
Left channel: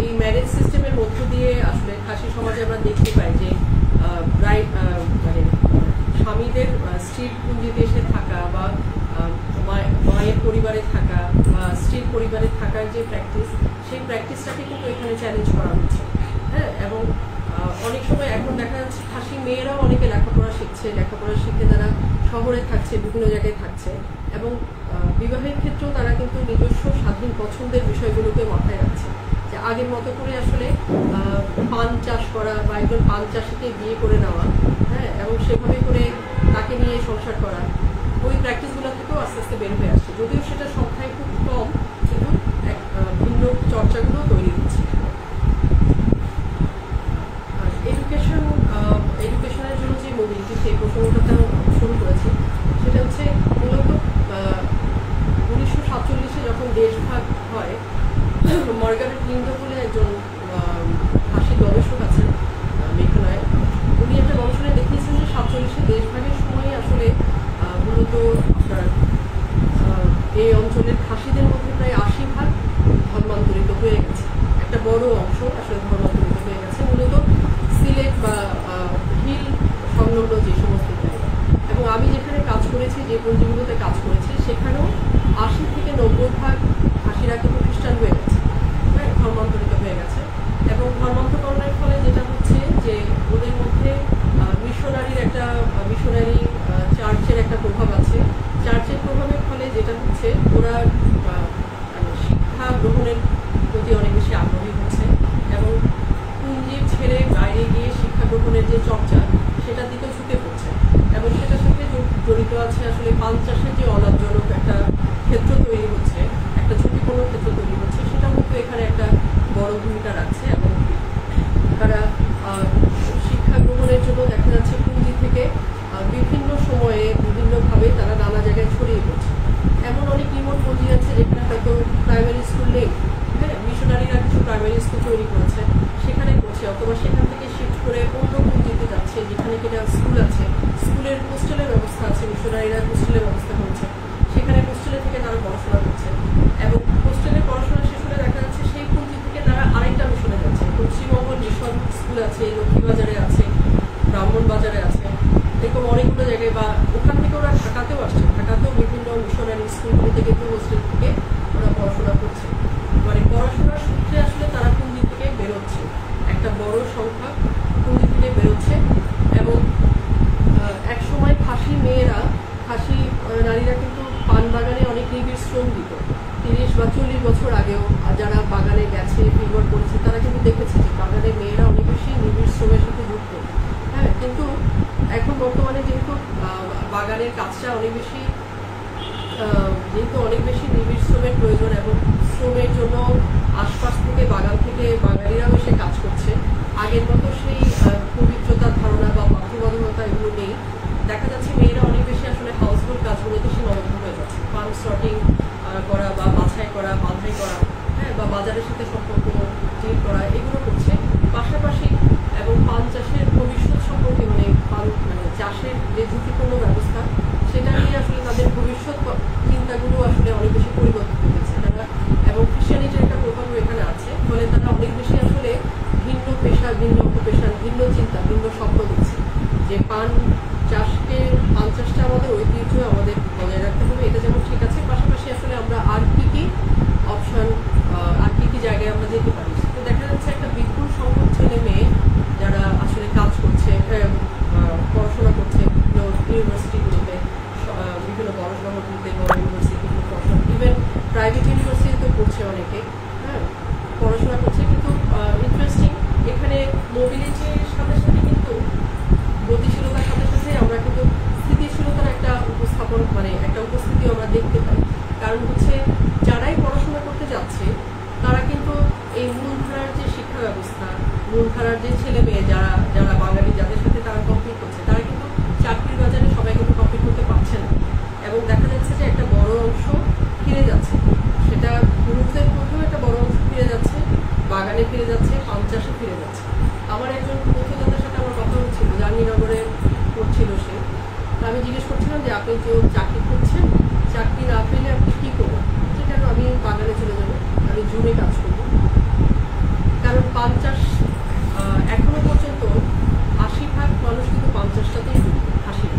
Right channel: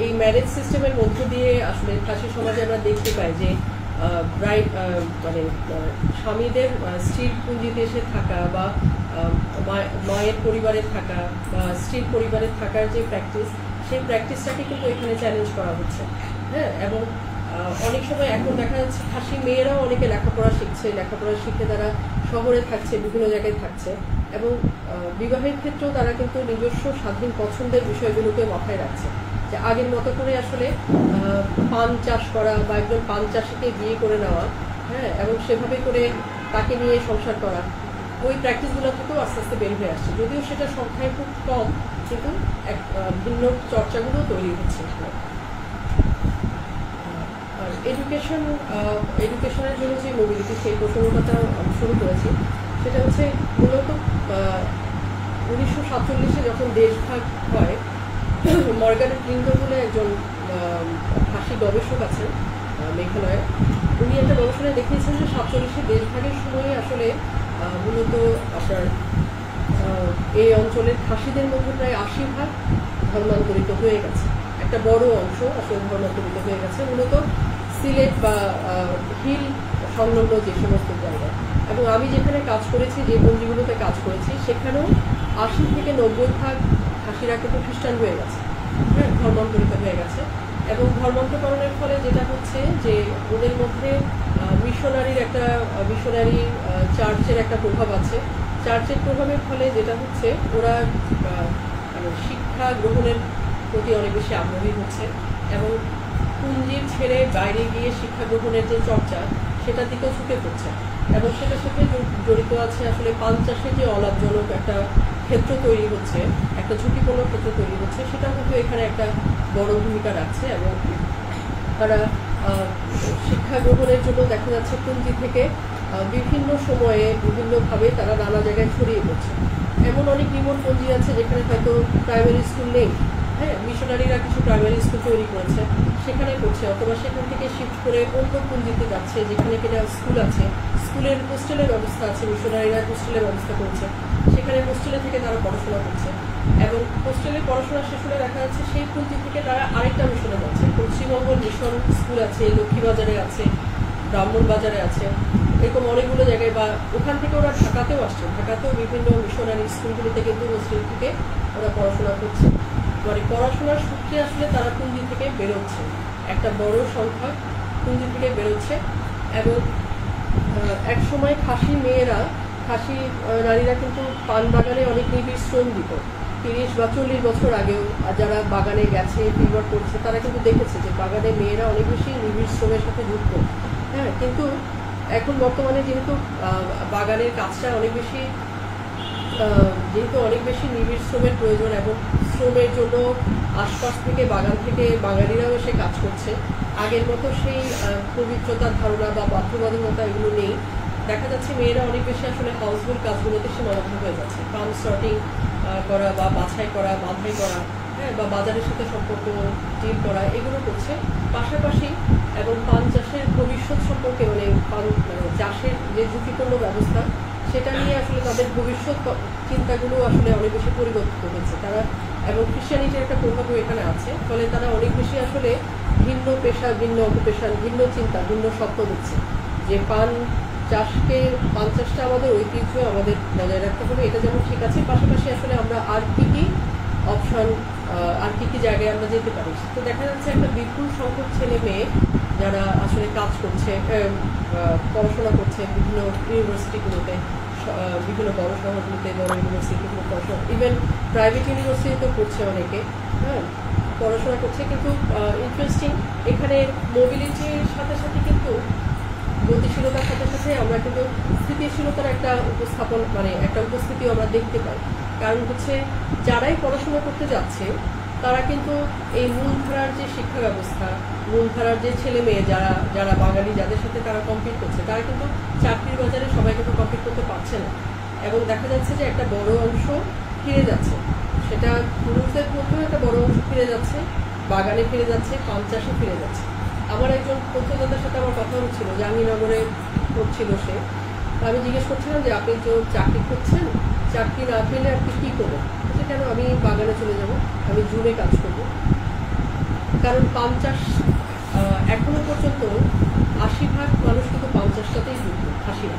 এই ম্যারেজ সিস্টেমের মধ্য দিয়ে আসলে খাসি সমাজে আমরা দেখতে পাই যে মানে স্বামীদের স্ত্রীর পুঞ্জিতে এসে থাকা বা মায়ের পরিবারে থাকা বা স্ত্রীর পরিবারে থাকার যে প্র্যাকটিস, সেই প্র্যাকটিসটাকে কিন্তু এখানে চ্যালেঞ্জ করা হচ্ছে। হ্যাঁ, এবং অনেক সময় এখন দেখা যাচ্ছে খাসি মেয়েরাও অনেকে লেখাপড়া শিখছে, লেখাপড়া শিখে তারা শহরে থাকছে, বিভিন্ন জায়গায় থাকছে, এবং বিবাহের ক্ষেত্রেও তারা কিন্তু নিজস্ব স্বাধীন পছন্দের বিষয়গুলোকে মাথায় রাখছে। যে আগের মতো করে আসলে পান চাষ করা বা একজন পান চাষিকে বিয়ে করে নেওয়া, হ্যাঁ, এবং সেভাবে করে তাকে নিয়ে সংসার করা, ওই প্র্যাকটিসগুলো থেকেও আস্তে আস্তে বের হয়ে আসছে। যদিও সেটা সংখ্যায় খুব কম, কিন্তু এক ভিন্ন চর্চাগুলো তৈরি হচ্ছে। এডুকেশনের জন্য যে মোবিলিটি, সেই প্রসঙ্গটা শুরু করেছি, সেটা হচ্ছে মূলত 1947-এ যখন দেশভাগ হয়, মার্গারেট লিংডন বলে একজন খাসি গবেষক আছেন মেঘালয়ে, উনি একটা গবেষণায় দেখিয়েছেন যে 47-এ দেশভাগের সময়ই আসলে মূলত আপনার এই অঞ্চলের খাসিদের মধ্যে প্রায় 80% ধর্মান্তরিত হয়ে গেছে। একটা বড় অংশ আসলে ধর্মান্তরিত হয়ে গেছে মূলত সিলেট বা হিল সংলগ্ন যে সমস্ত জায়গায়। এবং আমি যেখানে কাজ করেছি, যে পঞ্জিগুলোতে কাজ করেছি, সেখানেও 80 থেকে 90% খাসিরা কিন্তু খ্রিস্টান হয়ে গেছে, হ্যাঁ, ধর্মান্তরিত হয়ে গেছে। এবং ধর্মান্তকরণের ফলে যেটা হচ্ছে যে ওদের মধ্যে মিশনারি চার্চের একটা প্রভাব আছে। চার্চের প্রভাবের ফলে যেটা হচ্ছে ওরা শিক্ষা গ্রহণের প্রতি অনেক বেশি আগ্রহী হচ্ছে, এবং পুঞ্জির ছেড়ে বাইরে গিয়ে শিক্ষা গ্রহণের যে চর্চা, সেটার দিকেও ঝুঁকে পড়ছে। এবং সেটার সাথে জড়িত আছে আসলে পান চাষের যে অলাভজনক একটা ক্ষেত্র তৈরি হচ্ছে, একটা ঝুঁকিপূর্ণ ক্ষেত্র তৈরি হচ্ছে, সেটাও কিন্তু এখানে একটা বড় ভূমিকা রাখছে। এবং তারা শিক্ষা গ্রহণের জন্য দেখা যাচ্ছে পুঞ্জি থেকে বিভিন্ন সময়ে বিভিন্নভাবে তারা নানা জায়গায় ছড়িয়ে পড়ছে। এমন অনেক রিমোট পুঞ্জি আছে যেখানে হয়তো প্রাইমারি স্কুল নেই, হ্যাঁ, মিশনারিরা কিছু প্রাইমারি স্কুল তৈরি করেছে, সেখানে পড়ছে, অথবা সেখান থেকে শিফট করে অন্য পুঞ্জিতে যাচ্ছে যেখানে কিনা স্কুল আছে, স্কুলের হোস্টেলের ব্যবস্থা আছে, মিশনারিরা হোস্টেলের ব্যবস্থা করেছে, সেখানে হোস্টেলে থেকে তারা পড়াশোনা করছে। এবং হোস্টেলে পড়াশোনা শেষ হলে দেখা যাচ্ছে সেই পুঞ্জি থেকে তারা আরেকটা মিশনে যাচ্ছে। পশ্চিমবঙ্গ মিশন স্কুল আছে, লক্ষ্মীবাজারে আছে, ব্রাহ্মণবাজারে আছে, এরকম অনেকগুলো জায়গায়, বা ওখান থেকে ওরা ঢাকাতেও আসছে, ঢাকাতেও বিভিন্ন মিশনারি স্কুলগুলোতে কিন্তু হোস্টেল থেকে ওরা পড়াশোনা করছে। মানে পড়াশোনার সূত্রে আসলে তারা পুঞ্জি থেকে বেরোচ্ছে, একটা বড় সংখ্যা পুঞ্জি থেকে বেরোচ্ছে। এবং এক সময় খাসি নারীরা কিন্তু পান বাগানে অনেক নিবিড় শ্রম দিত। 30 বা 40 বছর আগেও যারা বাগানে গেছে, ফিল্ডওয়ার্ক করেছে, তারা কিন্তু দেখেছে যে বাগানে মেয়েরা অনেক বেশি নিবিড় শ্রমের সাথে যুক্ত। হ্যাঁ, কিন্তু এখন বর্তমানে যেহেতু বাগানের কাজটা অনেক বেশি নিবিড় শ্রমের প্রয়োজন, এবং শ্রমের জন্য আশপাশ থেকে, বাগান থেকে বাঙালিরাও এসে কাজ করছে, আগের মতো সেই পবিত্রতার ধারণা বা বাধ্যবাধকতা এগুলো নেই। দেখা যাচ্ছে মেয়েরা অনেক বেশি আসলে হাউসহোল্ড কাজগুলোতে সীমাবদ্ধ হয়ে যাচ্ছে। পান সর্টিং করা বা বাছাই করা, বাঁধাই করা, হ্যাঁ, বা বাজারের সাথে সম্পর্ক ডিল করা, এগুলো করছে পাশাপাশি। এবং পান চাষের ভবিষ্যৎ সম্পর্কে, মানে চাষের যে ঝুঁকিপূর্ণ ব্যবস্থা, সেটা নিয়ে আসলে তাদের ভবিষ্যৎ চিন্তাগুলো আসলে অনেক বেশি পরিবর্তিত হয়েছে তারা। এবং খ্রিস্টানিটির একটা প্রভাবও এখানে আছে, ফলে তারা অনেক বেশি আসলে ভিন্ন পেশা, ভিন্ন অকুপেশন, ভিন্ন চিন্তা, ভিন্ন স্বপ্ন দিচ্ছে যে পান চাষটা আমাদের ঐতিহ্য, আমাদের বজায় রাখতে হবে, এটা যেমন ঠিক আছে, পাশাপাশি আসলে আমরা আর কি অপশন, আর কি জায়গায় আমরা যেতে পারি। তো দেখা যাচ্ছে একটা বিপুল সংখ্যক ছেলে মেয়ে যারা আসলে কাজ করছে, পড়াশোনা করছে বিভিন্ন ইউনিভার্সিটিগুলোতে, বিভিন্ন বড় শহরগুলোতে, বড় ইউনিভার্সিটিগুলো পড়াশোনা, ইভেন প্রাইভেট ইউনিভার্সিটিতেও পড়ছে অনেকে, হ্যাঁ, পড়াশোনা করছে। কিন্তু ইন্টারেস্টিং, এখানে মোবিলিটির সাথে সাথে কিন্তু গতিশীলতার সাথে সাথে আমরা কিন্তু স্থিতিশীলতার একটা উপস্থিতিও আমরা দেখতে পাই। কারণ হচ্ছে যারাই পড়াশোনা করতে যাচ্ছে, তারা কিন্তু এই মূলধারার যে শিক্ষা ব্যবস্থা, মূলধারার যে ছেলে মেয়ে যারা বাঙালি, যাদের সাথে তারা কম্পিট করছে, তারা কিন্তু চাকরির বাজারে সবাই কিন্তু কম্পিট করতে পারছে না। এবং দেখা যাচ্ছে যে একটা বড় অংশ ফিরে যাচ্ছে, সেটা পুরুষদের মধ্যেও একটা বড় অংশ ফিরে যাচ্ছে, বাগানে ফিরে যাচ্ছে, পান চাষে ফিরে যাচ্ছে। আমার একজন তথ্যদাতার সাথে আমার কথা হচ্ছিল, জাহাঙ্গীরনগরে পড়ছিল সে। আমি জিজ্ঞেস করছিলাম যে আপনি তো চাকরি করছেন, চাকরি না পেলে আপনি কি করবেন? কেন, আমি বাগানে চলে যাব, আমি জুনে কাজ করবো। কারণ পান চাষ এখনো পর্যন্ত ৮০% মানুষ কিন্তু পান চাষটাতেই যুক্ত, খাসিরা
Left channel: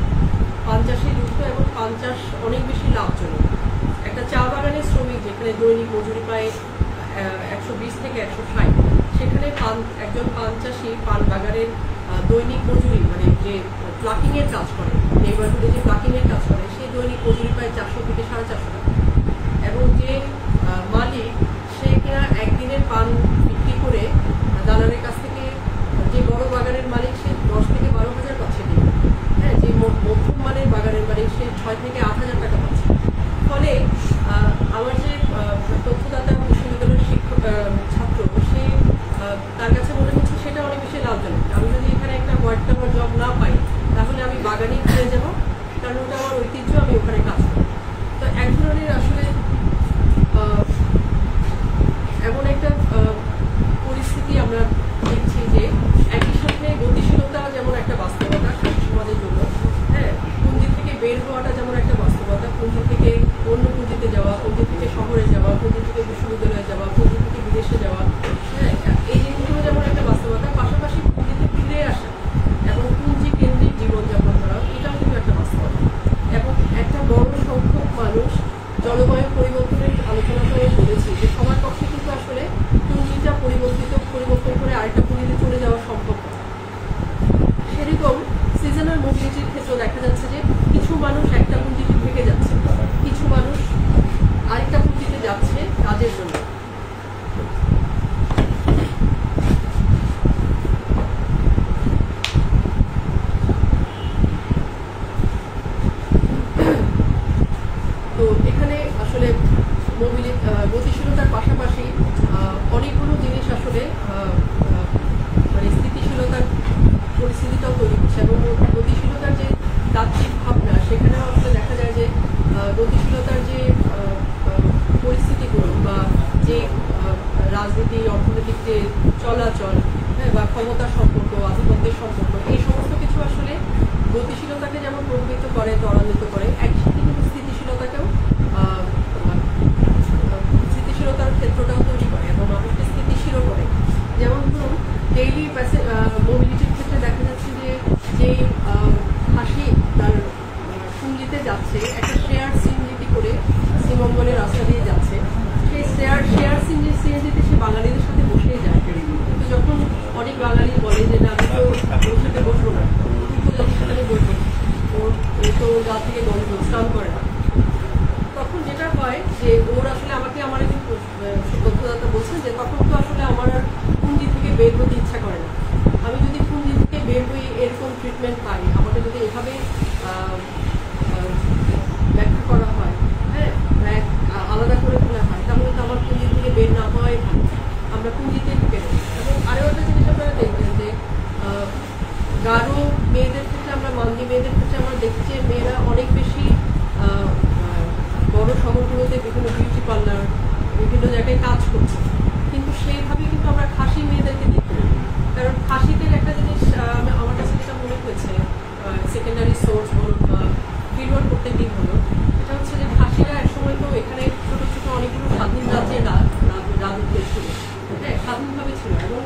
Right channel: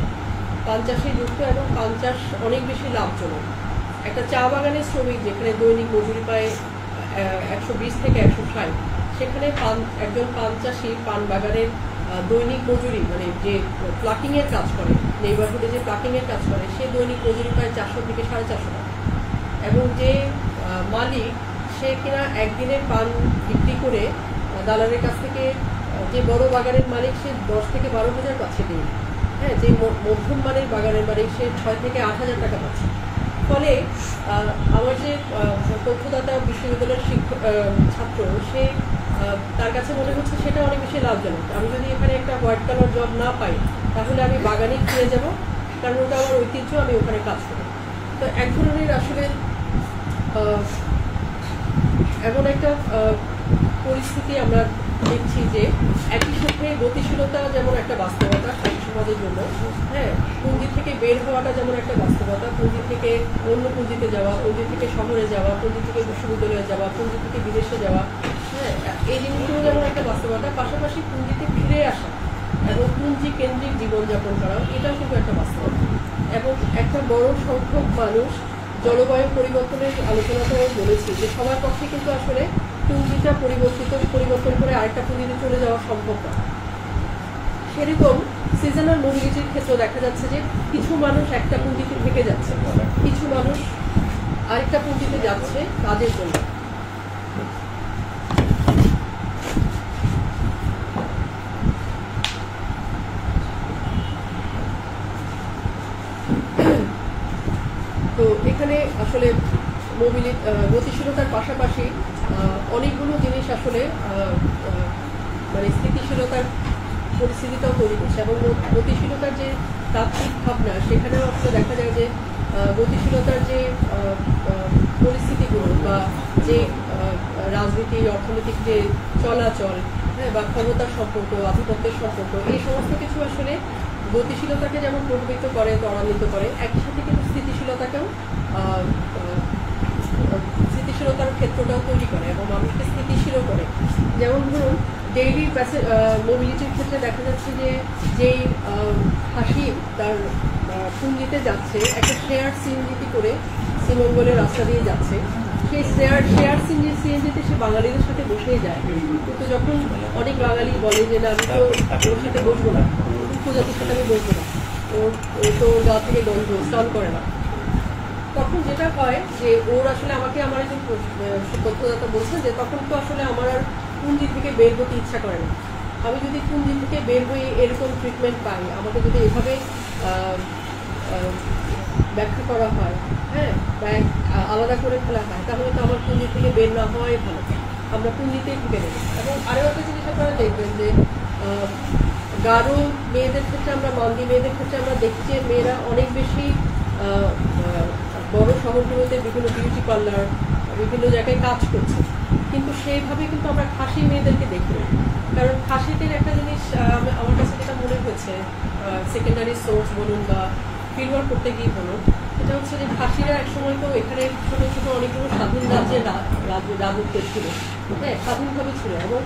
পান চাষে যুক্ত, এবং পান চাষ অনেক বেশি লাভজনক। একটা চা বাগানের শ্রমিক যেখানে দৈনিক মজুরি পায় ১২০ থেকে ১৬০, সেখানে একজন পান চাষি পান বাগানের দৈনিক মজুরি, মানে যে প্লাকিং এর কাজ করে, নেইবারহুডে যে প্লাকিং এর কাজ করে, সে দৈনিক মজুরি পায় ৪০০ থেকে ৪৫০ টাকা। এবং যে মালিক, সে কিনা একদিনের পান বিক্রি করে দালালের কাছ থেকে, যে বড় বাগানের মালিক সে ১০ থেকে ১২,০০০ পাচ্ছে দিনে, হ্যাঁ, যে মধ্যম মানের বাগানের মালিক সে ৬ থেকে ৮,০০০ টাকা পাচ্ছে। ফলে আমার যে তথ্যদাতা বিশ্ববিদ্যালয়ের ছাত্র, সে তার কাছে মনে হচ্ছে সেটা অনেক বেশি লাভজনক। আমি যদি এখানে একটা হোয়াইট কালার জব না পাই, তাহলে আমি বাগানেই ফিরে যাব, কারণ ওটা আমার ঐতিহ্য, আমি ওখানে কাজ করি। তো এক ধরনের আসলে এমন একটা পরিস্থিতি আমরা দেখছি যে একই সাথে গতিশীলতা যেমন একটা বাস্তবতা ছাত্র সমাজের জন্য, হ্যাঁ, পুঁজি থেকে বের হওয়াটা যেমন একটা বাস্তবতা, পুঁজি থেকে অন্য পুঁজিতে যাওয়া, পুঁজি থেকে শহরে যাওয়া, পুঁজি থেকে বিশ্ববিদ্যালয়ে যাওয়া, পুঁজি থেকে বিদেশে যাওয়া, হ্যাঁ, এই জিনিসগুলো যেমন একটা বাস্তবতা, পাশাপাশি পুঁজিতে ফিরে আসা এবং পুঁজি কেন্দ্রিক জীবনযাপন করা, এটাও কিন্তু একটা বাস্তবতা। এবং একটা বড় সংখ্যক মানুষ, জলবায়ু পরিবর্তনের আলোচনাটাও বলেছি যে সবার পক্ষে কিন্তু আসলে পুঁজিটা পরিবর্তন করে আরেকটা পুঁজিতে চলে যাওয়া সম্ভব না। সেরকম সিজনাল মোবিলিটির ক্ষেত্রে দেখা যাচ্ছে যে কিছু মানুষ একটা পুঁজিতে থেকে যাচ্ছে, কিছু মানুষ আরেকটা পুঁজিতে যাচ্ছে কাজের জন্য। তো এখানে আসলে গতিশীলতার পাশাপাশি অনেকগুলো জিনিস আসলে মানে স্থিতিশীলতার পরিস্থিতিটাও তৈরি করছে, এবং গতিশীলতার যে তাত্ত্বিক ভাবনা, সেখানেও আসলে দেখা যায় যে গতিশীলতার যে পরিস্থিতিগুলো বা যে রাজনীতি, অর্থনৈতিক যে চলাচল, হ্যাঁ, বা ক্ষমতার সম্পর্ক, আধিপত্যের সম্পর্ক, এই সমস্ত কিছু আসলে গতিশীলতাকে যেমন প্রভাবিত করে, ত্বরান্বিত করে, একই সাথে কিন্তু স্থিতিশীলতার ক্ষেত্রটাও তৈরি করে এবং মানুষকে স্থিতিশীল করে। যেমন ধরুন ডেইলি মোবিলিটির ক্ষেত্রে দেখা যাচ্ছে যে যেই হাসি তার পুঞ্জিতে যাচ্ছে, একটা শেয়ার সিএনজিতে করে শ্রীমঙ্গলের রাস্তা দিয়ে যাচ্ছে, সেই শেয়ার সিএনজিতে সে বাঙালিদের সাথে বসেই যায়। কিন্তু যখন অনেক বাঙালি বলে যে না, আমি তো ওর সাথে বসবো না, উপজাতির সাথে আমি বসবো না, ও তো গা থেকে গন্ধ, স্নান করে না, তখন যেটা হয় যে ওর আসলে আমার একজন তথ্যদাতা বলছেন যে তখন তো আসলে আমার আর পুঁজি থেকে বের হতে ইচ্ছা করে না। আমি যদি পুঁজি থেকে বের হয়ে এরকম ট্রিটমেন্ট পাই, আমাকে যদি এভাবে ব্যাখ্যা করা হয়, হ্যাঁ, আলাদা করে ফেলা হয়, তাহলে তো আমার পুঁজি থেকে বের না হওয়াই ভালো, আমরা পুঁজিতেই ঢুকে নেব। এবং আরও একটা জিনিস আপনারা দেখবেন যে গারো মেয়েদের ক্ষেত্রে, আমরা মান্দি মেয়েদের ক্ষেত্রে আমরা দেখি যে মেয়েরা অনেক বেশি বড় শহরগুলোতে বিভিন্ন বিউটি পার্লার, বিভিন্ন জায়গায় কাজ করছে, কিন্তু সেইভাবে কিন্তু আমরা খাসি মেয়েদেরকে দেখি না। কারণ খাসিদের একটা জিনিস আমার কাছে যেটা মনে হয়েছে, সেকেন্ডারি সোর্স বলুন বা ফিল্ড ওয়ার্ক করতে গিয়ে বলুন, এটা হচ্ছে যে খাসিরা একসময় তো এখানে ছোট ছোট অনেকগুলো স্বাধীন রাজ্যের রাজত্বে ছিল, হ্যাঁ, স্বাধীনভাবে ছিল। এবং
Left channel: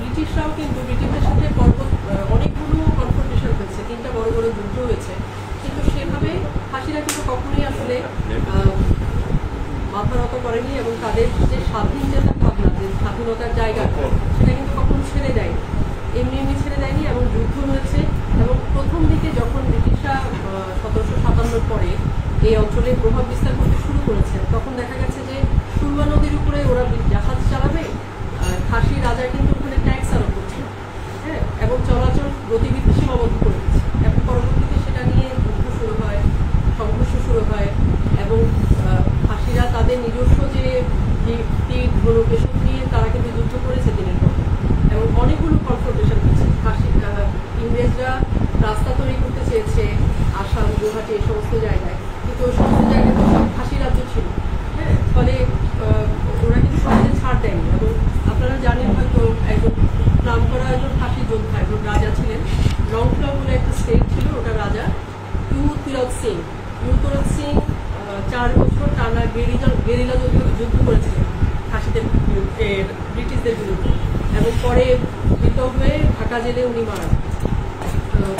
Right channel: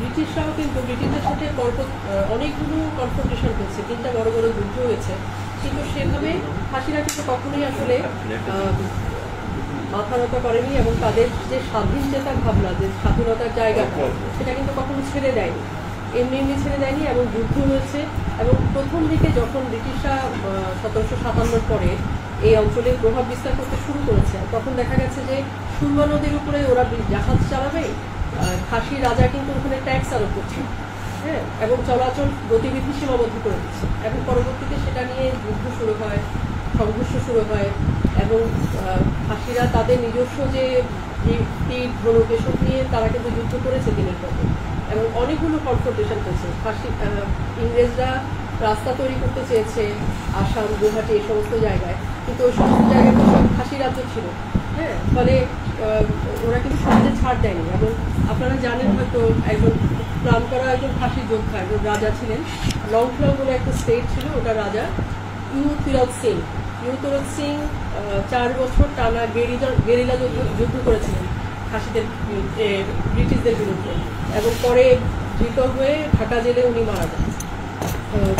ব্রিটিশরাও কিন্তু ব্রিটিশদের সাথে অনেকগুলো কনফ্রন্টেশন হয়েছে, 3টা বড় বড় যুদ্ধ হয়েছে, কিন্তু সেভাবে খাসিরা কিন্তু কখনোই আসলে মাথা নত করেনি এবং তাদের যে স্বাধীনচেতা ভাবনা, যে স্বাধীনতার জায়গাটা, সেটা কিন্তু কখনো ছেড়ে দেয়নি, এমনি ছেড়ে দেয়নি। এবং যুদ্ধ হয়েছে, এবং প্রথম দিকে যখন ব্রিটিশরা 1757 পরে এই অঞ্চলে প্রভাব বিস্তার করতে শুরু করেছে, তখন দেখা গেছে যে সুরমা নদীর উপরে ওরা জাহাজ চালাবে, খাসি রাজা কিন্তু ওখানে ট্যাক্স আরোপ করছে, হ্যাঁ, এবং চলাচল গতিবিধি সীমাবদ্ধ করে দিচ্ছে। এবং পরবর্তীতে সেটা নিয়ে যুদ্ধ শুরু হয়, সংঘর্ষ শুরু হয়, এবং খাসিরা তাদের নিজস্ব যে তীর, ধনুক, এসব নিয়ে তারা কিন্তু যুদ্ধ করেছে দিনের পর দিন, এবং অনেকগুলো কনফ্রন্টেশন হয়েছে। ইংরেজরা রাস্তা তৈরি করতে চেয়েছে আসাম, গুয়াহাটি, এই সমস্ত জায়গায়, কিন্তু ওই সমস্ত জায়গায় তো সব খাসি রাজ্য ছিল, হ্যাঁ, ফলে ওরা কিন্তু সহজে ছাড় দেয়নি। এবং আপনারা জানেন হয়তো একজন নাম করা একজন খাসি যোদ্ধা, একজন রাজা ছিলেন, লংথরা বলে একটা স্টেট ছিল, ওটা রাজা ইউ তিলক সিং 4 বছর টানা গেরিলা যুদ্ধ করেছিলেন। খাসিদের ব্রিটিশদের বিরুদ্ধে, এবং পরে ধৃত হয়ে ঢাকা জেলে উনি মারা যান,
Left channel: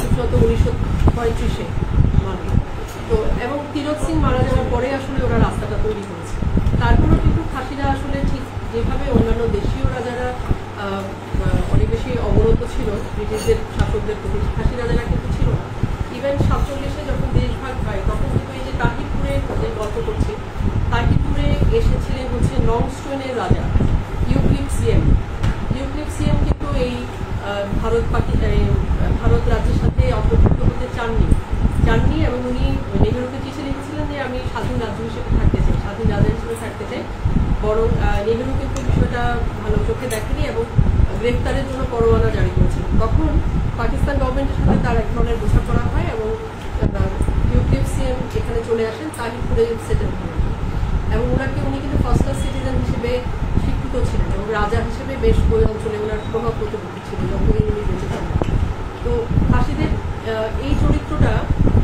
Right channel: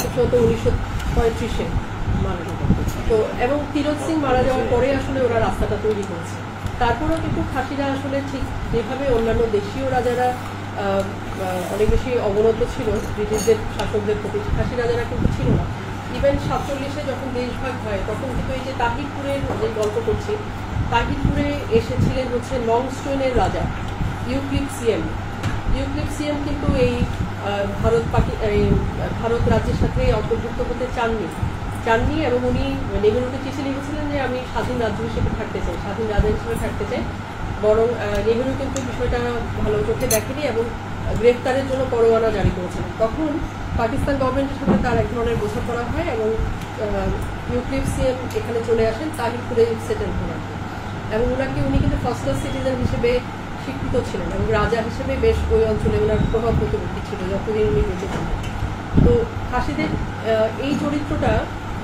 খুব সম্ভবত 1935-এ মারা যান। তো এবং তিরথ সিং মারা যাওয়ার পরে আসলে ওরা রাস্তাটা তৈরি করেছে। তারপরেও কিন্তু খাসিরা আসলে ঠিক যেভাবে অন্যান্য দেশীয় রাজারা অনেক বেশি অবনত ছিল ব্রিটিশদের শাসকদের প্রতি, খাসি রাজারা কিন্তু ছিল না। ইভেন 47-এ যখন দেশভাগ হয় তখন কিন্তু এই যে তাহিরপুরের যে গল্প করছি, তাহিরপুরে এসেছিলেন হচ্ছে লংস্টোনের রাজা ইউক্লিপসিয়াম। ইউক্লিপসিয়াম কিন্তু এই ভারত রাজ্যের সাথে অন্তর্ভুক্ত হতে চাননি এবং উনি নেহেরুকে চিঠি লিখেছিলেন যে আমি স্বাধীন রাজ্য হিসেবে থাকতে চাই, স্বাধীন রাজা হিসেবে থাকতে চাই। বরং নেহেরু কিন্তু বিষয়টা ভালো চোখে দেখেনি এবং গ্রেফতারের জন্য পরোয়ানা জারি করেছিলেন। তখন পাকিস্তান গভর্নমেন্টের সাথে তার এক ধরনের বোঝাপড়া হয় এবং ইউক্লিপসিয়াম এখানে চলে আসেন, তাহিরপুরে সেটেল করেন এবং উনি কিন্তু ফার্স্ট ক্লাস সিটিজেন হিসেবে স্বীকৃত ছিলেন এবং রাজা হিসেবে বেশ ওই অঞ্চলে ওনার প্রভাব প্রতিপত্তি ছিল যতদিন উনি বেঁচে ছিলেন। তো খাসিদের এই চরিত্রটা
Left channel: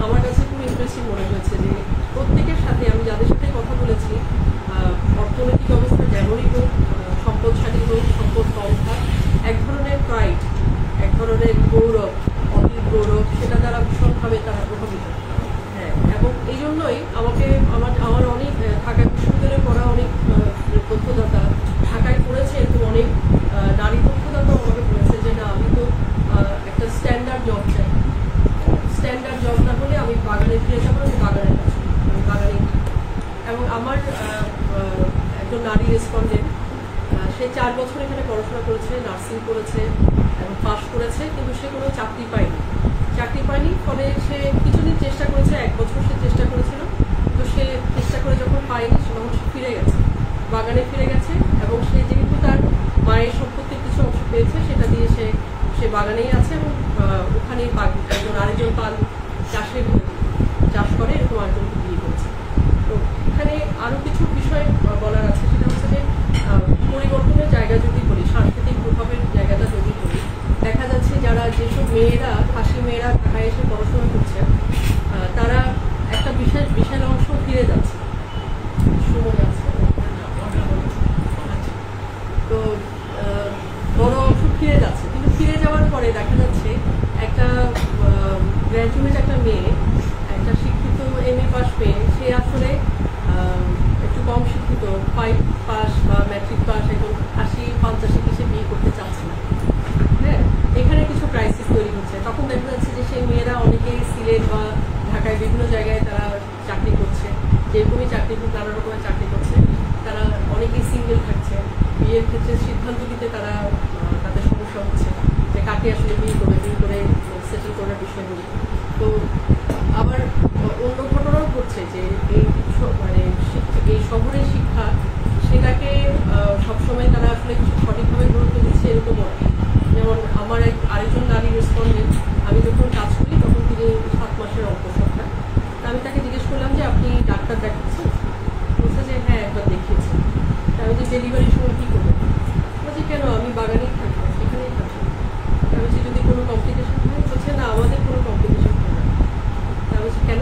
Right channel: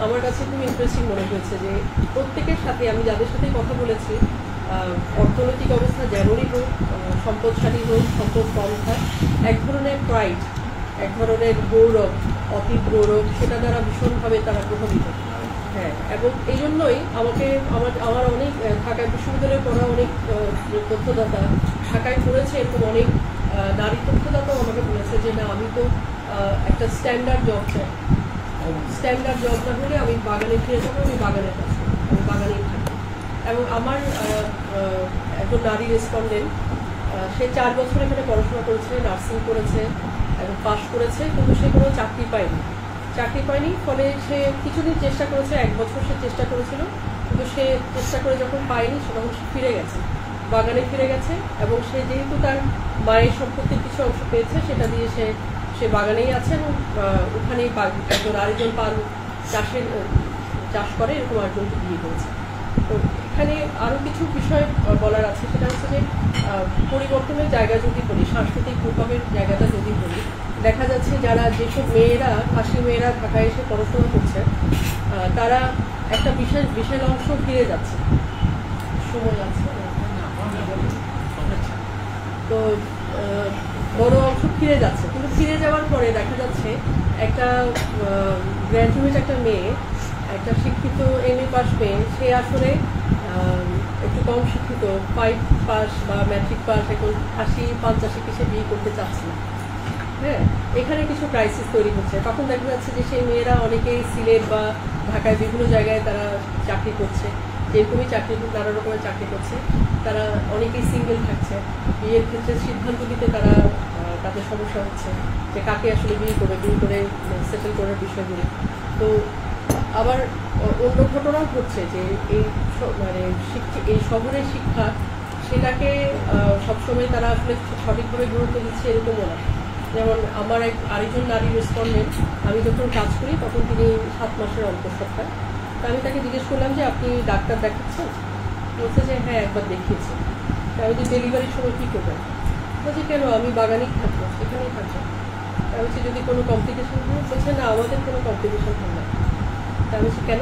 আমার কাছে খুব ইন্টারেস্টিং মনে হয়েছে যে প্রত্যেকের সাথে আমি যাদের সাথে কথা বলেছি, অর্থনৈতিক অবস্থা যেমনই হোক, সম্পদশালী হোক, সম্পদ কম থাক, এক ধরনের প্রাইড, এক ধরনের গৌরব, অতীত গৌরব, সেটা দ্বারা ভীষণভাবে তারা প্রভাবিত। হ্যাঁ, এবং এই জন্যই আমার অনেক ঢাকা বিশ্ববিদ্যালয়ে পড়া অনেক তথ্যদাতা, ঢাকায় পড়েছে এরকম অনেক নারী তথ্যদাতাও আমাকে বলেছে যে না, আমি তো একটা স্ট্যান্ডার্ড জব চাই, স্ট্যান্ডার্ড জব না হলে আমি বাগানে ফিরে যাবো, আমি বাগানের কাজ করি, আমি বাগানেই থাকি। এবং আমার একজন নারী রেসপন্ডেন্ট, সে 4 বছর এখানে পড়াশোনা করেছে, নার্সিং করেছে এবং পাশ করেছে, কিন্তু সে কোনো চাকরি পায়নি। ফলে সে কিছুদিন চেষ্টা করেছে, 1 বছর সে চেষ্টা করেছিল, কিন্তু সে চেষ্টা করে যখন পায়নি তখন সে ফিরে গেছে, বাগানে ফিরে গেছে। এবং সে যেহেতু তার মায়ের সম্পত্তির কিছু অংশ পেয়েছে, সেটা দিয়ে সে বাগানেই আছে এবং ওখানেই আরেকজন পান চাষ করে, এরকম আরেকজনকে বিয়ে করেছে। তো এখানে আরো কিছু বিষয় বলার আছে, সেটা হচ্ছে যে পরিবর্তনের জায়গা যদি বলি, সাংস্কৃতিক প্রভাবের জায়গাটা যদি বলি, দেখা যাচ্ছে যেসব মেয়েরা, খাসি মেয়েরা ঢাকায় এসে পড়াশোনা করছেন, তারা একটা বিশাল অংশ ফিরে যাচ্ছে, সময় আছে তো বড় অংশ ফিরে যাচ্ছে। কিন্তু ফিরে যাওয়ার পরে দেখা যাচ্ছে একটা গ্র্যাজুয়েট একটা মেয়ে, একটা শিক্ষিত MA পাস মেয়ে, সে আসলে একটু কম শিক্ষিত 5 পাস বা ম্যাট্রিক পাস একজন খাসি 85 সে বিয়ে করতে চাচ্ছে না। হ্যাঁ, এখানে কিছু ক্রাইসিস তৈরি হচ্ছে। তখন দেখা যাচ্ছে যে সেই মেয়েরা অনেকেই সিলেট বা ঢাকায় বিভিন্ন জায়গায় তারা চাকরি করছে, যেরকমই চাকরি হোক, নানা রকমের চাকরি করছে। তারা অনেকেই সিঙ্গেল থাকছে, বিয়ের ক্ষেত্রে সিদ্ধান্ত নিতে তাদের সমস্যা হচ্ছে যে কাকে আসলে বিয়ে করে সেটেল করার বিষয়গুলি। তো আবার অন্য ঘটনাও ঘটছে যে এই শহরের শিক্ষা, সেটাকে সবসময় তারা আসলে সঠিকভাবে গুরুত্ব দিচ্ছে এরকমও না। যেমন আমার আরেকজন নারী রেসপন্ডেন্ট, আমি যখন কাজ করি তখন তিনি 7 মাসের অন্তঃসত্ত্বা। তা আমি তাকে জিজ্ঞেস করলাম যে আপনি ডাক্তার দেখাচ্ছেন? বলছে যে হ্যাঁ, একবার দেখিয়েছি। তা আমি যে ডেলিভারির সময় কি করবেন? বলছি কেন, আমি বাগানেই থাকবো, এখানেই থাকবো। তা আমি যদি কোনো কমপ্লিকেশন হয়? বলছে না, আমাদের কোনো কমপ্লিকেশন হয় না। তা আমি কেন,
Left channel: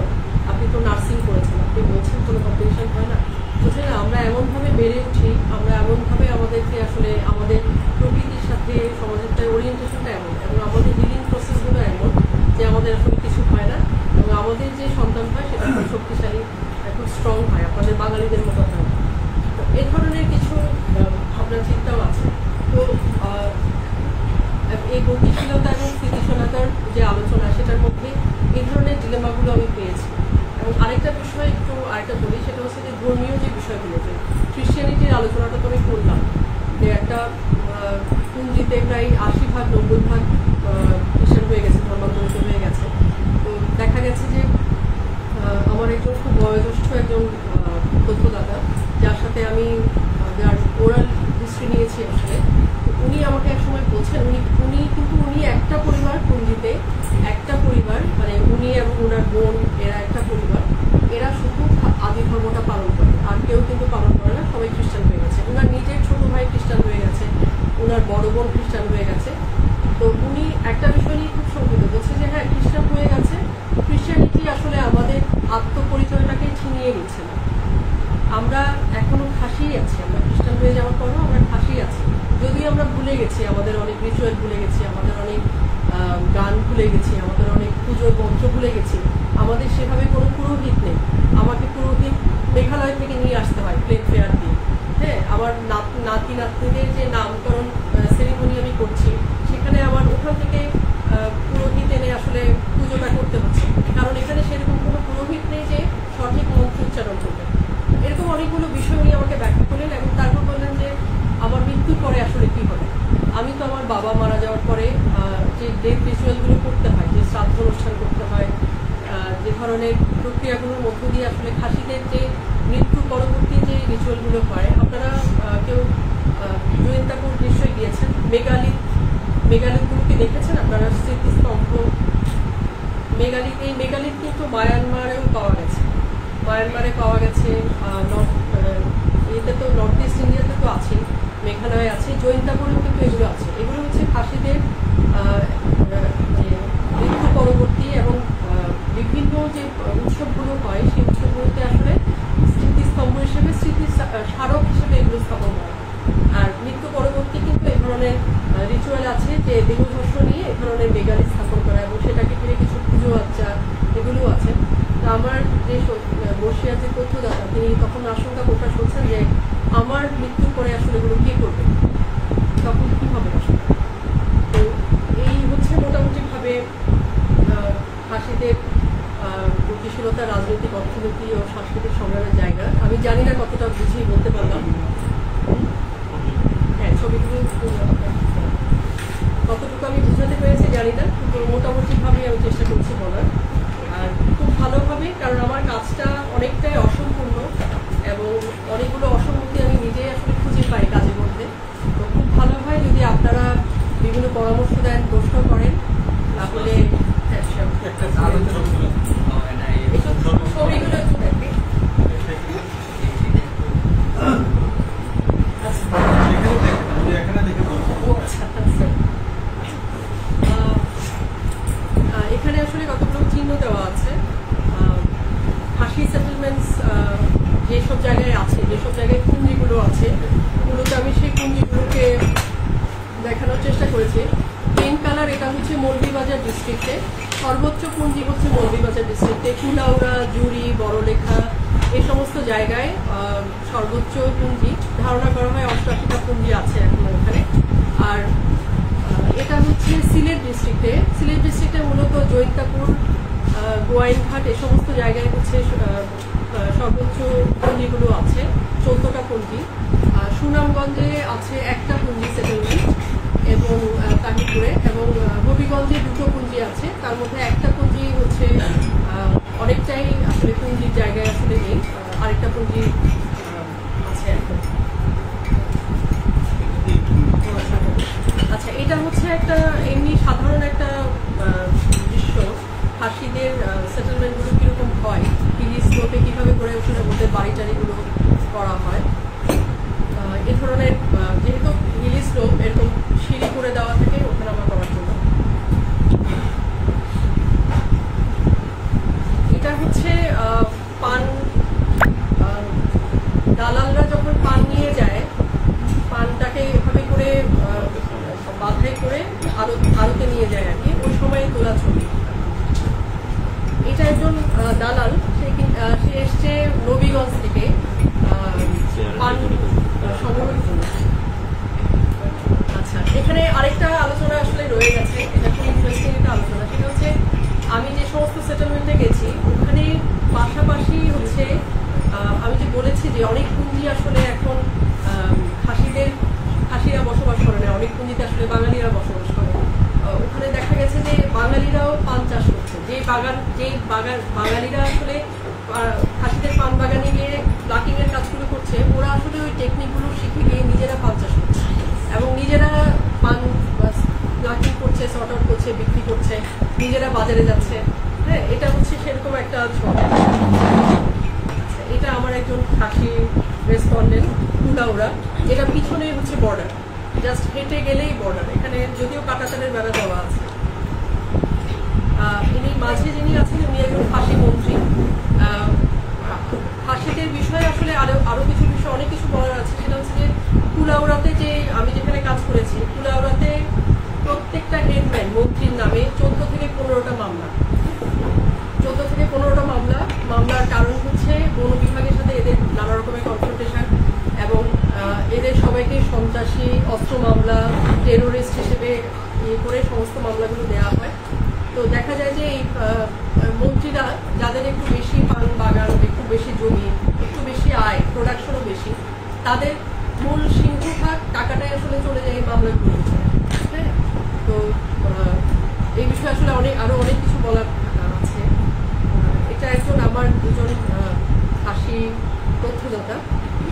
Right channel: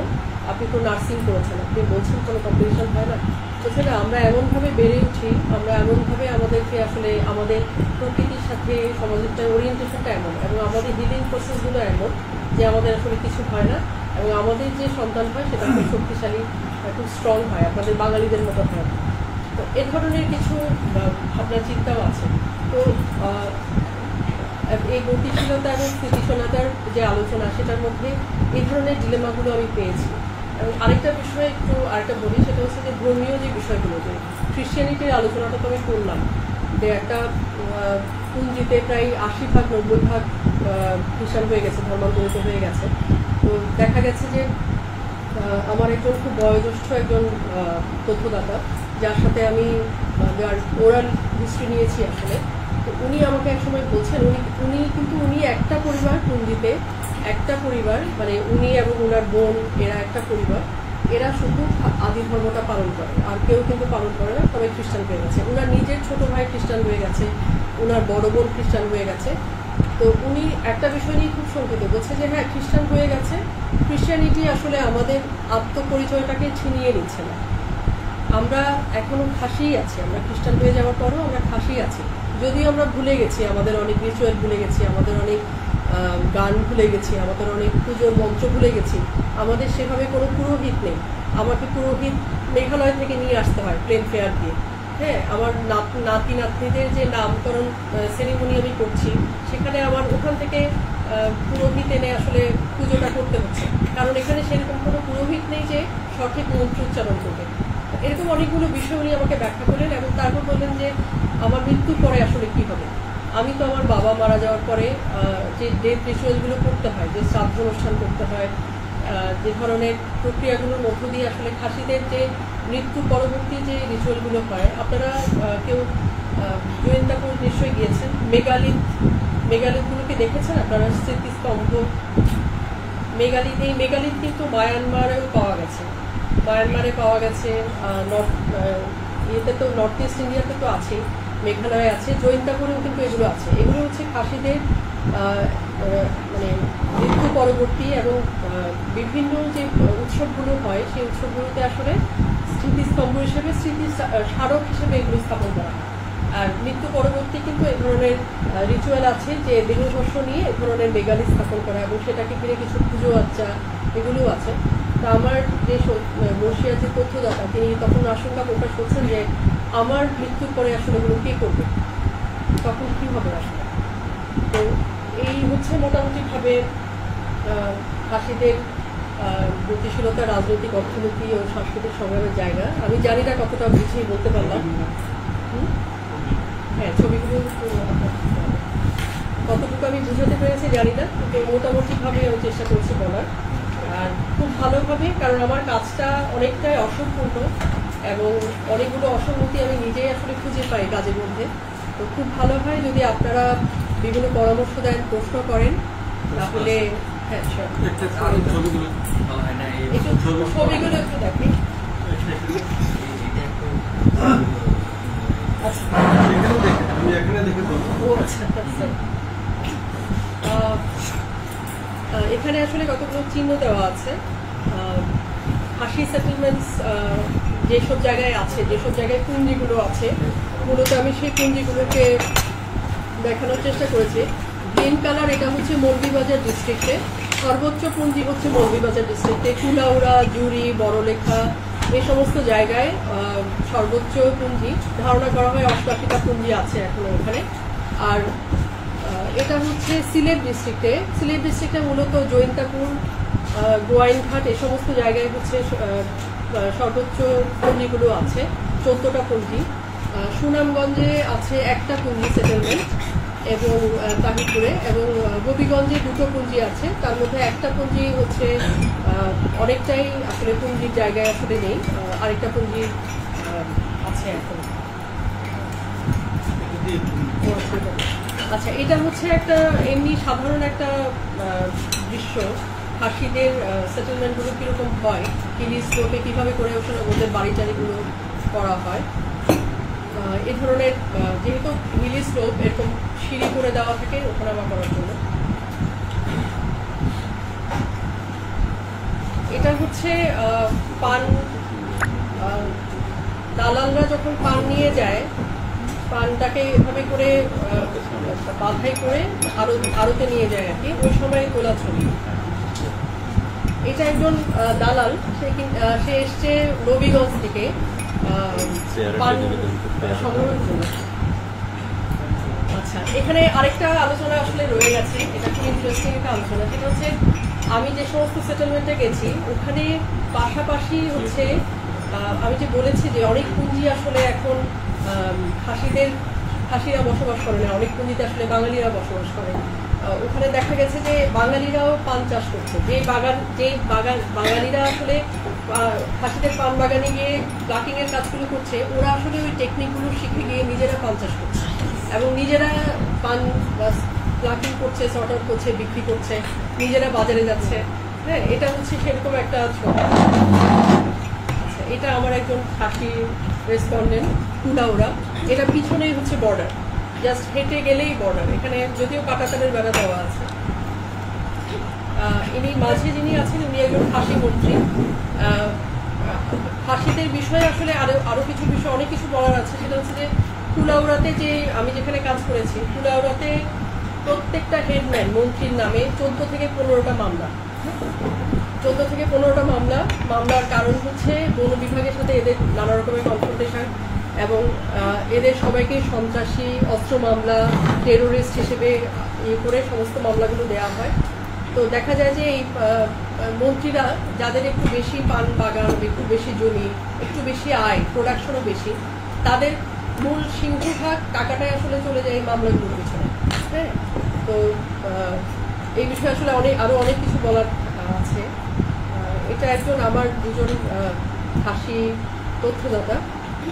আপনি তো নার্সিং করেছেন, আপনি বলছেন কোনো কমপ্লিকেশন হয় না? বলছে না, আমরা এমনভাবে বেড়ে উঠি, আমরা এমনভাবে আমাদেরকে আসলে আমাদের প্রকৃতির সাথে সমাজের ওরিয়েন্টেশনটা এমন, এবং আমাদের হিলিং প্রসেসগুলো এমন যে আমাদের আসলে কিছু হয় না, এবং আমাদের যে সন্তান হয় সেটা খুব শক্তিশালী, খুব স্ট্রং হয়, আপনাদের বাঙালিদের মতো হয় না। তো এ ধরনের কিছু ভাবনা চিন্তাও আছে। তো এই গতিশীলতা এবং স্থিতিশীলতার যে আলোচনা, সেটার মধ্যে এই ধরনের ডিলেমাগুলো আমি পেয়েছি। এবং আরেকটা বিষয় আরেকটা বলি, সেটা হচ্ছে যে ধর্মীয় যে বিষয়গুলো, যে খ্রিস্টিয়ানিটির আলোচনাটা তো আমি করলাম, যে একটা পুঞ্জিতে প্রায় 80-90% খ্রিস্টান হয়ে গেছে, ধর্মান্তরিত হয়ে গেছে। তো দেখা গেছে যে আমার একজন খুব বয়োজ্যেষ্ঠ একজন তথ্যদাতা, যার সাথে আমি ওরাল হিস্ট্রি নিয়েছি আসলে, উনি আমাকে এক সময় বলছেন, উনি একটা পরিবার, পুঞ্জিতে একটা পরিবার, মানে উনি এবং উনার বোন, এরা একটা পরিবার, এরা শুধু আদি ধর্মটা পালন করে, আর কেউ কিন্তু পালন করে না, সবাই খ্রিস্টান হয়ে গেছে। উনার নিজের ছোট ভাই খ্রিস্টান হয়ে গেছে, উনার বড় বোন খ্রিস্টান হয়ে গেছে। তো উনি একটা বিষয় নিয়ে খুব শঙ্কিত, বলছে যে হ্যাঁ, খ্রিস্টান হয়ে গেছে, খ্রিস্টানিটি আসলে আমাদের আত্মপরিচয়টাকে ছিনিয়ে নিচ্ছে না। আমরা এখনো খাসিই আছি, আমরা খ্রিস্টান হয়ে যাওয়ার পরও আমরা খাসিই আছি। যদিও আমরা ভুলে গেছি, আমাদের অনেক রিচুয়াল ভুলে গেছি, আমাদের অনেক গান ভুলে গেছি, আমাদের অনেক পুজোর মন্ত্র ভুলে গেছি, আমাদের সেভাবে কোনো পুরোহিত নেই। আমাকে পুরোহিত মেঘালয় থেকে নিয়ে আসতে হয় প্লেন ফেয়ার দিয়ে। হ্যাঁ, আমার নাতি নাতনিদের যে নামকরণ সেরিমনি আমি করছি, সেখানে আমার ওখান থেকে পুরোহিত এনে আসলে পুজোটা করতে হচ্ছে, কারণ এখানে সেরকম কোনো পুরোহিত নেই যে সঠিক মন্ত্র উচ্চারণ করবে। এরকম অনেকগুলো বিষয় উনি আমাকে ব্যাখ্যা করলেন এবং তারপর বললেন যে আমার মৃত্যুর পরে আসলে কি হবে। আমি তো আমার বাবা মারা যাওয়ার পরে যে ডেথ রিচুয়ালগুলো করতে হয়, যে শ্রাদ্ধ অনুষ্ঠান করতে হয়, যে ধরনের প্রক্রিয়াগুলোর মধ্য দিয়ে আসলে খাসিদের যে মৃত্যু পরবর্তী যে রিচুয়ালগুলো হয়, আপনারা কেউ জৈন্তাপুর নিশ্চয়ই গিয়েছেন, মেগালিথগুলোকে দেখেছেন আপনারা, স্মৃতিস্তম্ভ মেগালিথ। এই মেগালিথ কিন্তু মায়ানমারেও পাওয়া গেছে, মায়ানমারে পাওয়া গেছে, নর্থ ইস্ট ইন্ডিয়াতে তো আছেই, মেঘালয়ে আছে, জৈন্তাপুরেও কিন্তু এগুলো আছে। এগুলো হচ্ছে খাসিদের মানে মৃত্যু পরবর্তী এবং বিভিন্ন যে উৎসবগুলো হয়, সেই উৎসবগুলোতে আসলে স্মৃতিস্তম্ভ হিসেবে, স্মারক হিসেবে এগুলো স্থাপন করা হয়। আর মৃত্যু পরবর্তী কিন্তু এই ধরনের রিচুয়াল আছে যে দেহভস্য নিয়ে এই ধরনের মেগালিথ স্থাপন করা, এবং সেটাকে ঘিরে কিছু পুজো আচ্চা এগুলো আছে। তা আমার যে বর্ষিয়ার যে তথ্যদাতা, তিনি তখন আশঙ্কা প্রকাশ করছেন যে আমার মৃত্যুর পরে আসলে এগুলো কে করবে, তখন কি হবে আসলে। তো এই হচ্ছে মোটামুটি ভাবে খাসিদের গতিশীলতা, রাজনৈতিক, অর্থনীতি ও সাংস্কৃতিক সংগ্রামের জায়গা। আমি জানি না কতটা বুঝিয়ে বলতে পারলাম। হ্যাঁ, ছবিগুলো কতটুকু আমি বুঝাতে পেরেছি জানি না, কিন্তু মোটামুটি ভাবে আমি চেষ্টা করছি বলার। আর খুব ভালোভাবে, কারণ আমার কাজটা অনেকটাই অসম্পূর্ণ এবং অনেকগুলো অসঙ্গতি আমি নিজেই আসলে খুঁজে পাই কাজের মধ্যে। তো খুব ভালো হয় যদি আপনারা বিভিন্ন পরামর্শ দেন, প্রশ্ন করেন, তাহলে হ্যাঁ একটু ছবিগুলো একটু দেখি। এখানে আসলে কতগুলো চিহ্ন দেওয়া আছে। খাসি সেটেলমেন্টস যেসব জায়গায় আছে, যেসব জায়গায় পুঞ্জিগুলো আছে, মূলত আমি সেই পুঞ্জিগুলোকে দেখানোর চেষ্টা করেছি। পিঙ্ক কালার, এটা হচ্ছে মৌলভীবাজার ডিস্ট্রিক্টে, সর্বোচ্চ পুঞ্জি হচ্ছে মৌলভীবাজার ডিস্ট্রিক্টে, কুলাউড়া, জুড়ি, বড়লেখা এই সমস্ত জায়গায় সর্বোচ্চ পুঞ্জি ধারণা করা হয়। 88টা পুঞ্জি আছে এখনো এখানে। আর এটা হচ্ছে সিলেট ডিস্ট্রিক্টে, সিলেট ডিস্ট্রিক্টে মূলত জৈন্তাপুর, গোয়াইনঘাট এই সমস্ত জায়গায় হচ্ছে সর্বোচ্চ পুঞ্জিগুলো আছে, 14টা পুঞ্জি। সুনামগঞ্জে আছে একটা পুঞ্জি সেটেলমেন্ট এবং তাহিরপুরে, এবং হবিগঞ্জে 2টো পুঞ্জি আছে, তার মধ্যে একটা পুঞ্জি হচ্ছে অনেকটাই আসলে পুঞ্জির জায়গায় আসলে নেই, আরেকটা পুঞ্জি আছে এখন। আচ্ছা, এটা হচ্ছে একটা এমনি সাধারণ একটা দৃশ্য, খাসিদের সেটেলমেন্টগুলো কিরকম হয়, হিলি স্লোপে কিভাবে করে ওদের বাড়ি টাড়িগুলো করা হয়। এ ধরনের যেহেতু হিলি স্লোপ, এরকম সিঁড়ি করে দেওয়া থাকে ওঠানামা করার জন্য। এটা হচ্ছে পান, দালালরা যখন পান নিয়ে যায়, পানটাকে এভাবে করে বাধাই করে আড়তে নিয়ে যায় আর কি, ওই সময় তোলা ছবি। এটা একজন দালাল, সে এসছে নবীগঞ্জ থেকে পান সংগ্রহের জন্য। আচ্ছা, এখানে আরেকটা আলোচনা আসলে রয়ে গেছে, এটা খুব ইন্টারেস্টিং একটা আলোচনা। সেটা হচ্ছে আমি যে সমস্ত সেটেলমেন্টে গেছি ওখানে পাশাপাশি হচ্ছে আমি যে বলেছি যে অনেক পুঞ্জি আসলে এখন খাসিরা বসবাস করে না, অনেক পুঞ্জিতে আসলে বাঙালিরা বসবাস করে। ওখানে দেখা গেছে যে বাঙালিরাও পান চাষ করছে, যে বাঙালিরা আসলে খাসিদের পান বাগানে গিয়ে প্লাকিং এর কাজগুলো করছে, ওরা আসলে ওই টেকনিকগুলো শিখে গিয়ে নিজেরা পান চাষ করছে এবং নিজেরা পান প্লাকিং করছে, সর্ট আউট করছে, বিক্রি করছে, নিজেরা বাজারে যাচ্ছে। হ্যাঁ, এটা হচ্ছে সেরকম একটা ছবি। এটা আমার একজন খাসি রেসপন্ডেন্ট, কুলাউড়া। এটা পিছনেই হচ্ছে বর্ডার, জাস্ট হেঁটে গেলেই বর্ডার। এখানে যদিও কাঁটাতারের বেড়া দেওয়া আছে। ইনি মাঝে যিনি আছেন উনি একজন খাসি মন্ত্রী। খাসিদের খাসিদের বিষয়ে আসলে আরো কিছু বিষয় অনেক কিছু বলার আছে। সেটা হচ্ছে যে কুলাউড়াতে যে আমি যেখানে কাজ করেছি, কুলাউড়াতে প্রত্যেকটা হেডম্যান মন্ত্রীর নামে 14 থেকে 15টা মামলা। 14 থেকে 15টা মামলার কারণ হচ্ছে বন বিভাগের সাথে এদের নানা রকমের কনফ্রন্টেশন এবং এদের সবাইকে সন্ত্রাসী, অস্ত্র মামলা, টেরোরিস্ট হিসেবে করে সমস্ত মামলাগুলো দেওয়া হয়। তো দেখা যায় যে এই মন্ত্রীরা যাদের একটু বেশি পান বাগান, একটু বেশি জমি, একটু বেশি আয়, প্রোডাকশনও বেশি, তাদের মূল সিংহভাগ টাকাটাই আসলে চলে যায় এই মামলাগুলোর পিছনে। হ্যাঁ, তো এই বিষয়ে আসলে আরো অনেক কিছু বলার আছে। এটা আমার দুজন খাসি তথ্যদাতা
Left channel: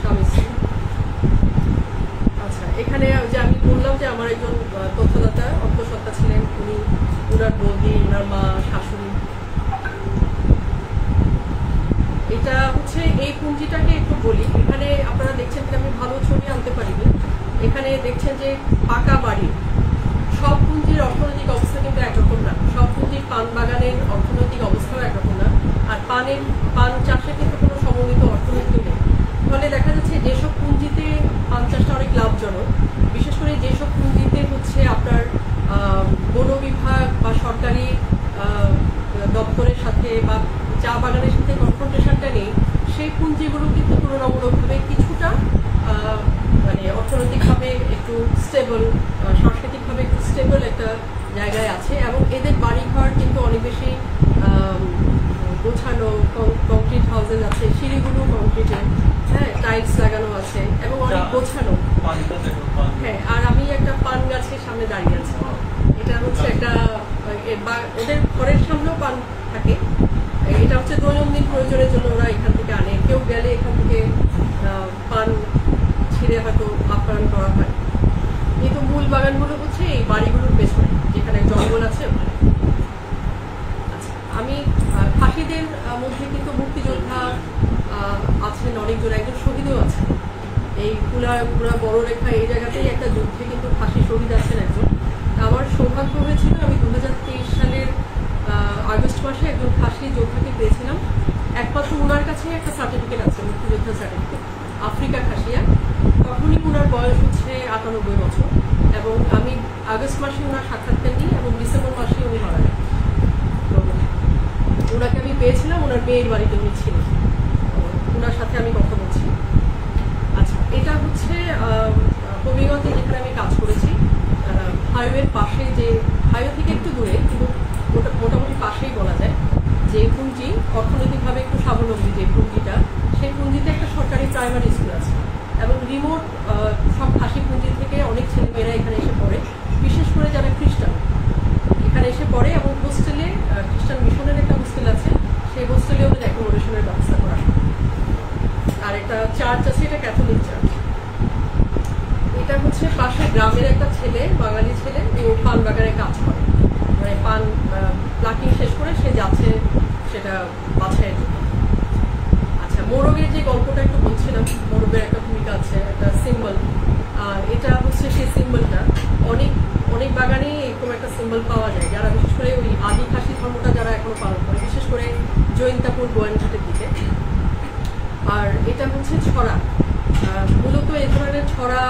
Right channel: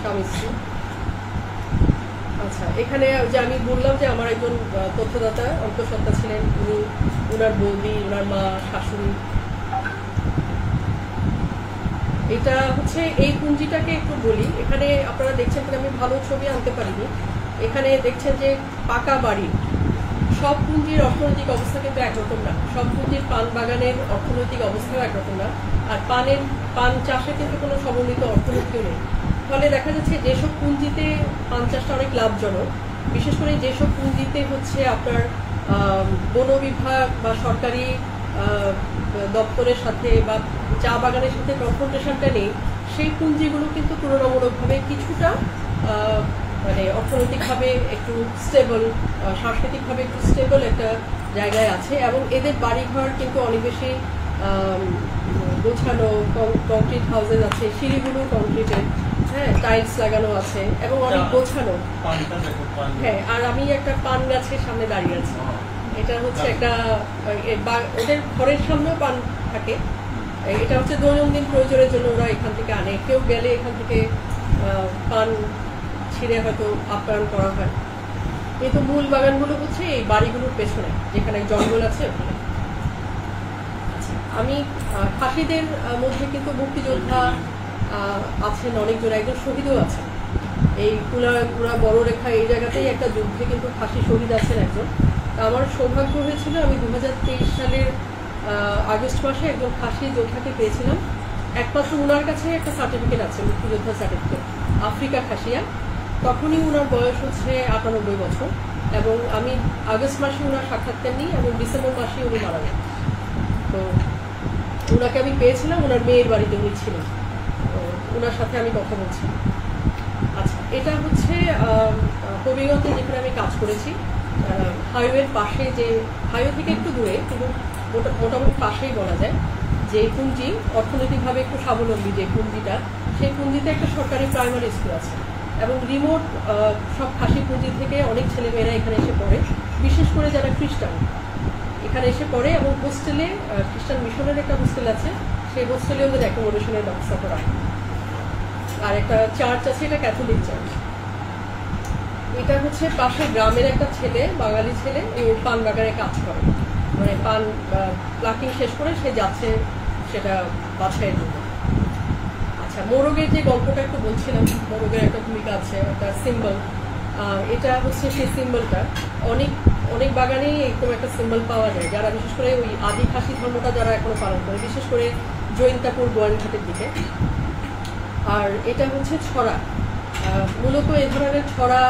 স্বামী স্ত্রী। আচ্ছা, এখানে যে আমি বললাম যে আমার একজন তথ্যদাতা অন্তঃসত্ত্বা ছিলেন, উনি, উনার বৌদি, উনার মা, শাশুড়ি। এটা হচ্ছে এই পুঞ্জিটাকে একটু বলি। এখানে আপনারা দেখছেন যে আমি ভালো ছবি আনতে পারিনি। এখানে দেখছেন যে পাকা বাড়ি। সব পুঞ্জির অর্থনৈতিক অবস্থা কিন্তু একরকম না, সব পুঞ্জির পান বাগানের অর্থনৈতিক অবস্থাও একরকম না, আর পান চাষে কিন্তু কোনো সমন্বিত অর্থনীতিও নেই। ফলে দেখা যাচ্ছে যেসব পুঞ্জিতে পান চাষটা অনেক লাভজনক, বিশেষ করে যেসব পুঞ্জিতে হচ্ছে আপনার বন বিভাগ বা সরকারি দপ্তরের সাথে বা চা বাগানের সাথে কনফ্রন্টেশনটা নেই, সেই পুঞ্জিগুলো কিন্তু তুলনামূলকভাবে কিছুটা মানে অর্থনৈতিকভাবে একটু স্টেবল, সাংস্কৃতিকভাবে একটু স্টেবল একটা জায়গায় আছে এবং এদের বাড়িঘর কিন্তু অনেক বেশি গোছানো, কংক্রিট হাউসেস আছে, সিঁড়িগুলো কংক্রিটের, হ্যাঁ, টাইলস লাগানো আছে এবং অনেক গোছানো। হ্যাঁ, আর আমি একটা পান গাছের সামনে দাঁড়িয়ে আছি। এটা হচ্ছে একটা ওদের ঘরের সামনেও পান থাকে। এটা হচ্ছে দৈনন্দিন প্রয়োজনের জন্য ওরা এখান থেকে আনে। কেউ গেলে এখান থেকে পান ছিঁড়ে হয়তো আপ্যায়ন করা হয়। কিন্তু মূল বাগানগুলো হচ্ছে এই বাড়িগুলোর পেছনে, যেখানে জঙ্গল আছে ওখানে। আচ্ছা, আমি খাসিদের মধ্যে কিন্তু মুক্তিযোদ্ধা আছেন অনেকজন, একজন শহীদও আছেন। এই কুলা বড় রেখা এই জায়গাতেই একটা যুদ্ধে কিন্তু খাসি শহীদ আছেন একজন। আমার সৌভাগ্য হয়েছিল, আমি 2023 সালের আগস্ট মাসে একজন খাসি যোদ্ধাকে পেয়েছিলাম। একমাত্র উনার কাছে একটা সার্টিফিকেট আছে, মুক্তিযোদ্ধা সার্টিফিকেট, আফ্রিকা খাসিয়া। তখনই উনার বয়স হচ্ছে 98 বছর এবং আমি আগস্ট মাসে উনার সাক্ষাৎকার নিই এবং ডিসেম্বর মাসে উনি মারা যান। তো উনাকে আমি পেয়েছিলাম, উনার মেয়ের বাড়িতে উনি ছিলেন। উনার সাথে আমি কথা বলছি। আচ্ছা, এটা হচ্ছে হবিগঞ্জে যেখানে আমি কাজ করেছি, হাইওয়ের পাশে, যে হাইওয়ে থেকে একটু দূরে কিন্তু মোটামুটি পাশেই বলা যায়, যে পুঞ্জি অর্থনৈতিকভাবে একটু স্বাবলম্বী যে পুঞ্জিটা, সেই পুঞ্জিতে একটা সরকারি প্রাইমারি স্কুল আছে এবং রিমোট সব খাসি পুঞ্জি থেকে অনেক ছেলেমেয়েরা এখানে এসে পড়ে, বিশেষ করে যারা খ্রিস্টান এখানে এসে পড়ে। এবং হোস্টেলে খ্রিস্টান মিশনের একটা হোস্টেল আছে, সেই হোস্টেলে ওদের অ্যাকোমোডেশনের ব্যবস্থা করা। আর একটা চার্চ আছে, এটা ক্যাথলিক চার্চ। এটা হচ্ছে পাশে গ্রামের একটা ছেলে, বাঙালি ছেলে, ও পান বাগানে কাজ করে, মানে পান প্লাকিং শেষ করে সে যাচ্ছে সেটা বাছাইয়ের জন্য। আচ্ছা, মোরগের যে গল্পটা একটু বলছিলাম, মোরগের একটা ভূমিকা আছে, একটা সিম্বল। এটা হচ্ছে সেই সিম্বলটা অনেক অনেক বাগানেই এরকম একটা সিম্বল পাওয়া যায়, যারা বিশেষ করে ওই আদি খাসি ধর্মটা যারা এখনো পালন করে, বিশেষ করে জৈন্তাপুর গোয়াইনঘাটের দিকে। আর এটা হচ্ছে ছড়া, মূলত এই ধরনের ছড়া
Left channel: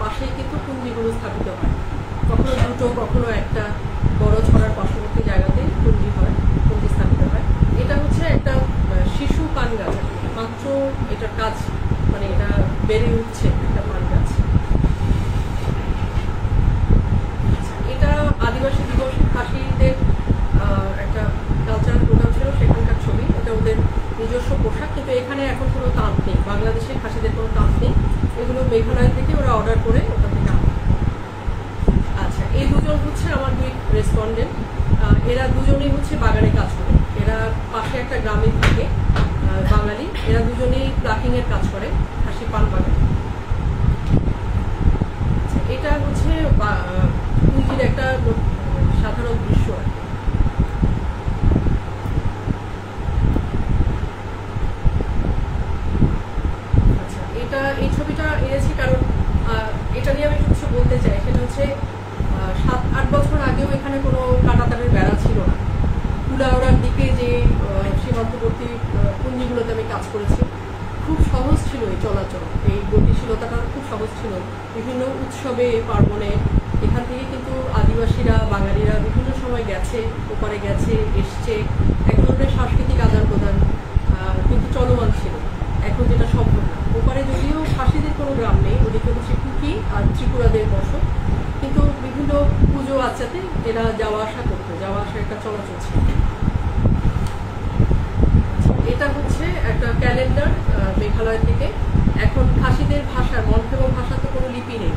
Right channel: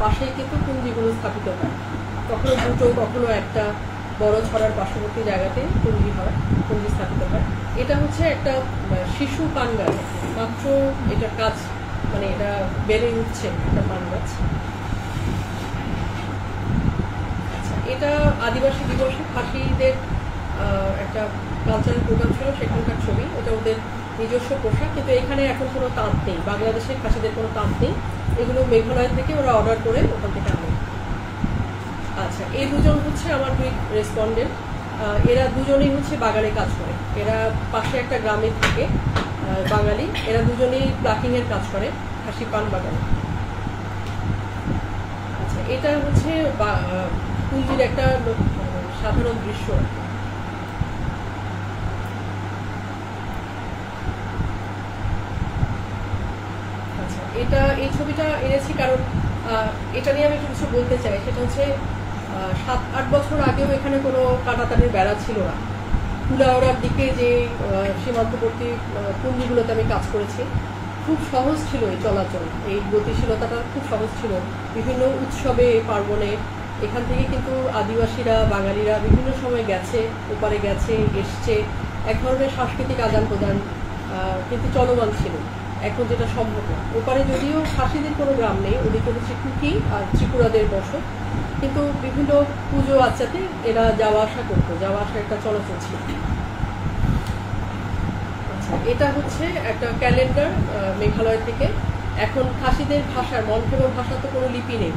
পাশেই কিন্তু পুঞ্জিগুলো স্থাপিত হয়, কখনো দুটো কখনো একটা, বড় ছড়ার পার্শ্ববর্তী জায়গাতে পুঞ্জি স্থাপিত হয়। এটা হচ্ছে একটা শিশু পান গাছ, মাত্র এটা কাজ, মানে এটা বেড়ে উঠছে একটা পান গাছ। আচ্ছা, এটা আদিবাসী দিবসে খাসিদের একটা কালচারাল প্রোগ্রাম ছিল, সেখানকার ছবি। এটা ওদের নিজস্ব পোশাক, কিন্তু এখানে এখন কোনো তাঁত নেই, বাংলাদেশের খাসিদের কোনো তাঁত নেই, এগুলো মেঘালয় থেকে ওরা অর্ডার করে ওখান থেকে আনে। আচ্ছা, এই দুজন হচ্ছে আমার দুই রেসপন্ডেন্ট। এরা দুজনেই হচ্ছে বাগানে কাজ করে, এরা পাশে একটা গ্রামে থাকে, বাঙালি। এরা দুজনেই প্লাকিং এর কাজ করে খাসি পান বাগানে। আচ্ছা, এটা হচ্ছে পুঞ্জির একটা সাধারণ দৃশ্য আর কি। আচ্ছা, এই ছবিটা এনেছি কারণ এটা নিয়ে আমি কিছু বলতে চাই। সেটা হচ্ছে 7-8 বছর আগেও এখানে কোনো কাঁটাতারের বেড়া ছিল না। কুলাউড়ার দিকে যে সীমান্তবর্তী পুঞ্জিগুলোতে আমি কাজ করেছি, খুব সহজ ছিল এই চলাচল, এই গতিশীলতাটা খুব সহজ ছিল। বিভিন্ন উৎসবে পার্বণে এখান থেকে কিন্তু আদিবাসীরা, বাঙালিরা বিভিন্ন সময় গেছে, ওপারে গেছে, এসছে। এক ধরনের সাংস্কৃতিক আদান প্রদান কিন্তু চলমান ছিল, এখন যেটা সম্ভব না। ওপারে যদিও খাসিদের কোনো গ্রাম নেই, ওদিকে হচ্ছে কুকি আর ত্রিপুরাদের বসত, কিন্তু বিভিন্ন পুজো আচ্ছাতে এরা যাওয়া আসা করতো, যাওয়া আসা একটা চলাচল ছিল। এটা হচ্ছে একটা ক্যালেন্ডার মেঘালয় থেকে। এখন খাসিদের ভাষার, মনফেবো ভাষা তো কোনো লিপি নেই,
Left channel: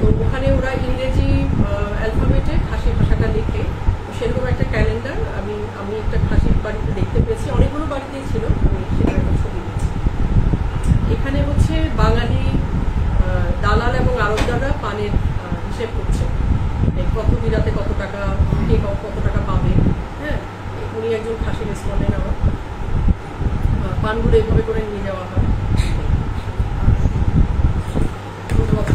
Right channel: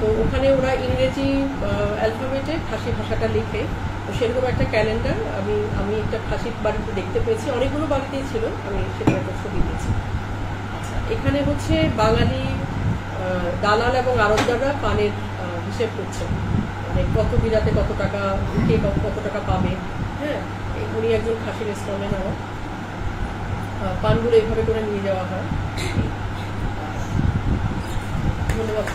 তো ওখানে ওরা ইংরেজি অ্যালফাবেটে খাসি ভাষাটা লিখে, তো সেরকম একটা ক্যালেন্ডার আমি একটা খাসির বাড়িতে দেখতে পেয়েছি, অনেকগুলো বাড়িতেই ছিল, আমি সেটার একটা ছবি দিয়েছি। আচ্ছা, এখানে হচ্ছে বাঙালি দালাল এবং আড়তদাররা পানের হিসেব করছে, মানে কত বিরাতে কত টাকা, কে কত টাকা পাবে। হ্যাঁ, উনি একজন খাসি রেসপন্ডেন্ট। আমার পানগুলো এইভাবে করে নিয়ে যাওয়া হয়। ধন্যবাদ।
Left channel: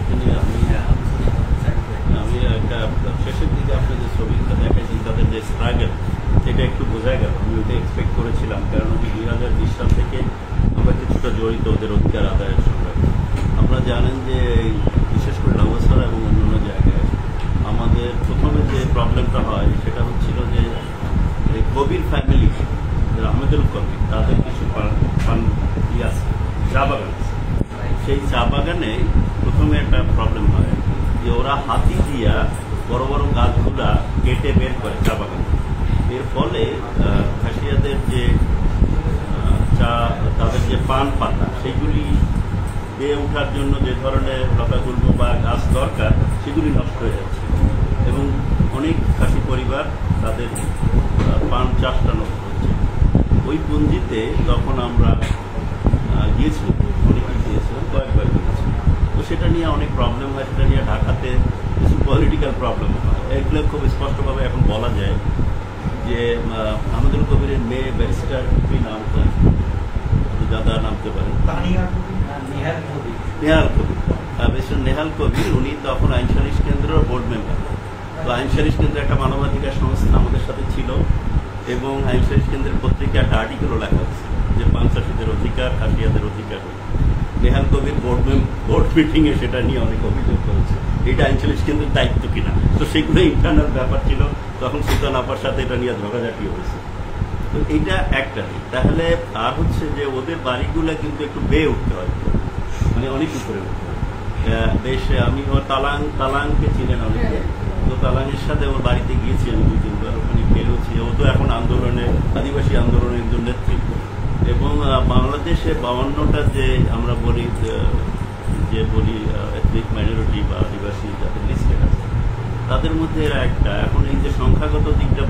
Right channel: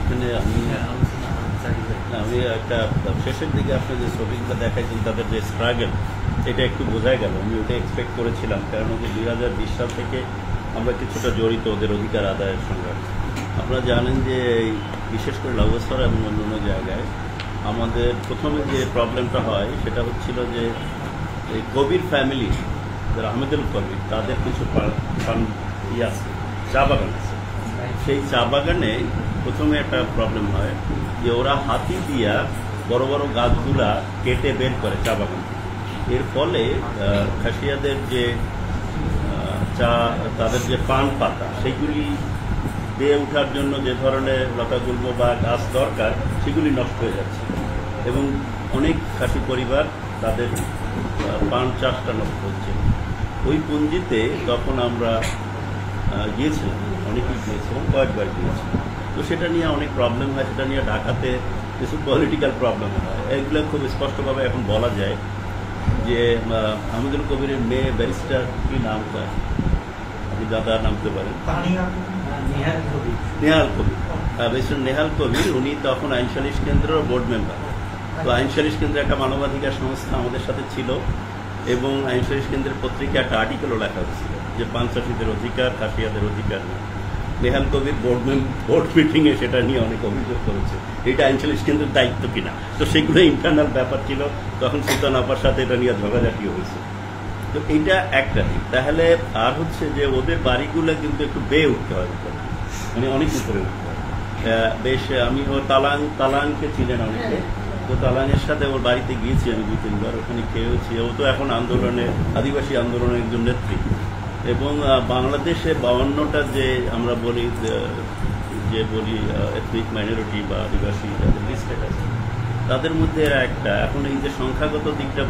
এখানে আমি একটা শেষের দিকে আপনি যে ছবিগুলো দেখাইছেন তাদের যে স্ট্রাগল, এটা একটু বোঝা গেল। আমি ওটা এক্সপেক্ট করেছিলাম, কারণ 2020 সাল থেকে আমরা কিছুটা জড়িত ওদের অধিকার আদায়ের সঙ্গে। আপনারা জানেন যে বিশেষ করে লাউয়াছড়া এবং অন্যান্য জায়গায় আমাদের প্রথমে যে প্রবলেমটা হয় সেটা হচ্ছিল যে এই কবির ফ্যামিলি, যারা আহমেদুল কবির, তাদের কিছু আছে, চা বাগান আছে। সেই চা বাগানে প্রথমে একটা প্রবলেম হয় যে ওরা হাতি দিয়া বড় বড় গাছগুলা কেটে বের করে চা বাগান থেকে। এর ফলে খাসিয়াদের যে চা, তাদের যে পান পাতা, সেইগুলি বেয়ে ওঠার জন্য যে ধরনের লতাগুল্ম বা গাছ দরকার সেগুলি নষ্ট হয়ে যাচ্ছে, এবং অনেক খাসি পরিবার তাদের পান চাষটা নষ্ট হচ্ছে। ওই পুঞ্জিতে তখন আমরা গিয়েছিলাম, অনেকেই গিয়েছিলাম, কয়েকবার গিয়েছিলাম। তো সেটা নিয়ে অনেক প্রবলেম হয়, সেটা নিয়ে ঢাকাতে কিছু পলিটিক্যাল প্রবলেম হয়। এগুলো খুব স্পষ্টভাবে এখন বলা যায় যে আহমেদুল কবিরের মেয়ে ব্যারিস্টার, কি নামটা আপনি যাদা নামতে পারেন, নেহাল কবির, ব্যারিস্টার নেহাল কবির, উনি তখন আইন সালিশ কেন্দ্রের বোর্ড মেম্বার। তো আইন সালিশ কেন্দ্রে একটা মানবাধিকার সংস্থা আমাদের সাথে ছিল, এবং আইন সালিশ কেন্দ্রের পত্রিকা একটা আর্টিকেলও লেখা হচ্ছিল যে পান চাষিদের অধিকার, খাসিয়াদের অধিকার নেই। নেহাল কবির বোর্ড মিটিংয়ে সেটা নিয়ে অনেক অভিযোগ করেছে, এটা আইন সালিশ কেন্দ্রের দায়িত্ব কিনা। তো সেগুলো ইন্টারনাল ব্যাপার ছিল, তখন সুলতান আপার সাথে এটা নিয়ে ঝগড়াঝাটি হয়েছে। তো এইটা একটা দিক। তাহলে আর হচ্ছে যে ওদের বাড়িগুলো কিন্তু একটু বেয়ে উঠতে হয়, মানে অনেক উপরে উঠতে হয়। বেশ, আমি ও তালাংকে চিনেন অনেকে, তো তালাংয়ের সাথে ওর বাড়িতে গিয়েছি আমি 2-3 বার, ওখানে খেয়েওছি। ও তো এখন আন্দোলনে, আদিবাসী আন্দোলনের একজন নেত্রী, এবং বাংলাদেশে 52টা যে আমরা বলি এথনিক মাইনরিটি বা আদিবাসী যাদের লিস্টেড আছে, তাদের মধ্যে এরা একটা। এখন এই যে সংখ্যাগত দিকটা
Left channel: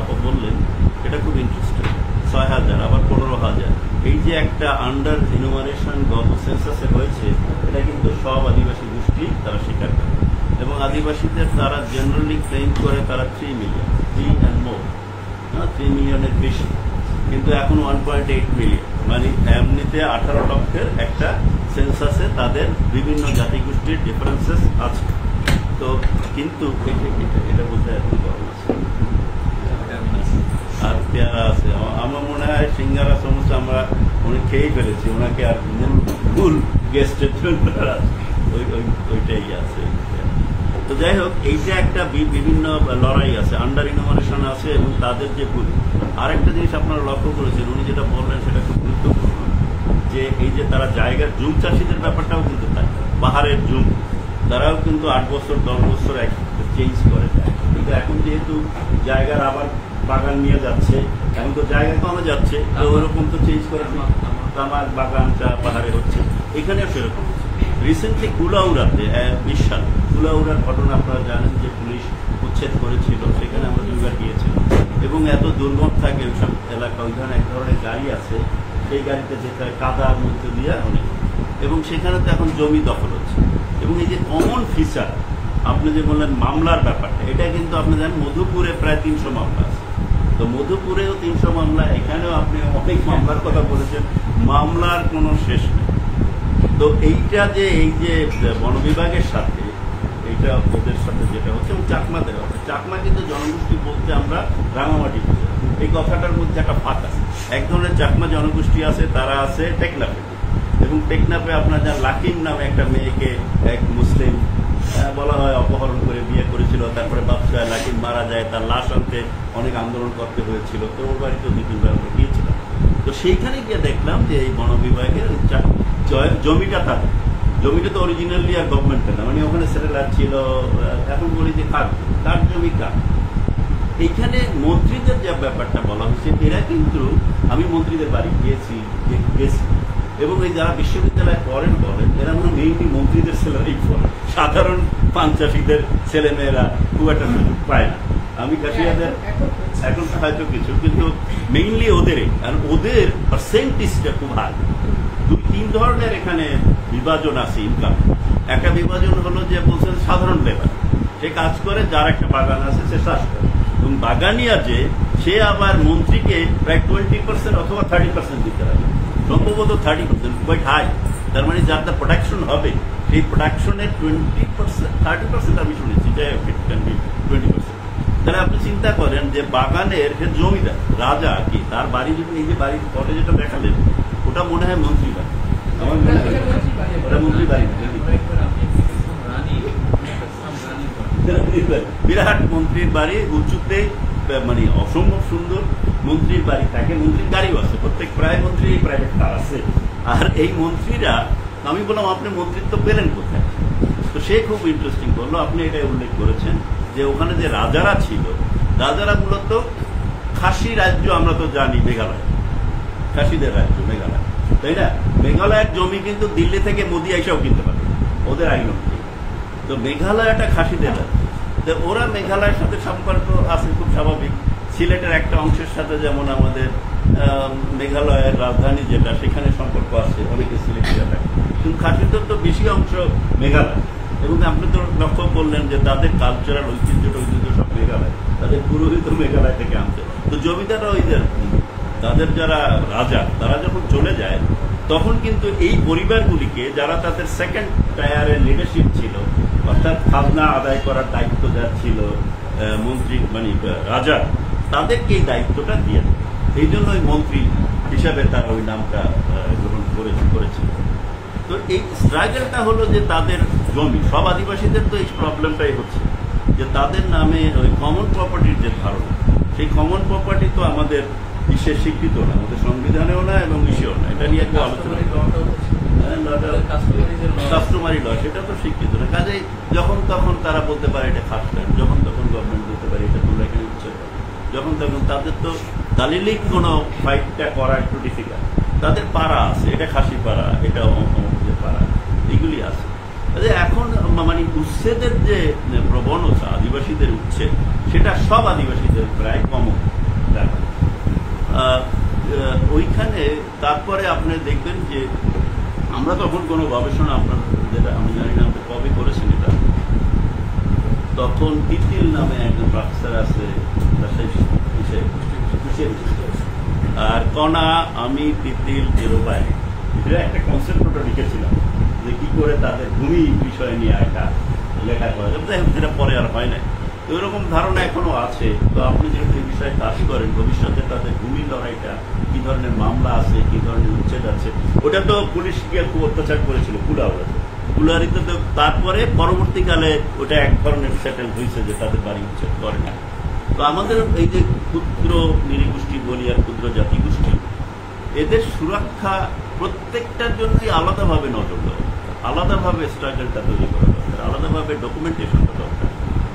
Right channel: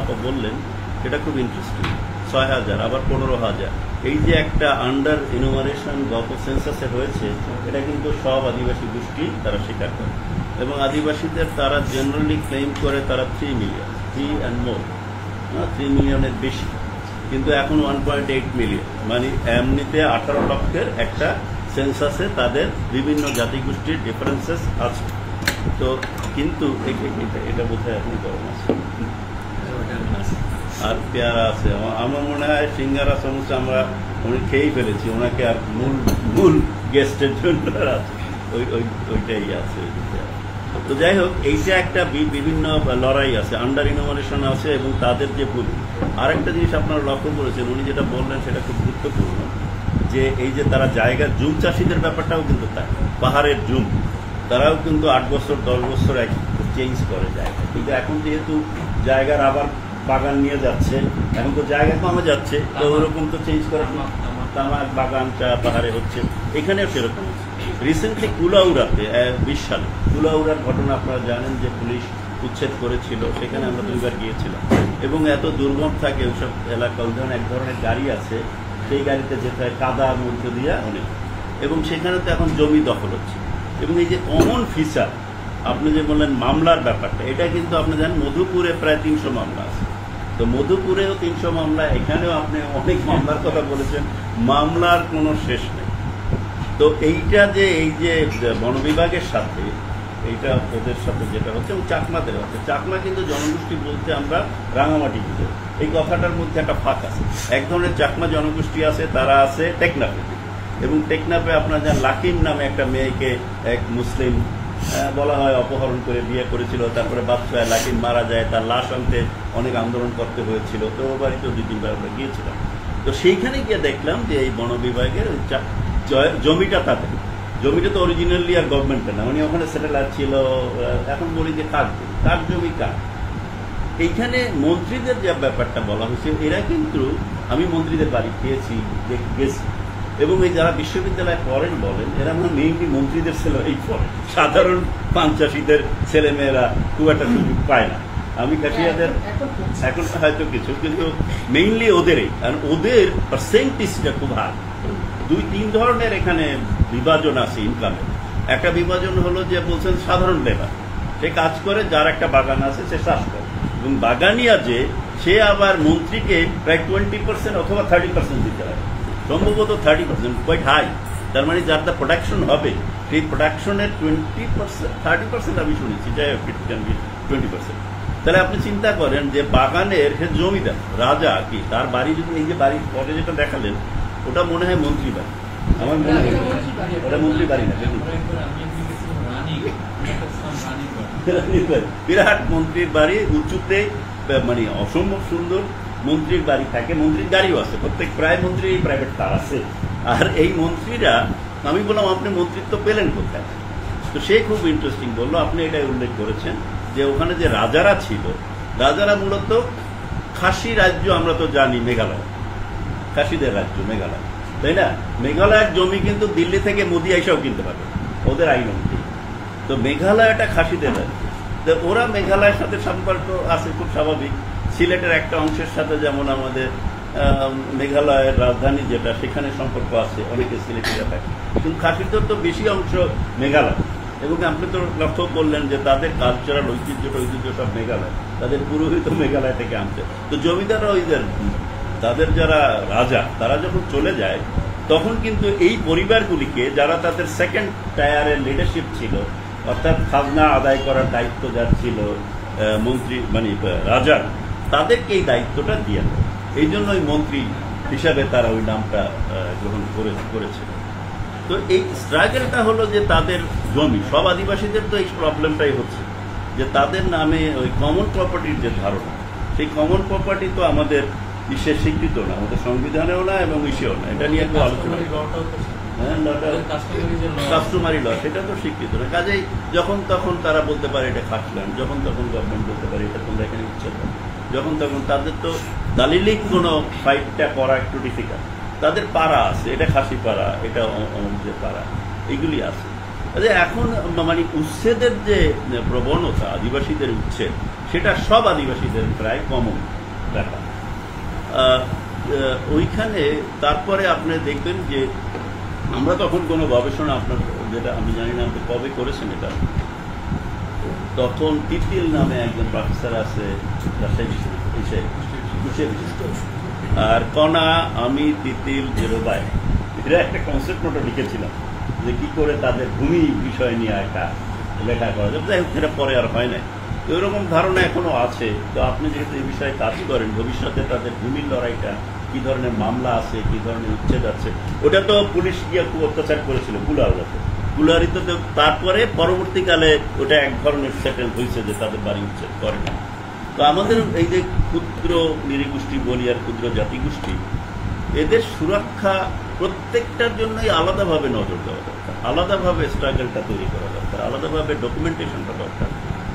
আপা বললেন, সেটা খুব ইন্টারেস্টিং। 6,000 আবার 15,000, এই যে একটা আন্ডার ইনুমারেশন গত সেন্সাসে হয়েছে, এটা কিন্তু সব আদিবাসী গোষ্ঠী তারা স্বীকার করে, এবং আদিবাসীদের তারা জেনারেলি ক্লেম করে তারা 3 মিলিয়ন, 3 and more, 3 মিলিয়নের বেশি, কিন্তু এখন 1.8 মিলিয়ন, মানে এমনিতে 18 লক্ষের একটা সেন্সাসে তাদের বিভিন্ন জাতিগোষ্ঠীর ডিফারেন্সেস আছে। তো কিন্তু এটা বোধহয় এখন গরম আছে আর পেয়ারা আছে। আমার মনে হয় সিঙ্গারা সমস্যা আমরা উনি খেয়েই ফেলেছি, ওনাকে আর মূল গেস্টের জন্য ওইটাই আছে। তো যাই হোক, এইটা একটা বিভিন্ন লড়াই আছে, আন্ডার ইনোভেশন আছে, এবং তাদের যে ভূমি। আর একটা জিনিস আপনারা লক্ষ্য করেছেন, উনি যেটা বললেন সেটা খুব গুরুত্বপূর্ণ, যে এই যে তারা জায়গা, জুম চাষিদের ব্যাপারটাও কিন্তু তাই, পাহাড়ের জুম, তারাও কিন্তু 8 বছর 10 বছর চেঞ্জ করে যায়। কিন্তু এখন যেহেতু জায়গার আবার বাগান নিয়ে যাচ্ছে, এখন তো জায়গা কমে যাচ্ছে, তো ওরকম তো চেঞ্জ করে তামাক বাগানটা পাহাড়ে হচ্ছে, এখানেও সেরকম। রিসেন্টলি কুলাউড়াতে 20 সালে কুলাউড়ার ঘটনা আপনারা জানেন, যে পুলিশ উচ্ছেদ করেছিল, সেখানে আমরা 2 বার গিয়েছিলাম, এবং এত দুর্গম থাকে ওইসব এলাকা। ওই ধরনের এক ধরনের গাড়ি আছে, সেই গাড়িতে যেতে হয় কাদার মধ্যে দিয়ে অনেক, এবং সেখানে তো এখন জমি দখল হচ্ছে। এবং এই যে কমন ফিচার আপনি যে বললেন মামলার ব্যাপারটা, এটা কিন্তু আপনি জানেন মধুপুরে প্রায় 300 মামলা আছে। তো মধুপুরেও 300 মামলা, এখানেও আপনি অনেক মামলার কথা বলেছেন, মামলার কোনো শেষ নেই। তো এইটা যে এই যে বন বিভাগের সাথে এই এটা ওদের সাথে যেটা হচ্ছে, এবং চাকমাদের আছে। চাকমা কিন্তু জনগোষ্ঠী বলতে আমরা রাঙামাটি বুঝে, এই কথাটার মধ্যে একটা ফাঁক আছে। এক ধরনের চাকমা জনগোষ্ঠী আছে, তারা আছে টেকনাফে, এবং টেকনাফে আপনার যা লাকিম নামে একটা মেয়েকে এক মুসলিম বলা হয় অপহরণ করে বিয়ে করেছিল, তারপরে বাচ্চা লাকিম মারা যায়, তার লাশ আনতে অনেক আন্দোলন করতে হয়েছিল। তো ওর বাড়িতেও 2-3 বার আমরা গিয়েছিলাম। তো সেইখানে গিয়ে দেখলাম যে এই বন বিভাগের জমিটা তাদের, জমিটা তো অরিজিনালি আর গভর্নমেন্টের না, মানে ওখানে সেটেলার ছিল। এখন বলি যে কার জমি কার। এইখানে মন্ত্রীদের যে ব্যাপারটা বলা হয়েছে, এরা কিন্তু, আমি মন্ত্রীদের বাড়ি গেছি, এবং এই যারা বিশ্ববিদ্যালয়ে পড়েন বলেন, এরা মানে মেইনলি মন্ত্রীদের ছেলেরাই পড়ে, সাধারণ পাঞ্চাশিদের ছেলে মেয়েরা খুব একটা সুযোগ পায় না। আমি কাশিয়াদের এখন হয়তো কিছু, কিন্তু মেইনলি ওদেরই, কারণ ওদের পার্সেন্টেজটা খুব হাই। 2-3 ধরনের এখানে বিভাজন আছে ইনকামে। একটা বিভাজন হলো যে বলছেন সাধারণ লেবার, সে কাজ করে, যার একটা বাগান আছে সে চাষ করে, এবং বাগানিয়া যে সে আবার মন্ত্রীকে প্রায় 20% অথবা 30% দিতে হবে, সম্ভবত 30%, কোয়াইট হাই। তার মানে যার প্রোডাকশন হবে সেই প্রোডাকশনের 30% আমি শুনেছি, যাই হোক ইট ক্যান বি 20%। তাহলে আপনি চিন্তা করেন যে বাগানের জমিটা রাজা কি, তার বাড়ি যদি, এই যে বাড়ির পরে যেটা দেখালেন, ওটা মনে হয় মন্ত্রী বাড়ি, আমার মনে হয় ওটা মন্ত্রী বাড়ি না, বিরাট মন্ত্রীর বাড়ি, উঁচুতে, মানে অসম্ভব সুন্দর মন্ত্রীর বাড়ি থাকে। মন্ত্রীর গাড়িও আছে, প্রত্যেক প্রায় মন্ত্রী প্রাইভেট কার আছে। আর এই মন্ত্রীরা, আমি বললাম আপনি মন্ত্রিত্ব পেলেন কোথায়? তো সে খুব ইন্টারেস্টিং বললো, আপনি এটাই উল্লেখ করেছেন যে ওখানে যে রাজারা ছিল, রাজারা মূলত খাসি রাজ্য, আমরা তো জানি মেঘালয়, খাসিদের রাজ্য মেঘালয়, তাই না? মেঘালয়ের জমি কিন্তু দিল্লি থেকে মোদি আইসাও কিনতে পারবে না, ওদের আইন অনুযায়ী। তো মেঘালয়টা খাসিদের রাজ্য, তো ওরা মেঘালয়ের সাথে সম্পর্ক আছে খুব স্বাভাবিক। সিলেটের একটা অংশের সাথে যেমন আমাদের মেঘালয়ের রাজধানী যেটা, সেখানে সম্পর্ক আছে, অনেকে সিলেটিরা থাকে, কিন্তু খাসিদের তো বেশি অংশ মেঘালয়। এবং আপনি তো লক্ষ্য করলেন যে তাদের কালচারাল ঐতিহ্য সব মেঘালয়, তাদের পুরোহিত মেঘালয় থেকে আনতে। তো জমিদাররা ওইদের, তাদের যারা রাজা, তারা যখন চলে যায়, তখন কিন্তু এই পরিবারগুলিকে, যারা তাদের সেকেন্ড টায়ারের লিডারশিপ ছিল, অর্থাৎ খাজনা আদায় করার দায়িত্ব যার ছিল মন্ত্রী, মানে রাজা, তাদেরকে এই দায়িত্বটা দিয়ে, এই জন্য ওই মন্ত্রী হিসাবে তারা ওই নামটা গ্রহণ করেছিল। তো এই স্ট্রাগলটা হলো যে তাদের জমি, সব আদিবাসীদের তো এই প্রবলেমটাই হচ্ছে যে তাদের নামে ওই কমন প্রপার্টির যে ধারণা, সেই কমন প্রপার্টি তো আমাদের বিশ্বে স্বীকৃত না, আমাদের সংবিধানেও না এবং ইসেও না। এটা নিয়ে একটু আলোচনা, কাস্টমারি ল, সেটা তো স্বীকৃত না। কাজেই যখন তখন তারা বলতে পারে এটা খাসল্যান্ড, যখন তখন গভর্নমেন্ট বলতে পারে এটা তোমরা এখানে উচ্ছেদ করো, যখন তখন। তাদের তো দালিলিক কোনো ফাইটটা করা একটু ডিফিকাল্ট। তাদের পাড়া আছে, এটা খাসি পাড়া, এটা অমুকদের পাড়া, এইগুলি আছে। এখন মানে উচ্ছেদের যে প্রবণতা, আদিবাসীদের উচ্ছেদ, সেটা সব আদিবাসীদের প্রায় কমন ব্যাপার। ওইখানে তারপরে আপনি দেখবেন যে আমরা তখন কোনো গবেষণা, আপনার যেটা আমি জানি না আপনি কবে করেছেন এটা, তখন তিতিল নামে একজন প্রফেসর আছে রাজশাহী, আর কণা, আমি, তিতিল, জেরোবাই, এরা একটা কনসেপ্ট নোটও লিখেছিলাম যে কি করে তাদের ভূমি বিষয় নিয়ে একটা লেখা করা যাবে। যাই হোক, যেটা পরে আর হয় নাই। তো এরকম ধারণা এখনো আছে। তো আপনি যেহেতু এই বিষয়ে কাজ করেন, ভবিষ্যতে তাদের ভূমির লড়াইটা, কি ধরনের মামলা আছে, কি ধরনের উচ্ছেদ আছে, ওটা তো পুলিশ গিয়ে খুব অত্যাচার করেছিল কুলারিতে। তো তারপরে পরবর্তীকালে ওটা এক ধরনের সেটেল হয়েছে যে তাদের বাড়ি উচ্ছেদ করে না। তো আমাদের এই যে ক্ষুদ্র নৃগোষ্ঠী বলি আর ক্ষুদ্র জাতিগোষ্ঠী, এদের সুরক্ষা প্রত্যেকটার জন্যই আলাদাভাবে নজর দেওয়া দরকার, আলাদাভাবে স্ট্রাগলটা তৈরি করা দরকার, আলাদাভাবে ডকুমেন্টেশনটা দরকার।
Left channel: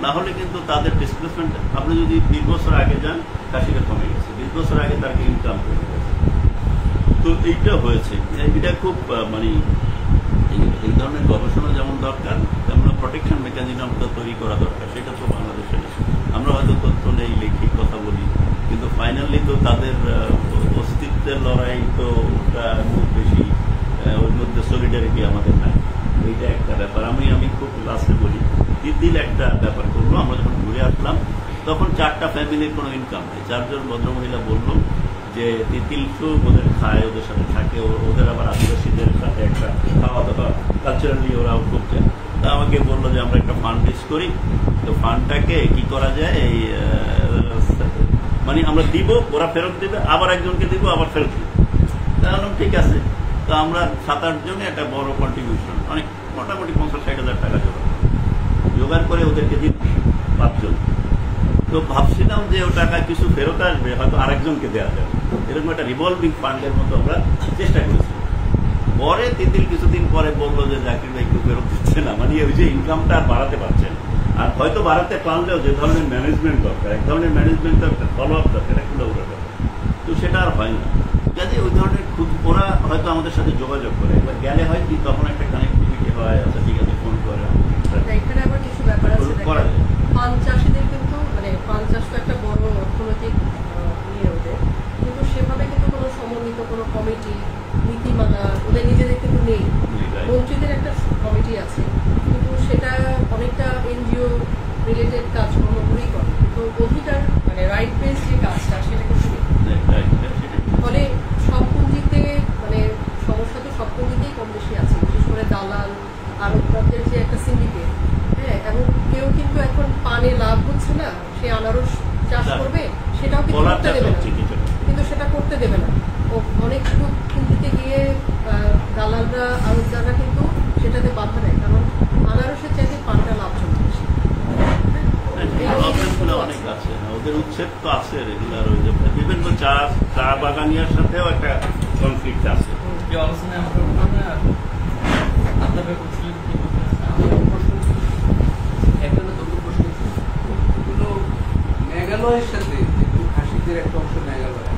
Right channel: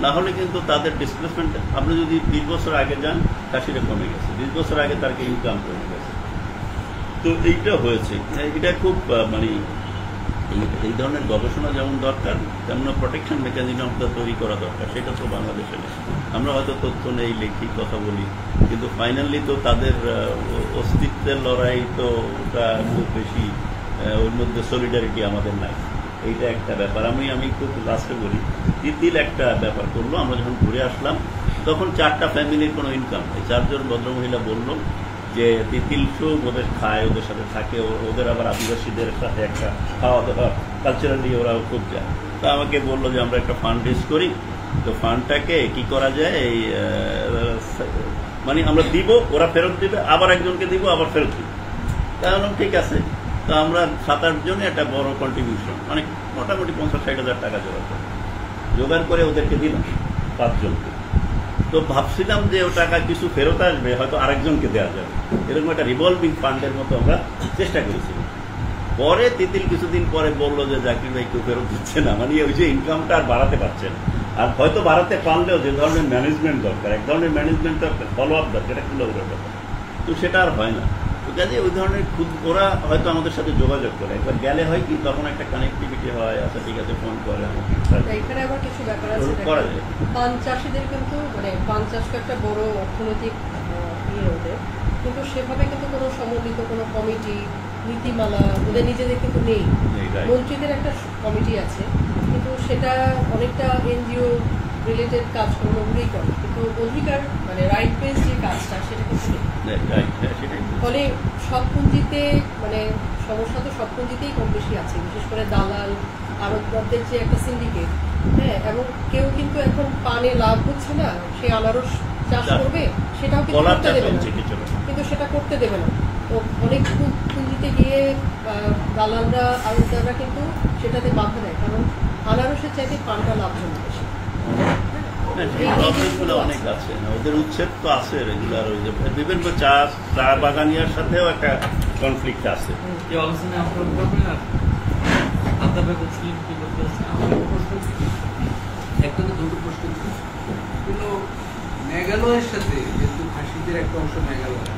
না হলে কিন্তু তাদের ডিসপ্লেসমেন্ট, আপনি যদি 20 বছর আগে যান, কাশিটা কমে গেছে, 20 বছর আগে তার ইনকাম কমে গেছে। তো এইটা হয়েছে, এটা খুব মানে এই ধরনের গবেষণা যেমন দরকার, তেমন প্রোটেকশন মেকানিজমটা তৈরি করা দরকার। সেটা তো বাংলাদেশে নেই। আমরা হয়তো তথ্য নেই, লেখি, কথা বলি, কিন্তু ফাইনালি তো তাদের অস্তিত্বের লড়াই তো ওটা খুব বেশি, ওর মধ্যে সলিডারিটি আমাদের নাই। এইটা একটা ব্যাপার। আমি খুব লাস্টে বলি, তিতিল একটা ব্যাপার করলো। আমরা যখন ঘুরে আসলাম, তখন 4টা ফ্যামিলির কোনো ইনকাম নেই। 4 জন ভদ্রমহিলা বলল যে তিতিল খুব ওদের খায়, ওদের সাথে থাকে, ওদের আবার আদিবাসীদের সাথে একটা খাওয়া দাওয়া, কালচারালি ওরাও খুব যায়। তো আমাকে বললো যে আমরা একটা ফান্ড রেজ করি, তো ফান্ডটাকে কি করা যায়, এই মানে আমরা দিব, ওরা ফেরত দিবে, আবার একজনকে দিব, আবার ফেরত দিব। তাহলে ঠিক আছে, তো আমরা 7-8 জনে একটা বড় কন্ট্রিবিউশন, অনেক মোটামুটি 50-60 হাজার টাকা জোগাড় করে ওদেরকে দিলাম 5 জনকে। তো ভাবছিলাম যে ও টাকা কিছু ফেরত আসবে, হয়তো আরেকজনকে দেওয়া যাবে, এরকম একটা রিভলভিং ফান্ডের মতো আমরা চেষ্টা করেছিলাম। পরে তিতিল কিছুদিন পরে বললো যে জাকির ভাই কেউ ফেরত দিচ্ছে না, মানে ওই যে ইনকামটা আর বাড়াতে পারছে না, আর হয়তো বাড়াতে পারলেও যে ধরনের ম্যানেজমেন্ট দরকার, এক ধরনের ম্যানেজমেন্ট দরকার, ফলো আপ দরকার, এটা খুলে উঠে দরকার, তো সেটা আর হয় না। তো কাজে ওই ধরনের ওরা হয়তো আমাদের সাথে যোগাযোগ করে, একবার গেলে হয় কি তখন একটা কানেক্টিভিটি হয়, আচ্ছা ঠিক আছে ফোন করে আমাকে। এখানে আবার কিছু ব্যাপার আছে, পান চাষিদের কিন্তু মানে পান চাষ তো একটা বড় অর্থনৈতিক ইয়ে ওদের, কিন্তু সেভাবে কিন্তু কোনো সমন্বিত কোনো কমিটি নীতিমালা ওদের নিজেদের কিন্তু নেই। মন্ত্রীদের একটা কমিটি আছে, কিন্তু সেটা অনেকটা এনজিও রিলেটেড কাজগুলোই করে, কিন্তু অধিকার মানে রাইট বেস যে কাজটা সেটা কিন্তু নেই। ফলে সব পুঁজিতে মানে সমস্যা তো সব পুঁজিতেই কম বেশি আছে, বিশেষ করে দালাল আড়তদারদের যে একটা সিন্ডিকেট, হ্যাঁ, এবং কেউ কিন্তু এখন পানে লাভ হচ্ছে না, সে আনারস চাষ করবে সেটাও কিন্তু করতে দেবে না, কিন্তু সেটা করতে দেবে না। ও অনেক পুঁজিতে গিয়ে দালালরা আড়তদাররা কিন্তু সেটাতে বাধা দেয়, কারণ আনারসের চাইতে পানটা লাভজনক বেশি। অনেক আছে, ওদের উচ্ছেদ তো আছে রেগুলার, ওই যে বিভিন্ন চা বাগানিয়ার সাথেও একটা কনফ্লিক্ট আছে। একটা না দুটো প্রশ্ন, এগুলো মেঘালয়ের সাথে যেহেতু খাসিদের একটা অংশ মেঘালয়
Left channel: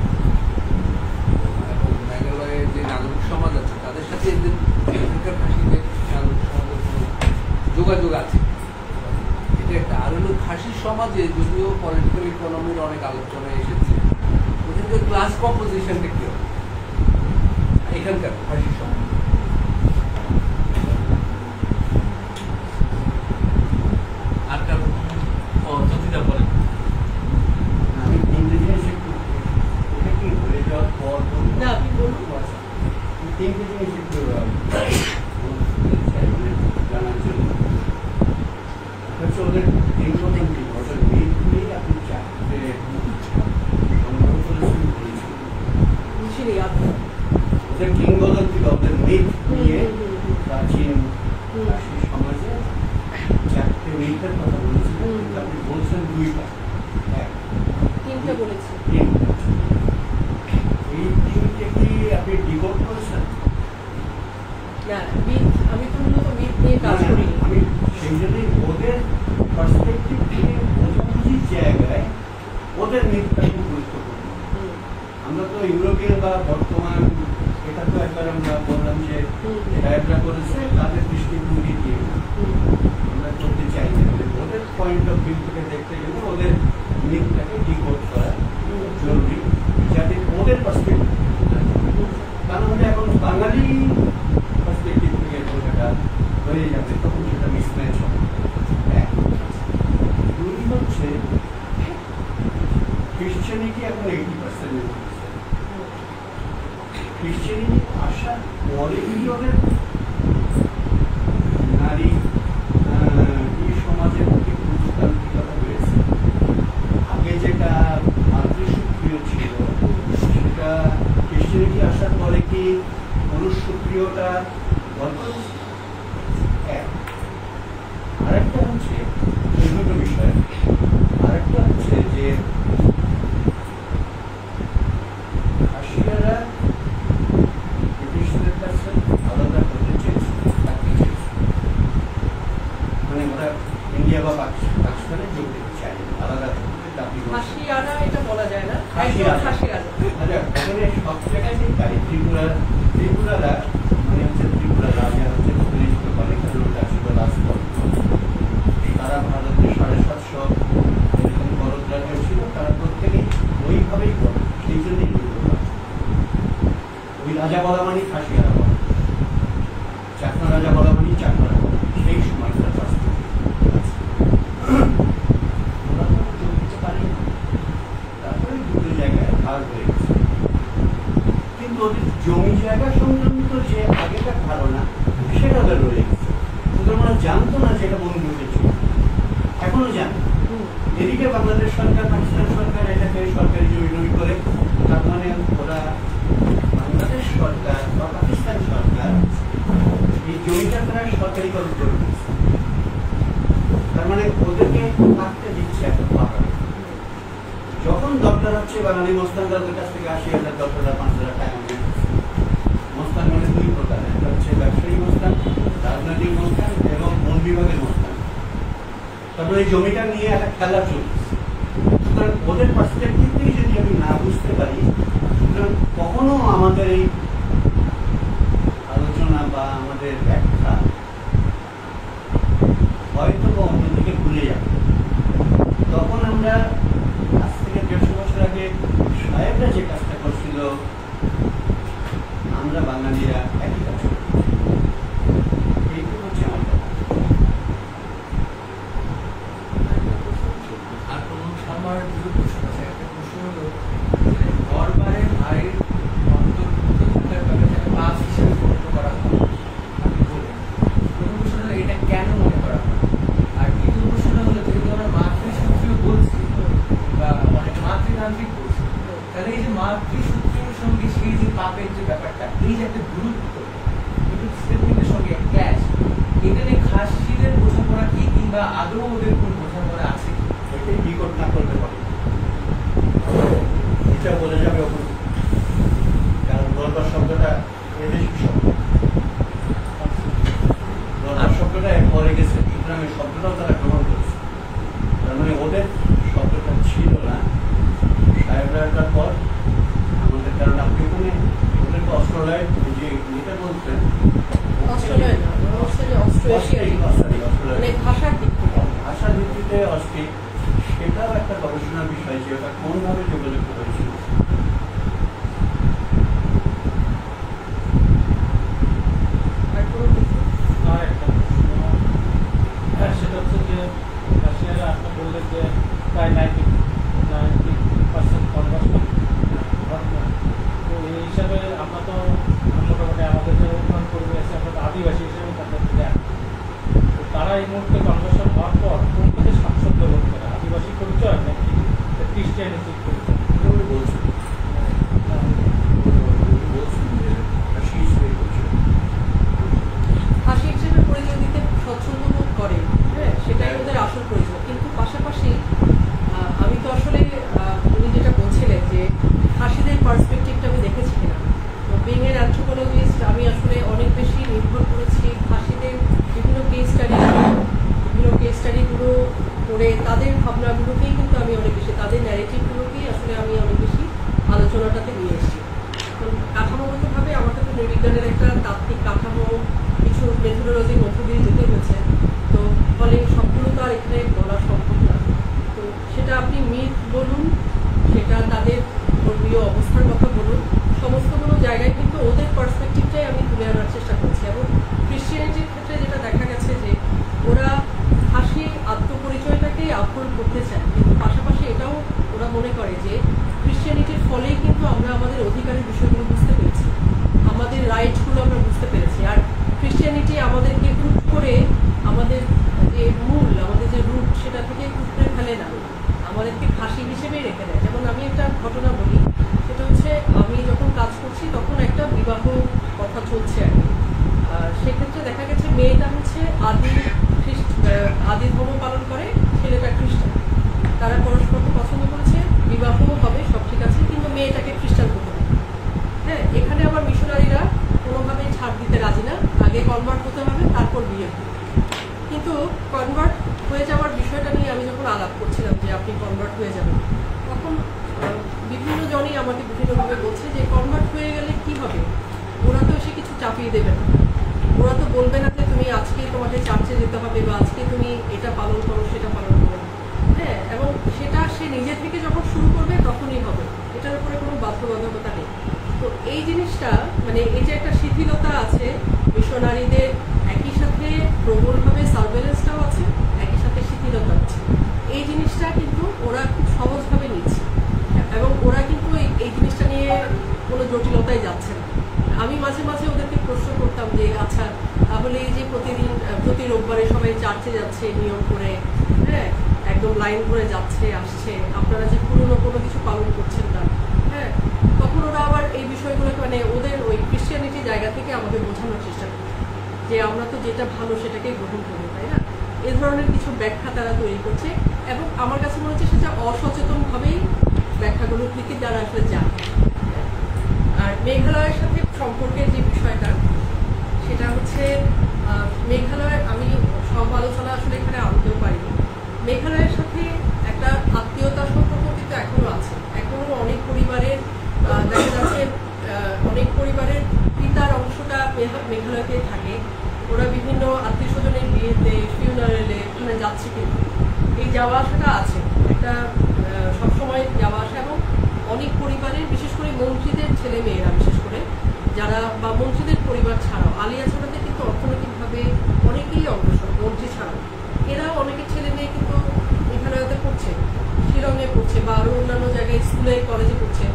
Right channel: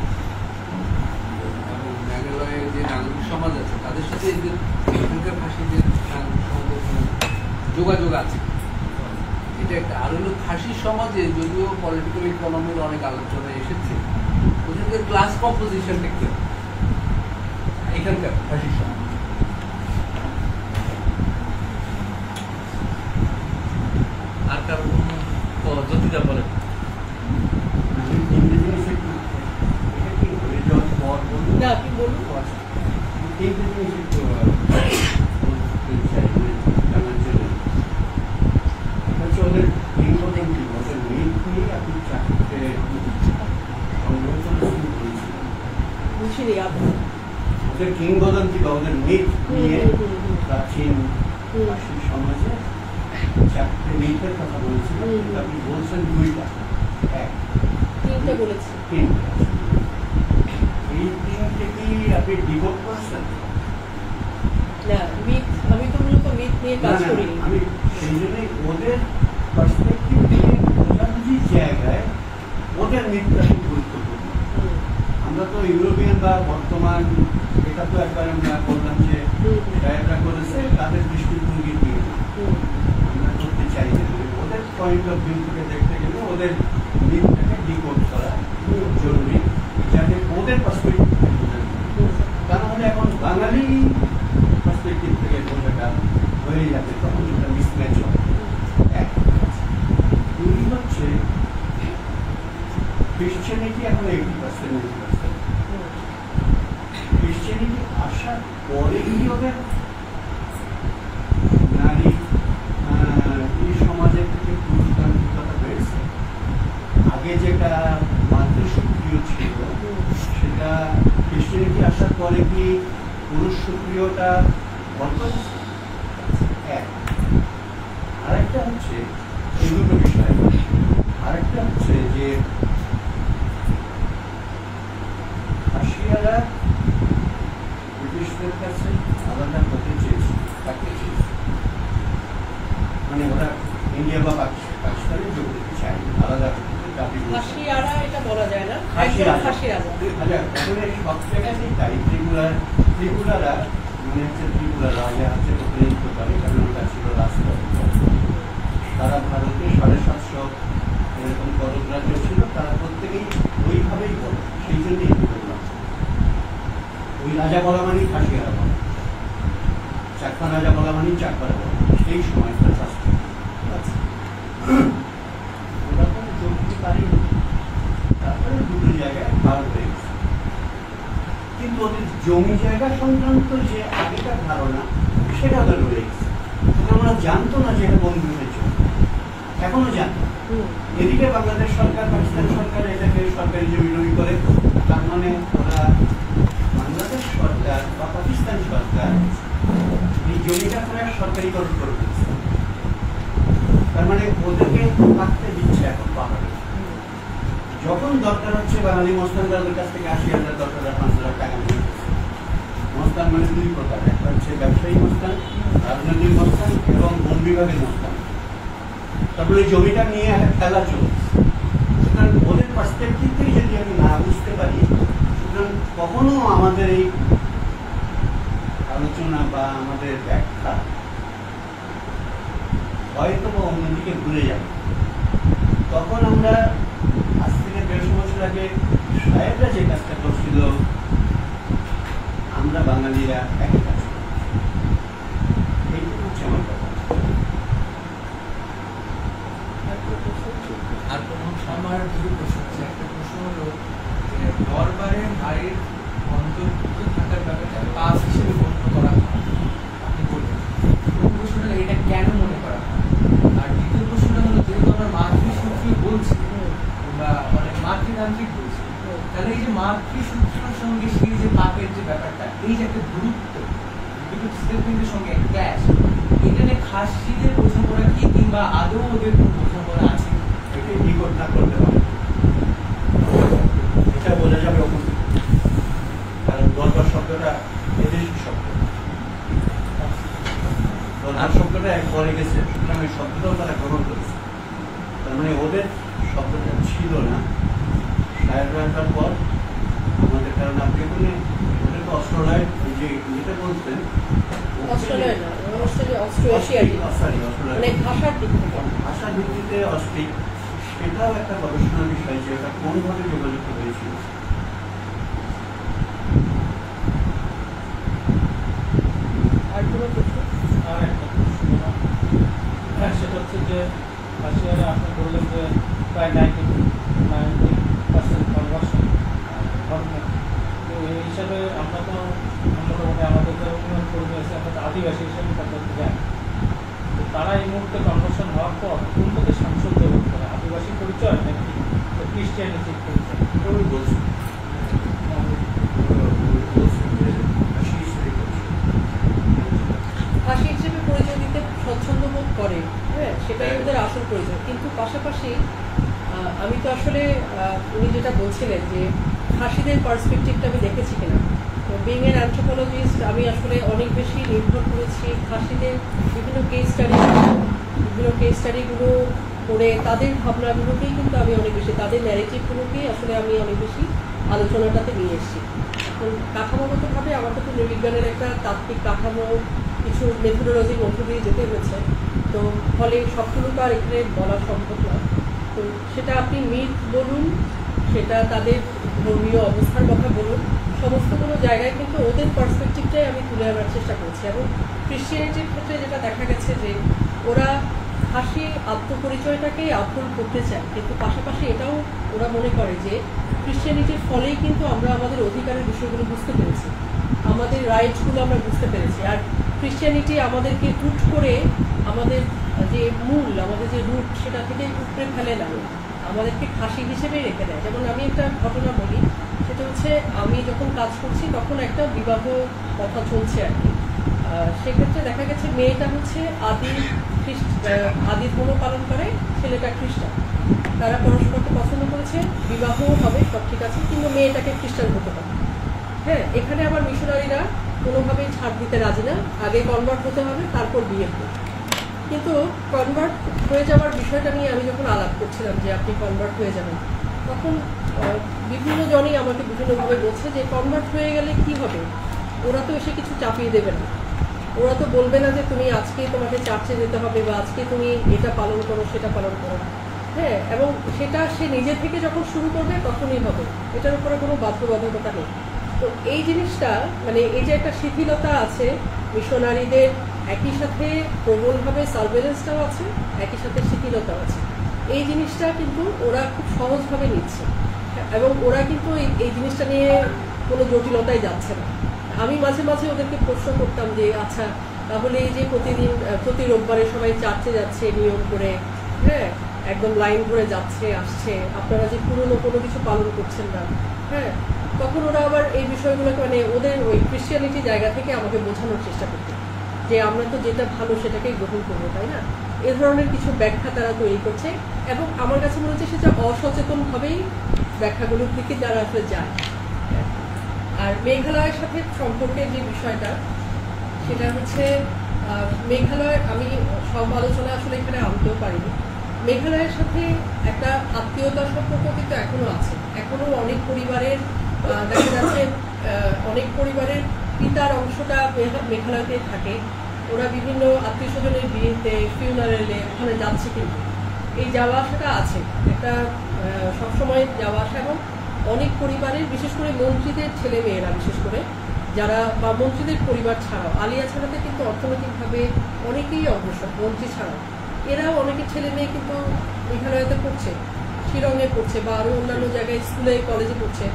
এবং মেঘালয়ের যে নাগরিক সমাজ আছে তাদের সাথে এদের এখানকার খাসিদের নাগরিক সমাজের কোনো যোগাযোগ আছে, এটা একটা। আর হলো খাসি সমাজে যদিও পলিটিক্যাল ইকোনমির অনেক আলোচনায় এসেছে, ওখানকার ক্লাস কম্পোজিশনটা কি এখানকার খাসি সমাজ? আর কারণ জ্যোতিটা বলেন। আমি তিনটে জিনিস এটা কি বলে যাওয়ার পর বলুন না, আপনি বলুন। তিনটে জিনিস একটু জানার জন্য হচ্ছে ওদের কিংবদন্তি, ওদের মিট নিয়ে আপনি চারটে সংগ্রহ করেছেন বলেছিলেন। ওদের কিংবদন্তি বা ওদের মিট নিয়ে প্রাচীন খাসি সমাজে 4টে মিটের কথা বলেছিলেন, কিন্তু আপনি বলছেন 2টা, তিনটা বলেছি। এই 3টে কি আপনি ডিভোট করেছেন? না, আমি তো মূলত মিট নিয়ে কাজ করি। আমি সেই জন্যই ওদের পার্সপেক্টিভ থেকে বোঝাবুঝির জায়গায় ওদের মিটটা খুব গুরুত্বপূর্ণ। আমরা তো ইউরোপিয়ান বা বর্তমান, এটা তো একবার আমরা বললাম যে একটা করেছে তাদের দৃষ্টিভঙ্গি দিয়ে না, আমরা করতে চাই না। ওদের পয়েন্ট অফ ভিউ থেকে দেখতে গেলে ওদের মিটটাকে ডিকোড করা জরুরি, যাতে ওদের পার্সপেক্টিভ তা নাহলে এখন বাঙালি পার্সপেক্টিভ থেকে এটা হয়ে যাবে, তখন সেটা মিসম্যাচ হবে। 2 হচ্ছে ক্রিশ্চিয়ানিটি এখন 80%। ক্রিশ্চিয়ানিটি আসার পরে ওদের নারী এই সমাজের থেকে পুরুষতান্ত্রিকতা রয়েছে। আগে যেটা মাতৃসক্রিয় ছিল সেটা ক্রিশ্চিয়ানিটি আসার পরে কি পুরুষ সক্রিয়তা বর্তমান। আরেকটা হচ্ছে দুটো বিষয়, আরেকটা হচ্ছে যে খাসিয়ারা ব্রিটিশদের কাছে আলাদা হতে চেয়েছিল, থাকতে চেয়েছিল, মানে ওরা ইন্ডিয়া বা পাকিস্তানে যোগ দিতে চায়নি, আলাদা খাসিয়ারা এটা বলা যায় না, খাসিয়ারা। খাসিয়ারা ওখানে সব জায়গায় তাই ত্রিপুরারা মানে হচ্ছে ত্রিপুরা রাজা হচ্ছে প্রতিনিধিত্ব করে, কারণ ওটা ছিল রাজপথ। তারা ভারতের 750 এরকম করদ রাজ্য ছিল, তারা প্রত্যেকেই ওইভাবেই বলে, সেই জন্যই ওই রাজা বলা মানে খাসিয়ারা বলা, চাকমা রাজা বলা মানে চাকমারা বলা, সেই সময়কার ওরা তো যোগ দিতে পারেনি। তারপরে দুটো জায়গায় ভাগ হয়ে গেছে, কিন্তু ওদের জমি জায়গা সংক্রান্ত যে আগেকার ধারণা সেটা ওদের রয়ে গেছে। সুতরাং ওরা জানতো না যে এটা বন্ধুদের জমি, এখনো জানে। এদিকে বাংলাদেশ সরকার, পাকিস্তান সরকার এটাকে সরকারি জমি জমি করে, তার মানে ওরা বাংলাদেশ সরকার বা পাকিস্তান সরকার এই জমিটা তোমার সরকারিকরণ করে দিচ্ছে। তার মানে ওদেরকে থাকতে দিচ্ছে এখন পাহাড়ে। যখন দরকার হচ্ছে বাঙালি মস্তানদের কাছ থেকে 80,000 $10,000 $5,000 টাকা নিয়ে আসছে। মস্তান মানে দুই প্রকার, একটা হচ্ছে ব্যবসায়ী মস্তান, রাজনৈতিক মস্তান এবং বন বিভাগের মস্তান। তারপরে এই জমিটা নিয়ে একটা খেলা চলছে। সুতরাং ওদের পার্সপেক্টিভ থেকে যদি আমি না বুঝতে পারি, সুতরাং কখনো আমাদের এই আলোচনা বা আমাদের ব্যাখ্যা হয়তো অন্যদিকে ভুলে যাবে। তখন আমরা আজ থেকে 150 বছর আগে সাহেবরা যে কাজটা করছিল, আমরা বাঙালিরা একই কাজ করি। এইটুকু হচ্ছে আমার কথা। আর আমার দুটো প্রশ্ন আছে। একটা প্রশ্ন হলো দরবারের বাড়ির অন্তর্ভুক্ত থাকার ব্যাপারটা পাস হিসেবে গণ্য করা হয়, আপনি বললেন। প্রথম প্রশ্ন হলো এটা কেন মনে করা হয়? আর দ্বিতীয় প্রশ্নটা হলো যেহেতু আমরা মাতৃসূত্রীয় বলছি বা অনেক মাতৃতান্ত্রিক বলছি, তাহলে এই যে মাতৃসূত্রের সঙ্গে সেই যে পাপের যে ব্যাপারটা, এই যে একটা দূরত্ব, দুটো স্টেটমেন্টের সঙ্গে ক্ল্যাশ, এটা নিয়ে খাসিদের বোঝাপড়া কি, কিংবা আদৌ ওদের কোন বোঝাপড়া আছে? এটাই নিকট না করতে হবে, এটা বোঝা যাবে এখন। কারণ দরবার শব্দটা এদেশি শব্দ, দরবার শব্দটা পরে গেছে, সুতরাং এই শব্দটাও তারা গ্রহণ করেছে। তার মানে ওদের শব্দটা ছিল না সাহেবরা আসার পর আমাদের। কারণ আপনি ওখানে ওদের তো অস্ট্রেলিয়ায় যে যেটা বলছেন, অস্ট্রেলিয়া না, ওরা হচ্ছে যে অস্ট্রো-এশিয়াটিক, মানে ভাষার দিক থেকে। ভাষার ভিত্তিতে অস্ট্রিক, সেটাও একটা গবেষণার বিষয় যে ওটা কোনভাবে যোগাযোগ হয়েছিল। আর কোনো কিছু আর একটা প্রশ্ন, সেটা হচ্ছে যে রাশিয়ারা আপনি বললেন যে প্রায় 90% কনভার্সন ঘটনা। তো এই হিসাবে আমরা তো মোটামুটি আমাদের যারা উন্নয়ন কর্মী আছে, আমরা আদিবাসী হিসেবে তাদেরকে জানি। তো তারা এই মুহূর্তে কনভার্সন হওয়ার পর কোনটাতে স্বাচ্ছন্দ্য বোধ করে, আদিবাসী পরিচয় নাকি ক্রিশ্চিয়ানিটির পরিচয়? ওই বলছি ভাষী হিসেবে পরিচয় দিতে স্বচ্ছন্দ বোধ করে, হ্যাঁ, সেটাই ওদের আসল পরিচয়। কিন্তু পাশাপাশি আমি তো আসলে উনি যেটা বলছিলেন যে খাসিদের পার্সপেক্টিভটা আমি দেখেছি কিনা, তো বিং এন অ্যানথ্রোপোলজিস্ট আমি আসলে অনেক বেশি নির্ভর করেছি খাসিদের বিভিন্ন কেস স্টাডিগুলো করে তাদের ভাবনাগুলোকেই কিন্তু আমি অনেক বেশি, তাদের ন্যারেটিভগুলোকেই আসলে আমি অনেক বেশি আলোচনাটাতে নিয়ে এসেছি। এখন কাঠামোগতভাবে আমাকে তো নৃবিজ্ঞানের একটা তাত্ত্বিক কাঠামো, কিছু মেথোডোলজির মধ্য দিয়ে যেতে হয়েছে, তো ফলে সবগুলো তো আর এখানে বলা সম্ভব না। তো সেটা আপনি মিথ বলুন, সেটা তাদের ধর্মীয় অবস্থার কথা বলুন, সমস্তগুলো জায়গায় কিন্তু ওদের পার্সপেক্টিভটাই আমি তুলে আনার চেষ্টা করছি। এবং ক্রিশ্চিয়ানিটির ক্ষেত্রে যেটা দেখা গেছে যে ওরা খাসি আত্মপরিচয়টাকেই আফল করতে চায়, কিন্তু পাশাপাশি এটাও ওরা মনে করে যে ক্রিশ্চিয়ানিটির ফলেই কিন্তু আমরা আমাদের অধিকারের বিষয়গুলো বুঝতে পেরেছি, আমাদের রাইটসগুলো আমরা বুঝতে পেরেছি। আর ক্রিশ্চিয়ানিটি আমাদেরকে হুট করে আমাদের যে মূল, আমাদের যে রুট, সেটা থেকে উপড়ে ফেলে না, আমাদেরকে খাসি হিসেবেই রেখে দেয়। যেমন আমি একটা ঘটনা বলি, সেটা হচ্ছে আমি যখন কাজ করছি তখন একটা বিবাহ কথা চলছে আর কি। সেক্ষেত্রে দেখা গেছে মেয়েটা হচ্ছে আদি ধর্ম পালন করে, ছেলেটা খ্রিস্টান। তারা পরস্পরকে পছন্দ করেছে, বিবাহও হবে, সব ঠিক আছে, কিন্তু মেয়েটাকে খ্রিস্টান হতে হবে। হ্যাঁ, এখানে আবার মিশনারিরা কোনোভাবেই ছাড় দিতে রাজি না, আগে কনভার্ট হতে হবে, তারপর বিয়ে হবে। কিন্তু কনভার্ট হয়ে যাওয়ার বিষয়টা নিয়ে আমি যখন আলাপ করছিলাম যে আপনি কনভার্ট হয়ে যাবেন, তখন বিভিন্ন জনই আমাকে বিভিন্নভাবে বলছে যে কনভার্ট হয়ে গেলে কি হবে, ওরা তো এসে কিছু চাপিয়ে দেবে না, ওরা তো বলবে না যে তুমি আজকে তোমাকে চার্চে যেতে হবে বা আজকে তুমি এটা পালন করো সেটা পালন করো। হ্যাঁ, এবং সেটা সে নিজে থেকে যখন শুরু করবে তখনই হবে, এটার উপরে কোনো বাধ্যবাধকতা নেই। তো এই জিনিসটা, মানে এই যে একটা শিথিলতা আছে মিশনারিদের, একই সাথে প্রবলভাবে সার্ভেলেন্সটাও আছে, একই সাথে শিথিলতাও আছে, এই জিনিসটা কিন্তু ওরা খুব সহজভাবে নিচ্ছে এবং ওরা কিন্তু এই জিনিসটা নিয়ে কোনো জটিলতায় যাচ্ছে না। আমি মাঝে মাঝে ওদেরকে প্রশ্ন করতাম যে আচ্ছা তাহলে এই যে প্রতিদিন প্রতি রোববারে সবাই চার্চে যাচ্ছে নিয়ম করে, হ্যাঁ, একদম লাইন ধরে যাচ্ছে আসছে, আপনারা যে পুরনো কোনো কিছু পালন করছেন না, হ্যাঁ, তখন ওরা আবার এই বিষয়গুলোকে মানে ওদের ওই ক্রিশ্চিয়ানিটি জায়গা থেকে আমাকে বোঝানোর চেষ্টা করত যে আমরা তো যেটা ভালো সেটাকেই গ্রহণ করবো, তাই না? এ ধরনের কিছু ব্যাখ্যা তারা তৈরি করছে এবং আমার কাছে মনে হচ্ছে সেটা অসচেতন ভাবেই ব্যাখ্যাগুলোর দিকে তারা আসলে যায়। আর মেঘালয়ের সাথে সম্পর্কে যে বিষয়টা সেটা হচ্ছে মেঘালয়ের আমি সব আলোচনা আসলে এখানে আনতেও পারিনি। মেঘালয়ের সাথে একটা আত্মীয়তার সম্পর্ক কিন্তু এখনো আছে। এখনো অনেক পরিবারের দেখা যাচ্ছে অনেক পরিবারের পিতার অংশটা মেঘালয়তে থাকে। ওরা বিভিন্ন আত্মীয় স্বজনের বিয়েতে ফিউনারেলে ওখানে যাচ্ছে, কিন্তু এই যাওয়া আসাটা আছে, একটা সবসময় যাওয়া আসা। এবং অনেক পরিবারের বিশেষ করে মন্ত্রীদের ছেলে মেয়েরা বিশেষ করে যারা বা মন্ত্রীদের পরিবার ছাড়াও আলিয়া ছাড়াতে কিন্তু অর্থনৈতিকভাবে অনেকেই অগ্রসর, মন্ত্রী ছাড়াও এরাও অনেকের ছেলে মেয়ে কিন্তু মেঘালয়তে পড়ছে, শিলংয়ে পড়ছে বা আরো অন্যান্য জায়গায় স্কুলে কলেজে পড়ছে।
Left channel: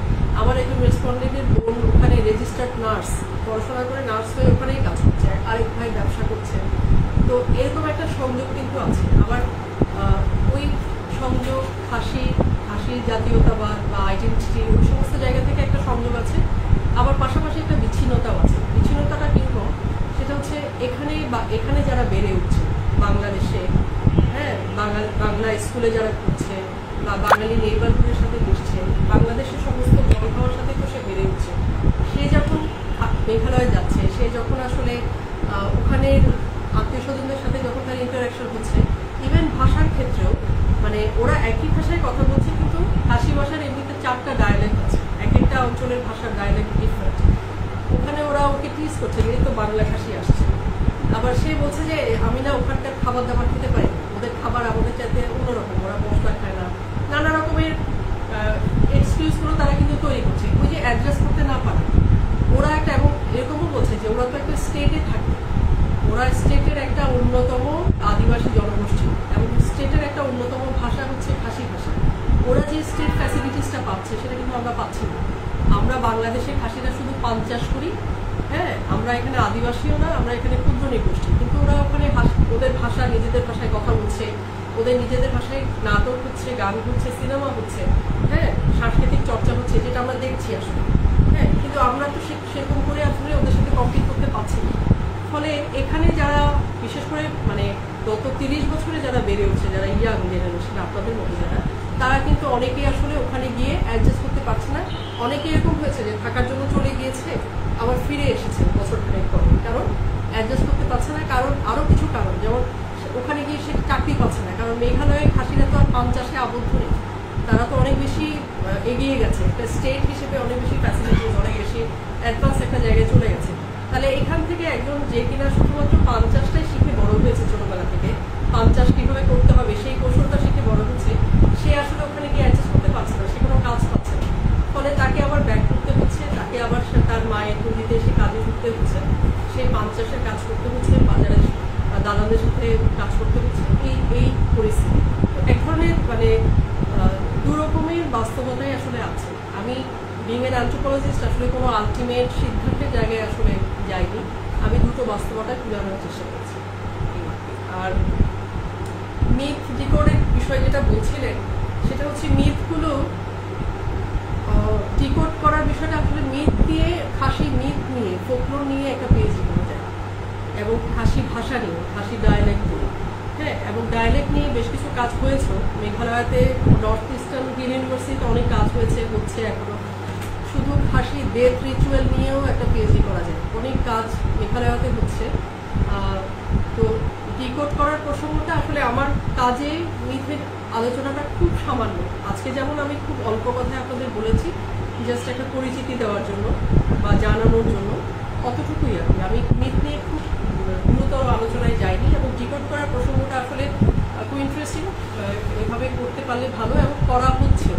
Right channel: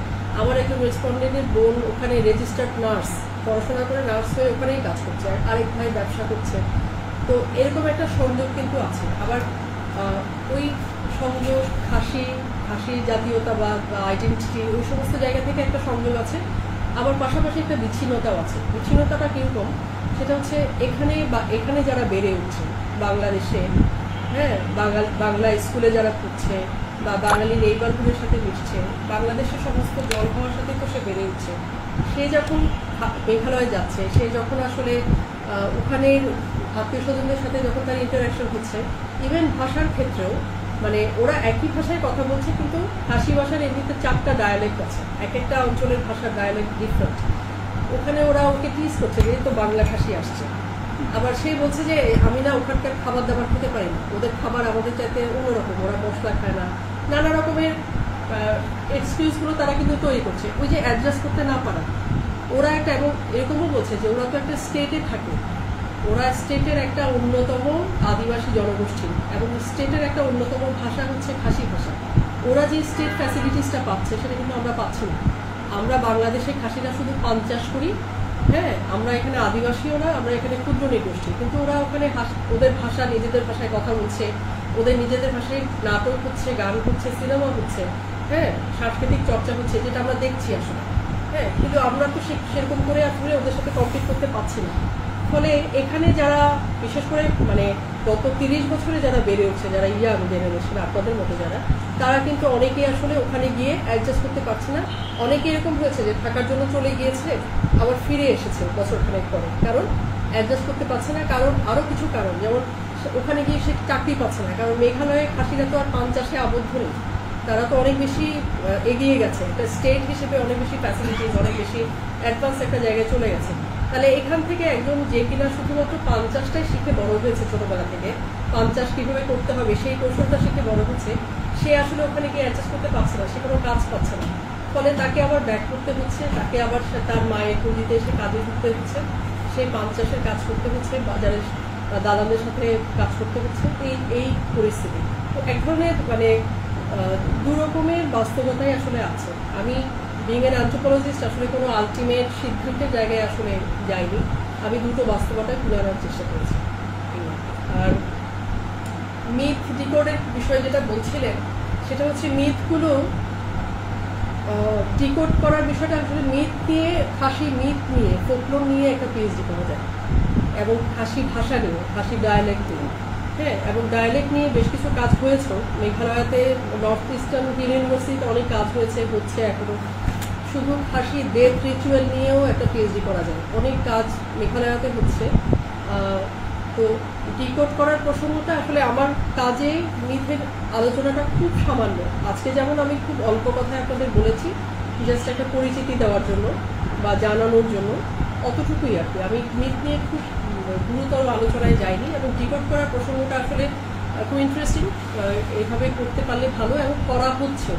আমার একজন রেসপন্ডেন্টের বোন ওখানে রেজিস্টার্ড নার্স, পড়াশোনা করে নার্স হয়ে ওখানেই কাজ করছে, আরেক ভাই ব্যবসা করছে। তো এরকম একটা সংযোগ কিন্তু আছে। আবার ওই সংযোগ খাসি জাতীয়তাবাদ বা আইডেন্টিটি ওই সমস্ত জায়গা থেকে একটা সংযোগ আছে। আবার পাশাপাশি একটা বিচ্ছিন্নতাও আছে। বিচ্ছিন্নতাটা কিরকম সেটা হচ্ছে এখানে যারা বেড়ে উঠছে বাংলাদেশে, হ্যাঁ, বাংলা স্কুলে যারা পড়ছে বা বাঙালি নেইবারহুডের সাথে মিশছে, বাংলাদেশের সমস্ত জল খাওয়ার সাথে তো সে বেড়ে উঠছে। সে যখন মেঘালয়ে যাচ্ছে, সে যখন আসলে ওখানের আত্মীয় স্বজনদের সাথে যখন তার ইন্টারাকশন হচ্ছে, ইভেন ভাষার ক্ষেত্রেও মানে ওরা একই ভাষায় কথা বলছে, কিন্তু খাসি ভাষার এমনিতে 4টা ডায়ালেক্ট আছে, এক একটা অঞ্চলের ভাষার ডায়ালেক্ট ডিফারেন্ট। ওখানে ওরা ওকে টিজ করছে যে তো বাংলা খাসি আসছে। আবার সে বলছে যে আমি না ওখানকার খাবার দাবার খেতে পারি না, ওদের খাবার আমাদের চাইতে অন্যরকম, ওরা মশলা খায় না, নানা রকমের এক্সকিউজগুলো তারা কিন্তু তৈরি করছে ওই যে অ্যাডজাস্ট করতে না পারা। ওরা একটা এবং এরকমও বলছে যে ওরা তো একটা স্টেটে থাকে, ওরা স্টেটের একটা অন্যতম আদিবাসী জনগোষ্ঠী এবং স্টেটের একটা অন্যতম ভাষা হচ্ছে খাসি ভাষা। ওরা যে স্টেট ফ্যাসিলিটিসটা পাচ্ছে সেটা কিন্তু আমরা পাচ্ছি না। আমরা বাংলাদেশে খাসিরা শুধু পান চাষ করি, হ্যাঁ, আমরা এখানে আদিবাসীও না, আমরা এখানে ক্ষুদ্র নৃগোষ্ঠী, কিন্তু ওরা ওখানে ওদের ভাষা নিজেদের ভাষায় কথা বলছে, ওদের নিজেদের ভাষায় নাটক হচ্ছে, গান হচ্ছে, সিনেমা হচ্ছে, হ্যাঁ, সাংস্কৃতিক চর্চা হচ্ছে, যেটা আমরা দেখছি আসলে, হ্যাঁ, কিন্তু আমরা তো সেরকম করে আসলে ওদের সাথে কম্পিট করতে পারছি না। ফলে এখানে যারা বিশেষ করে মানে গত 30 বছরে যারা বেড়ে উঠছে, যারা ইয়াং জেনারেশন আপনাদের মতো যারা, তারা কিন্তু অনেকেই আসলে ওখানে গিয়ে অ্যাডজাস্ট করতে পারছে না। অনেকে এরকম হয়েছে যে থাকার জন্য চলে গিয়েছে, আবার ফিরে এসেছে বছরখানেক পরে, কারণ অ্যাডজাস্ট করতে পারছে না। কারণ আরো কিছু কারণ, যেমন ওখানে গিয়ে সে চাকরি পাচ্ছে না, কারণ মেঘালয়ে খাসিরা তো আর পান চাষে আবদ্ধ নেই, তারা তো অনেক বেশি এগিয়ে গেছে, একটা স্টেট হিসেবে অনেক বেশি ফ্যাসিলিটিস, অনেক বেশি অ্যাডভান্স একটা জায়গায় চলে গেছে। তাহলে এখান থেকে একজন যে কিনা শুধুমাত্র পান চাষটাই শিখে বড় হয়েছে, ছোটবেলা থেকে পান চাষ কিভাবে করতে হবে সেই কৌশলটা শিখে বড় হচ্ছে, সে আসলে ওখানে গিয়ে অ্যাডজাস্ট করতে পারছে না, সে কোনো কাজ পাচ্ছে না। ফলে তাকে আবার ব্যাক করতে হচ্ছে, তাকে আবার তার মায়ের পুঁজিতে এসে কাজে ঢুকতে হচ্ছে, সেই পান চাষের কাজ করতে হচ্ছে, বাজারের দালালদের সাথে কাজ করতে হচ্ছে, এই পরিস্থিতি। তো এক ধরনের মানে দু রকমের বাস্তবতাই আসলে আছে। আমি বিং এন অ্যানথ্রোপোলজিস্ট আসলে কোনো আলটিমেট সিদ্ধান্তের জায়গায় আসলে যাইনি, আমি দুটো বাস্তবতায় তুলে আনার চেষ্টা করেছি। আর মিথ ডিকোডের বিষয়ে যেটা বলছিলেন সেটা হচ্ছে মিথগুলো ডিকোড করার বিষয়টা আসলে মিথ নিয়ে, খাসি মিথ নিয়ে, ফোকলোর নিয়ে একটা পিএইচডি করা যায়, এবং খাসি ভাষা নিয়ে, খাসি ডায়ালেক্ট নিয়ে, হ্যাঁ, এবং ডায়ালেক্ট নিয়ে বেশ কিছু কাজ হয়েছে মেঘালয়তে, নর্থ ইস্টার্ন হিল ইউনিভার্সিটিতে অনেক কাজ হচ্ছে এখনো। শুধু খাসি ডেথ রিচুয়াল নিয়েও একটা পিএইচডি করা যায়, অনেক কাজ মেঘালয়তে হচ্ছে। তো ডিকোড করার প্রসঙ্গটা আসলে আমার কাজে মিথের আলোচনাটা খুব সামান্য। আজকে যেমন আমি খুব অল্প কথায় আপনাদের বলেছি, জাস্ট একটা পরিচিতি দেওয়ার জন্য বা জানানোর জন্য, অতটুকুই আর কি। আমি মিথ নিয়ে খুব গুরুতর আলোচনায় যাইনি, এবং ডিকোড করার প্রসঙ্গটা আসলে খুব ইন্টারেস্টিং, এভাবে করতে পারলে ভালো, এবং করা হচ্ছে।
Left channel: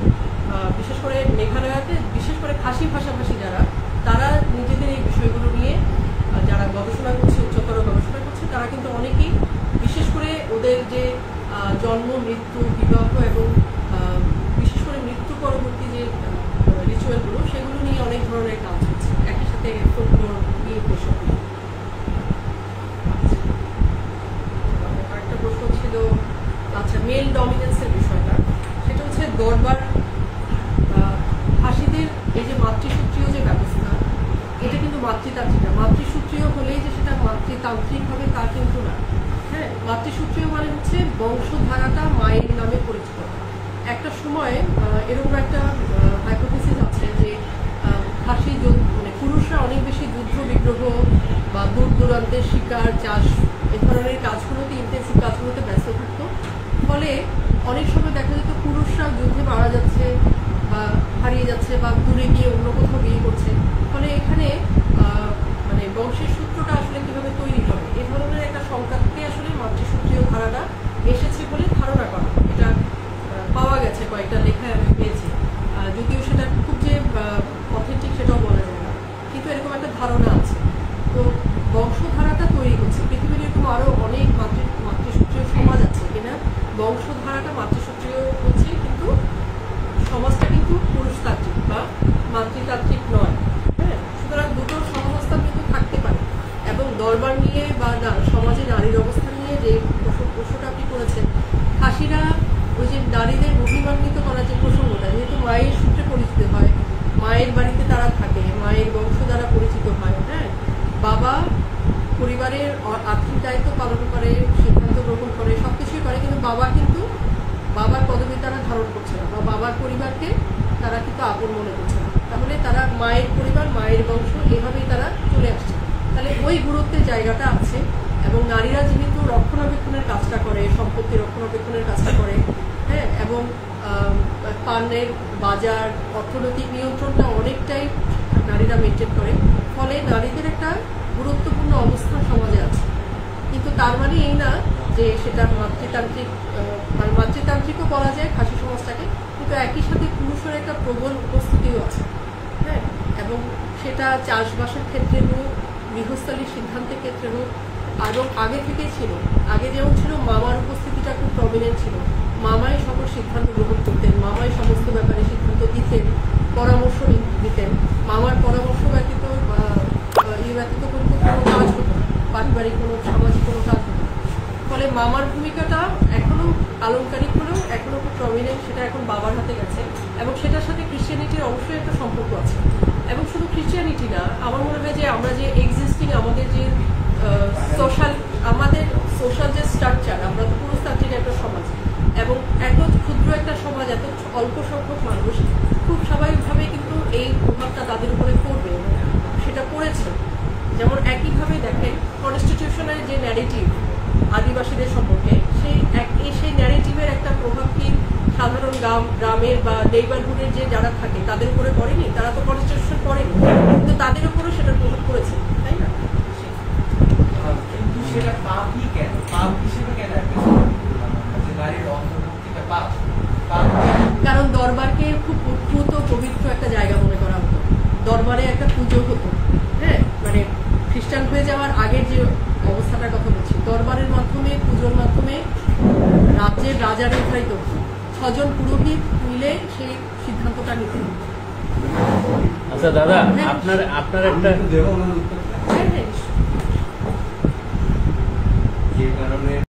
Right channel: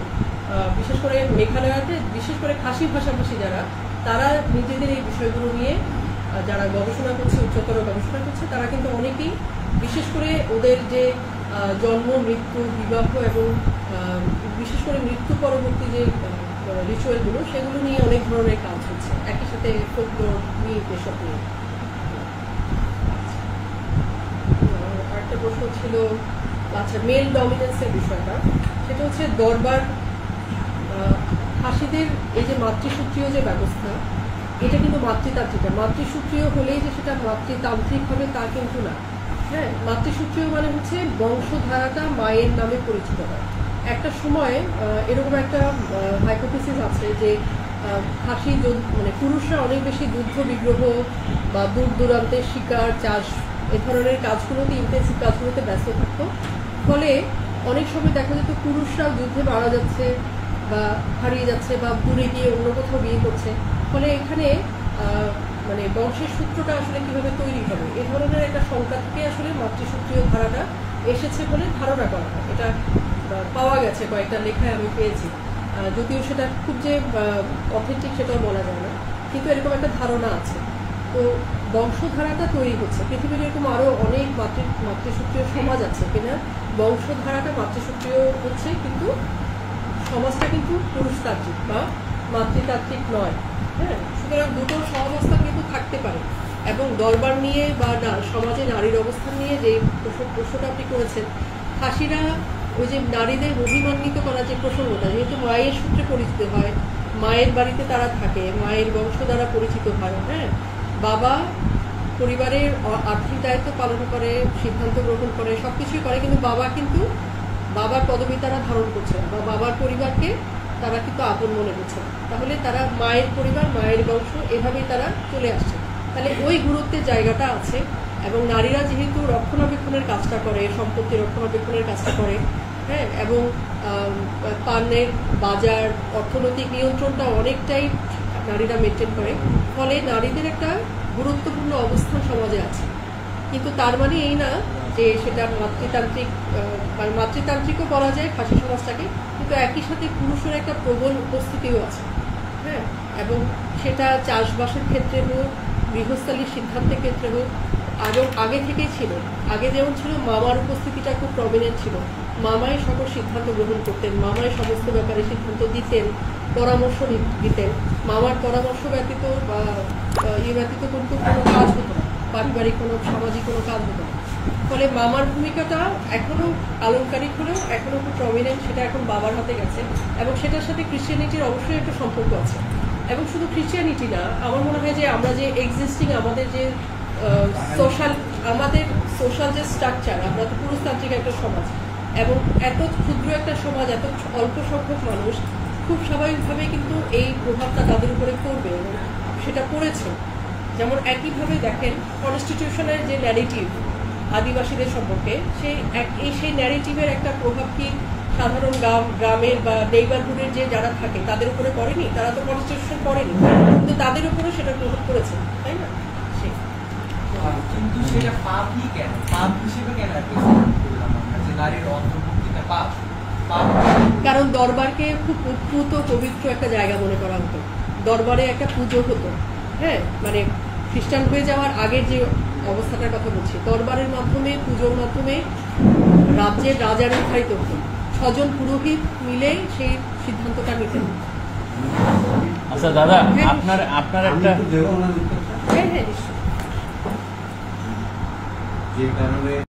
বিশেষ করে মেঘালয়তে, বিশেষ করে খাসি ভাষাভাষী যারা, তারা নিজেদের এই বিষয়গুলো নিয়ে যারা গবেষণা করছে, উচ্চতর গবেষণা করছে, তারা কিন্তু অনেকেই বিশেষ করে ওদের যে জন্ম, মৃত্যু, বিবাহ এবং বিশেষ করে মৃত্যু পরবর্তী যে রিচুয়ালগুলো সেগুলো নিয়ে অনেক ধরনের কাজ হচ্ছে, একই সাথে ফোকলোর মিথ এসব নিয়ে। আরেকটা প্রশ্ন ছিল আচ্ছা মেল ডমিনেন্সের বিষয়টা, সেটা হচ্ছে দরবার খাসিদের এই যে মাতৃসূত্রীয় যে ব্যবস্থা, এটা কিন্তু মাতৃতান্ত্রিক না। মাতৃসূত্রীয় হলেই যে সেটা মাতৃতান্ত্রিক হবে তা কিন্তু না। হ্যাঁ, মাতৃসূত্রীয় মানে হচ্ছে বংশধারাটা মায়ের নামে পরিচিত হয়। একটা সময় এরকম একটা হাইপোথিসিস আছে যে খাসি মানে পুরুষরা অনেক বেশি যুদ্ধ বিগ্রহ বা দূর দূরান্তের শিকার চাষ এ ধরনের কাজগুলোতে ইন্টেন্সিভ কাজগুলোতে ব্যস্ত থাকতো, ফলে অনেক সময় দেখা যেত পুরুষরা যুদ্ধে মারা যাচ্ছে বা হারিয়ে যাচ্ছে বা দূরে গিয়ে অন্য কোথাও বিয়ে করছে, ফলে এখানে মানে বংশের সূত্রটা আসলে কিভাবে তৈরি হবে এ ধরনের একটা সংখ্যা থেকে আসলে মাতৃসূত্রীয় ধারাটা এসেছে বলে ধারণা করা হয়। এটা পাওয়া গেছে কয়েকটা লেখায় আমি পেয়েছি, যদিও সেটা খুব যে অথেন্টিক সেটাও বলা যায় না, কিন্তু এরকম একটা ধারণা আছে। তো বংশধারাটা তৈরি হচ্ছে, পৃথিবীর এরকম আরো অনেক মাতৃসূত্রীয় সমাজ আছে কিনা বংশধারাটা মাতৃসূত্রীয় হচ্ছে, কিন্তু সমাজটা কিন্তু পুরুষতান্ত্রিক বা মাতৃতান্ত্রিক নয়। হ্যাঁ, সুতরাং দুটো সহাবস্থান কিন্তু থাকতে পারে। এবং দরবার নিয়ে বা সমাজে নারীর অবস্থান নিয়ে যে প্রশ্নটা আপনি করেছেন, খাসিরা ওই যে নারীদের অভিমান্বিত করার যে প্রসঙ্গটা, যেহেতু মায়ের সূত্রে পরিচিত হয়, মায়ের বাড়িতে তারা থাকে, মায়ের বংশ দ্বারা পরিচিত হয়। হ্যাঁ, বাবা পরিবারের আর্থিক দায়িত্ব পালন করে, সিদ্ধান্ত গ্রহণ করে, সবকিছুই করে, কিন্তু বাবার পদবি তারা ধারণ করছে না বা বাবার পরিবারকে তারা কিন্তু আপন মনে করছে না। তাহলে তারা মায়ের পরিবার, মায়ের বংশ এভাবেই তারা চলে আসছে। তাহলে ওই গুরুত্বের জায়গাটা আছে। এবং নারীরা যেহেতু রক্ষণাবেক্ষণের কাজটা করে, সম্পত্তি রক্ষণাবেক্ষণের কাজটা করে, হ্যাঁ, এবং পানের বাজার অর্থনৈতিক নিয়ন্ত্রণটা অনেকটাই নারীরা মেনটেন করে, ফলে নারীদের একটা গুরুত্বপূর্ণ অবস্থান সমাজে আছে। কিন্তু তার মানে এই না যে সেটা মাতৃতান্ত্রিকও বলা যায় খাসি সমাজটাকে, কিন্তু একই সাথে পুরুষের একটা প্রবল উপস্থিতিও আছে। হ্যাঁ, এবং সেটা চাষবাসের ক্ষেত্রে হোক, গৃহস্থালির সিদ্ধান্তের ক্ষেত্রে হোক, এবং আগে থেকেই ছিল। আগে যেমন ছিল মামার উপস্থিতিটা খুব প্রমিনেন্ট ছিল, মামাই সকল সিদ্ধান্ত গ্রহণ করতেন, মামাই সমস্ত ব্যাপারে সিদ্ধান্ত দিতেন, পরামর্শ দিতেন। মামার পরামর্শ ব্যতীত বা ব্যতীত কিন্তু কোনো কাজ হতো না, পারিবারিক কোনো সামাজিক কোনো কাজ হতো না। ফলে মামার ভূমিকাটা এখনো আলংকারিক হলেও এখনো খুব প্রমিনেন্ট, সেটা এখন বাবার হাতে গেছে। এবং সেটার সাথে ক্রিশ্চিয়ানিটির অবশ্যই একটা সম্পর্ক আছে। এবং শুধু ক্রিশ্চিয়ানিটি না, আমার মনে হয় যে আমরা যে এক্সিস্টিং আমাদের যে আমাদের সোশ্যাল যে স্ট্রাকচার, আমরা তো পুরুষতান্ত্রিক একটা সমাজ, এবং এত ক্ষুদ্র একটা সমাজ, এত অল্প সংখ্যক মানুষ খুব স্বাভাবিকভাবে কিন্তু এই প্রভাবটা তাদের উপরে পড়বে এবং সেটা পড়েছে। যেমন একইভাবে দেখেন কনস্টিটিউশনের যে ন্যারেটিভ আদিবাসীদের সম্পর্কে, সেই ন্যারেটিভের একটা প্রভাব কি সাধারণ গ্রামের বা নেইবারহুডের যে যারা থাকে তাদের উপরে পড়েনি? তারা তো কনস্টিটিউশন পড়েনি, কিন্তু তাদের উপরেও সেটা প্রভাব পড়েছে, তাই না? কিন্তু সেটা পাপই কেন, পাপ হিসেবে কেন করলাম আমরা যে নারীর অন্তর্ভুক্তিটা পাপ? কারণ দরবারকে খুব উদ্ভূত পবিত্র একটা জায়গা মনে করা হতো, দরবারে একটা পুজো হতো। হ্যাঁ, মানে খ্রিস্টান হয়ে যাওয়ার আগের যে অবস্থাটার কথা বলছি, দরবারের মাধ্যমে, পুজোর মাধ্যমে রাজ্যের রাজা নির্ধারিত হতো, 6 জন পুরোহিত মিলে সেই সিদ্ধান্তটা নিতেন। আচ্ছা দাদা, আপনার একটা হ্যাঁ হ্যাঁ নিশ্চয়ই। যে কারণে